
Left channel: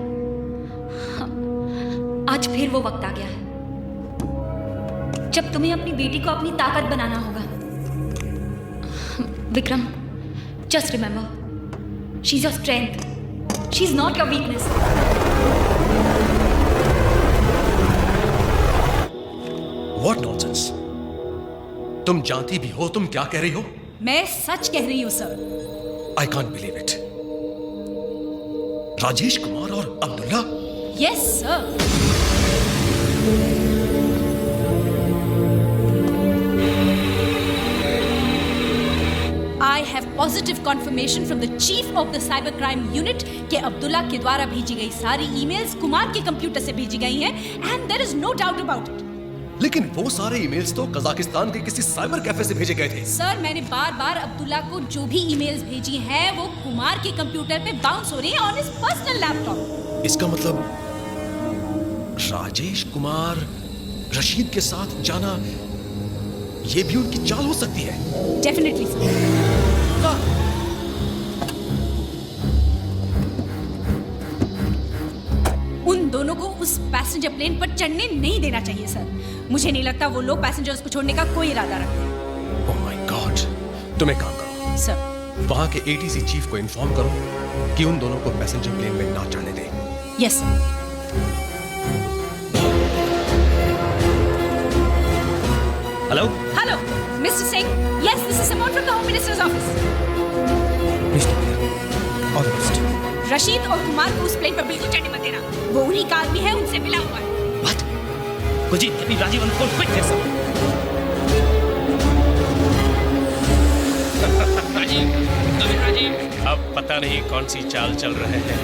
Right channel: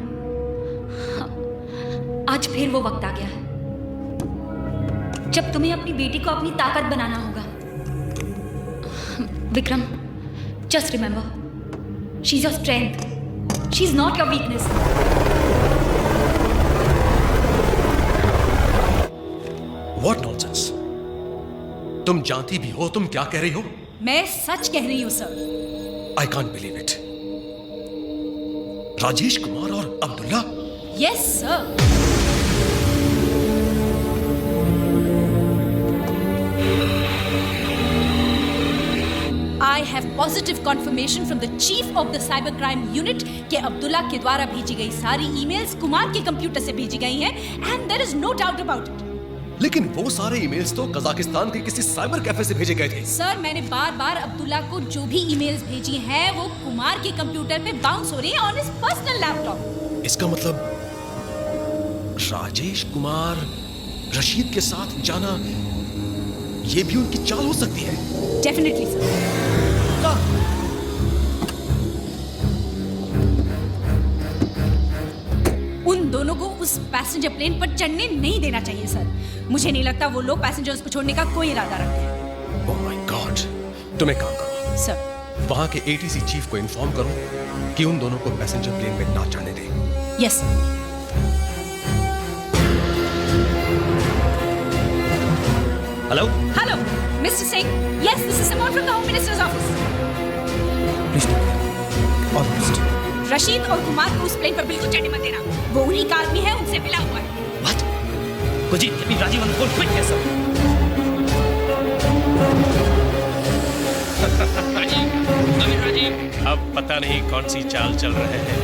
आज फिर वो वक्त आ गया है जब तुम्हें अपनी बेटी को अपनी ताकत बनाना होगा। Vikram, just remember, she is your strength, she is not your weakness. What nonsense? तुम जानती भी हो तुम क्या कह रही हो? मैं सच कह रही हूं sir. I can't believe it. Rajesh Kumar और Abdullah? Yes sir. I have positive confirmation from the chief of the cyber crime unit कि अब्दुल्ला के द्वारा भेजी गई सारी ईमेल्स कुमार के कंप्यूटर से भेजी गई हैं and there is no doubt about it. लेकिन वो सारे ईमेल्स तो कजाकिस्तान के किसी साइबर कैफे से भेजे गए थे। सर, मैंने बार-बार अब्दुल्ला को जो भी ईमेल्स भेजी हैं वो कुमार के कंप्यूटर पे बाउंस हो रही हैं ऑन हिज पर्सनल लैपटॉप। इसका मतलब राजेश कुमार रशीद के साथ जाना ये भी उनकी चाल हो सकती है। Definitely sir. उन दोनों को उस पैसेंजर प्लेन पर चढ़ने नहीं देना चाहिए सर। मुझे नहीं लगता वो लोग पैसेंजर्स को छोड़ने का कोई इरादा रखते हैं। ओह माय गॉड, तुम एक काम करो सर, वहां के एटीसी चीफ को इन्फॉर्म करो कि उन दोनों को पैसेंजर प्लेन में ना चढ़ने दे। Yes sir. Hello hello mister Singh, yes this is Simon from the home minister's office. Please take care, all the best. Rashid और कुमार को उस प्लेन पर बिल्कुल चढ़ने मत देना। वो उन्हीं का आदमी है, उनसे मिला हुआ है। What? Kuljeet, get me Rajiv on the phone quick, yes sir. Rajiv, अब पता नहीं कौन सी चाल चल रहे हैं।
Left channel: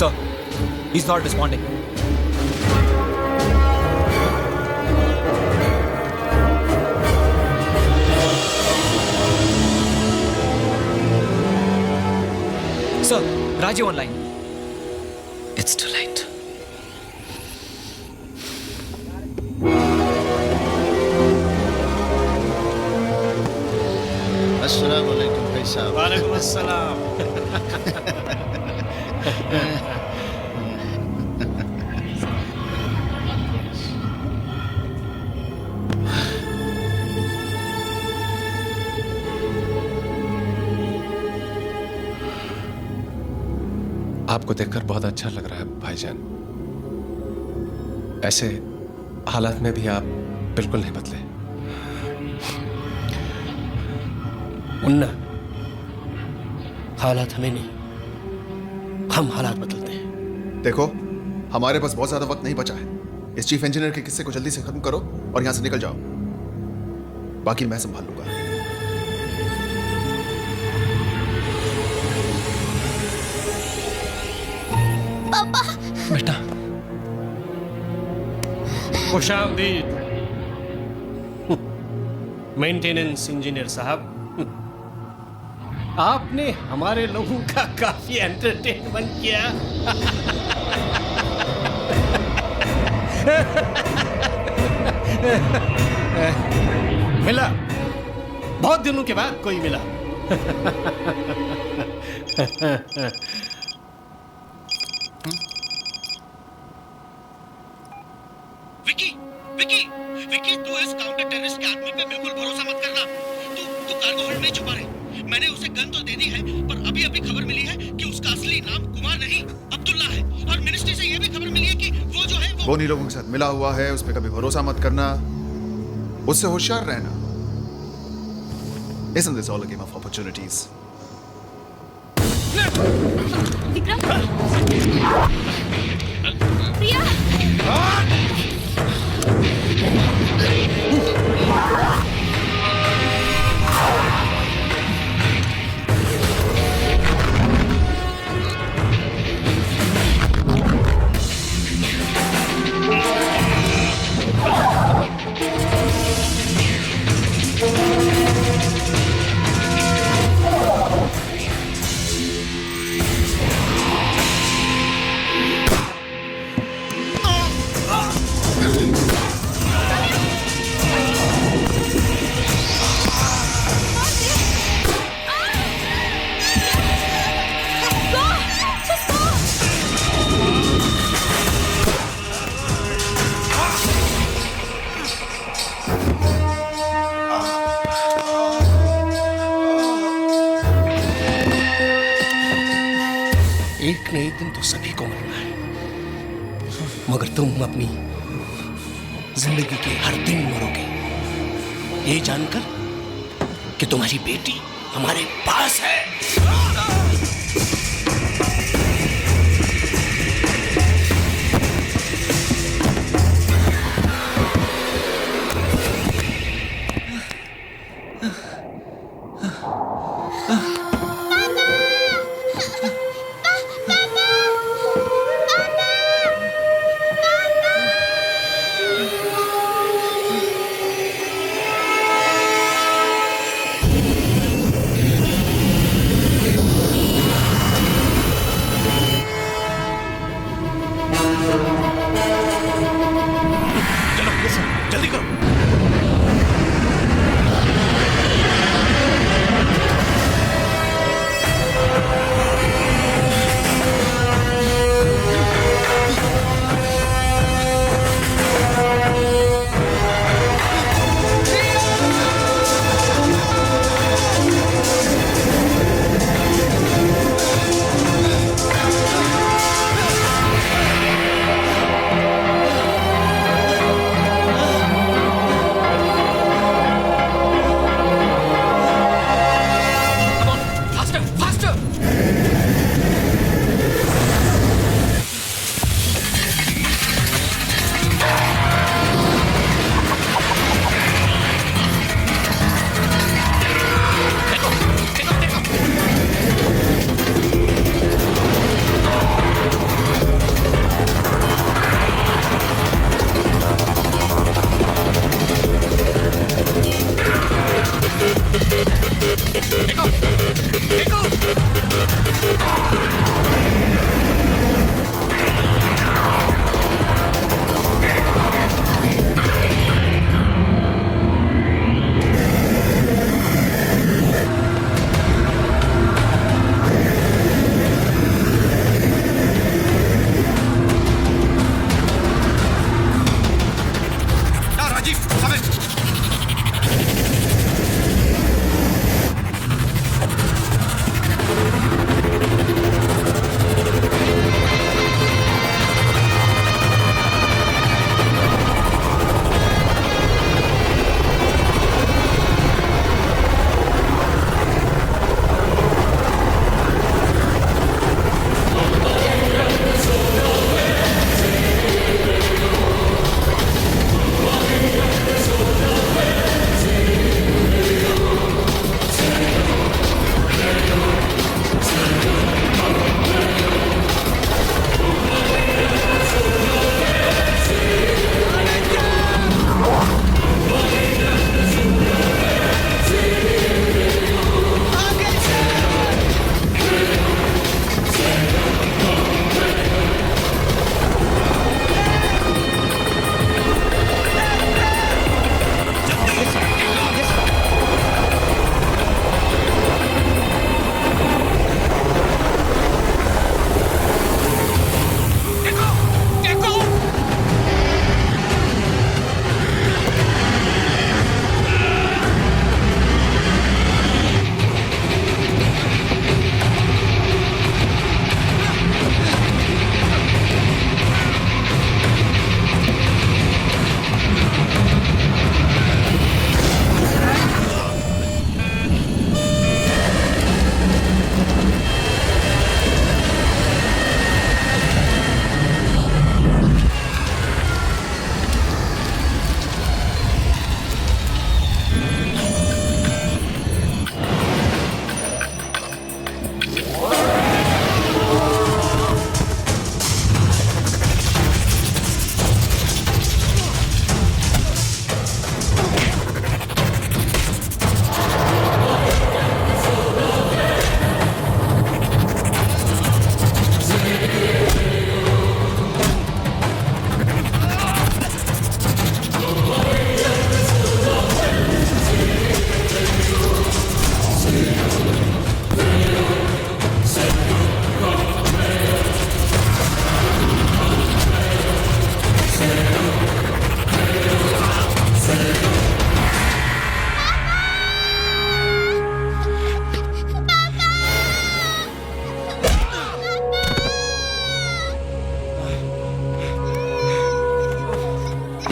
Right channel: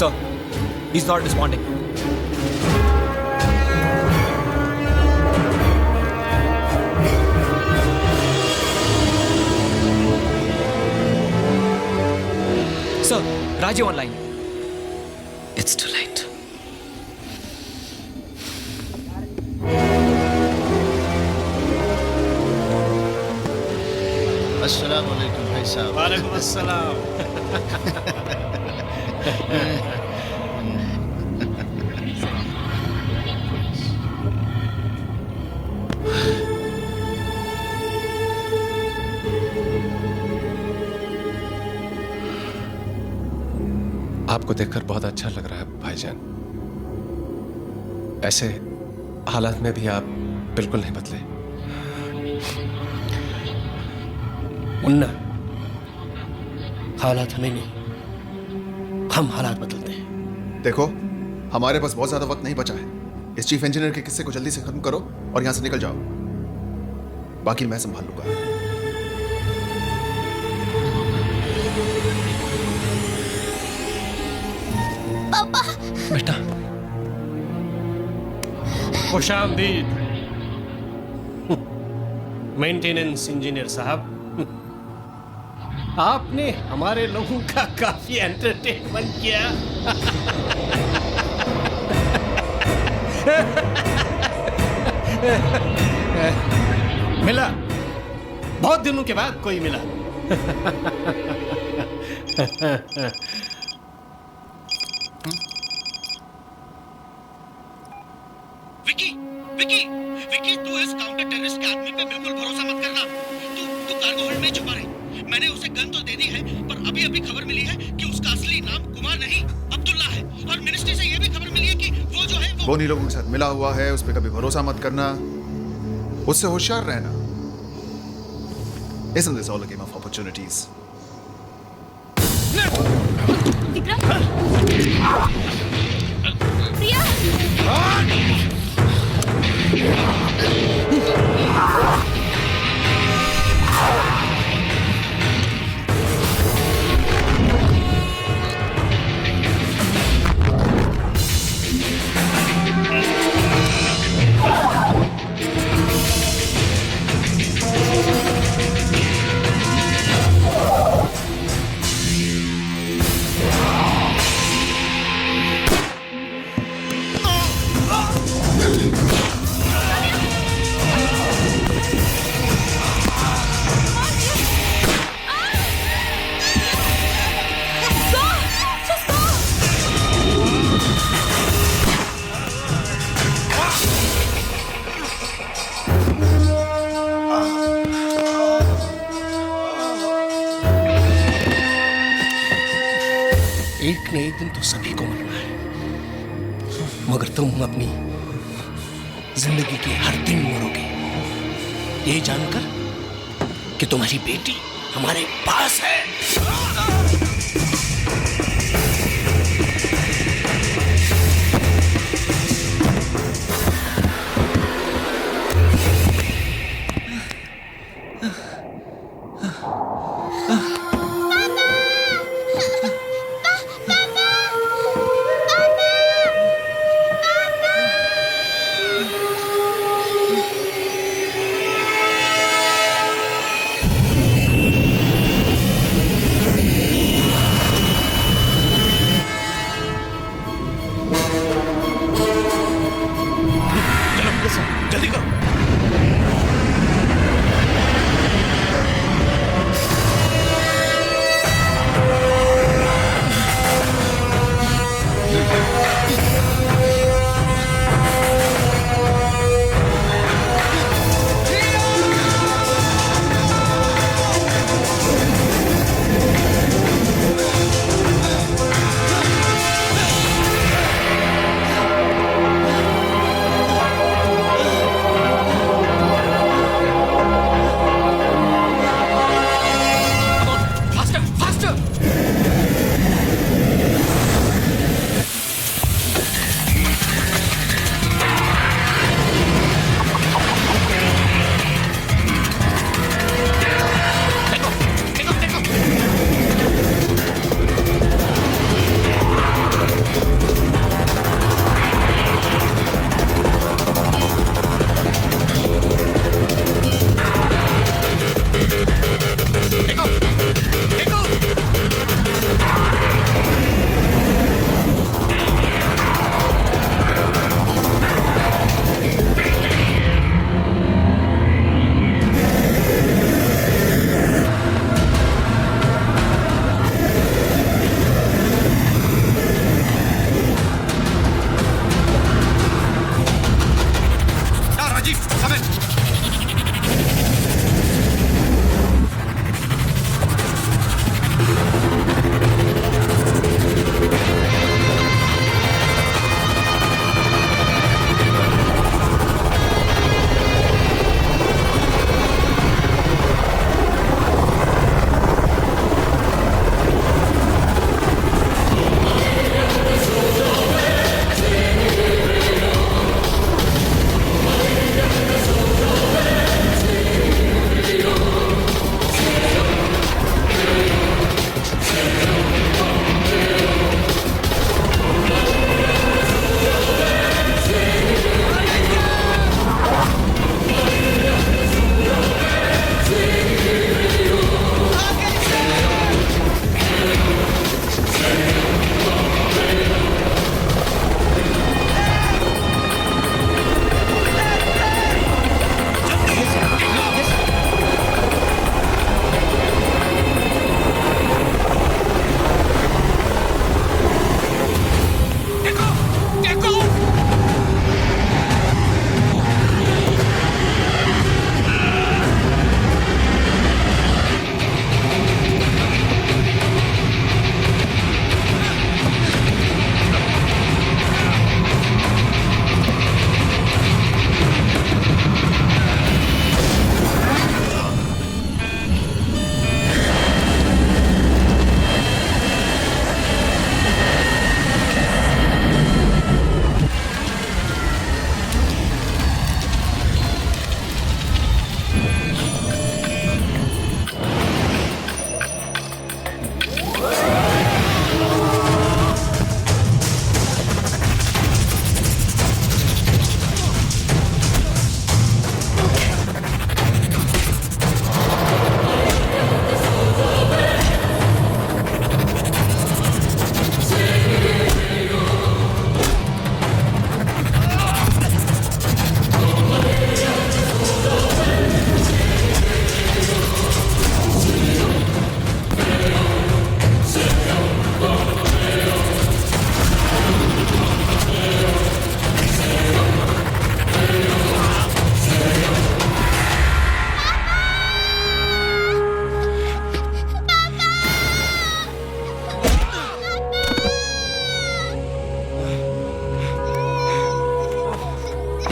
Sir, he's not responding. Sir, Rajiv online. It's too late. अस्सलाम वालेकुम भाई साहब। वालेकुम अस्सलाम। आपको देखकर बहुत अच्छा लग रहा है भाईजान। ऐसे हालात में भी आप बिल्कुल नहीं बदले। मुन्ना, हालात हमें नहीं, हम हालात बदलते हैं। देखो, हमारे पास बहुत ज्यादा वक्त नहीं बचा है। इस चीफ इंजीनियर के किस्से को जल्दी से खत्म करो और यहां से निकल जाओ। बाकी मैं संभाल लूंगा। पापा। बेटा। खुशामदीद मेंटेनेंस इंजीनियर साहब। आपने हमारे लोगों का काफी एंटरटेनमेंट किया। मिला, बहुत दिनों के बाद कोई मिला। विकी, विकी, विकी, तू इस काउंटर टेररिस्ट के आदमी पे बिल्कुल भरोसा मत करना। तू कार्गो होल्ड में छुपा रहे। मैंने उसे गन तो दे दी है, पर अभी अभी खबर मिली है कि उसका असली नाम कुमार नहीं अब्दुल्ला है। और मिनिस्ट्री से यह भी खबर मिली है कि वो जो है वो उन्हीं लोगों के साथ मिला हुआ है। उस पर कभी भरोसा मत करना, उससे होशियार रहना। Isn't this all a game of opportunities? Vikram, प्रिया, एक न एक दिन तो सभी को मरना है, मगर तुम अपनी जिंदगी के हर दिन मरोगे ये जानकर कि तुम्हारी बेटी हमारे पास है। जल्दी करो।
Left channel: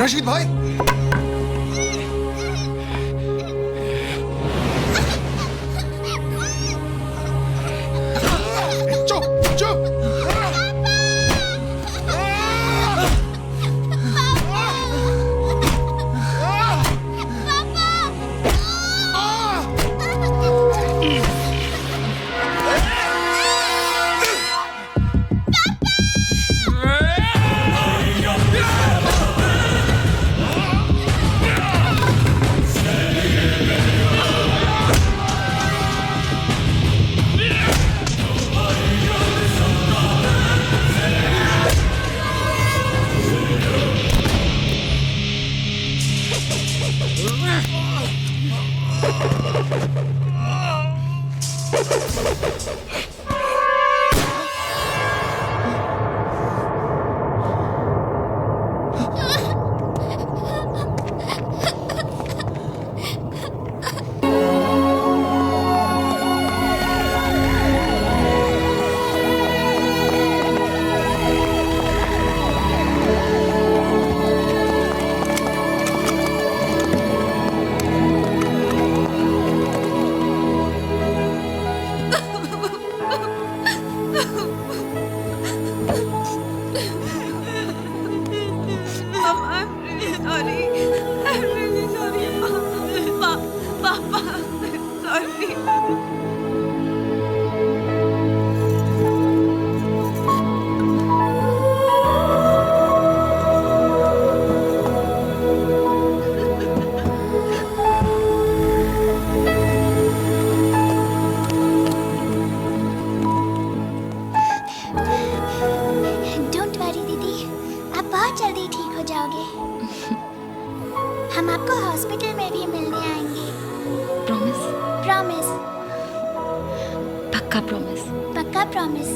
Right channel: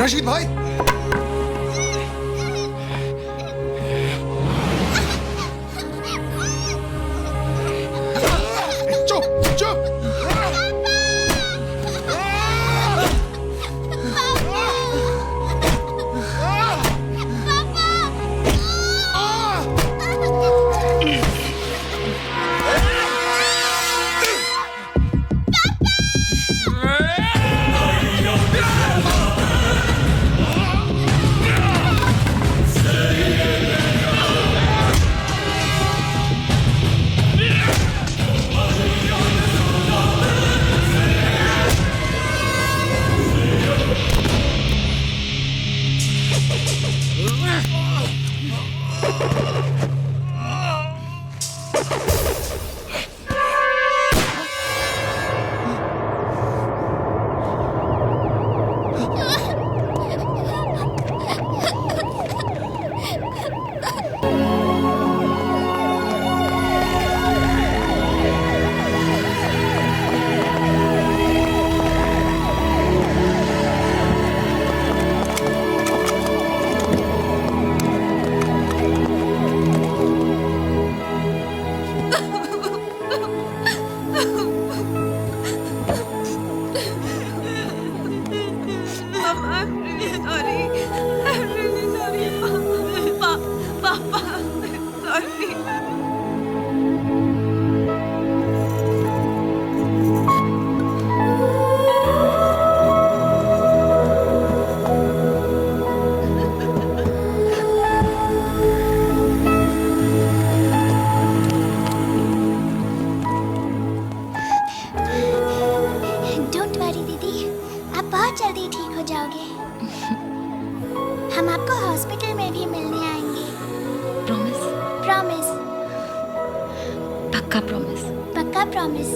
रशीद भाई, चुप चुप। डोंट वरी दीदी, आप बहुत जल्दी ठीक हो जाओगे। हम आपको हॉस्पिटल में भी मिलने आएंगे। प्रॉमिस? प्रॉमिस। पक्का प्रॉमिस? पक्का प्रॉमिस।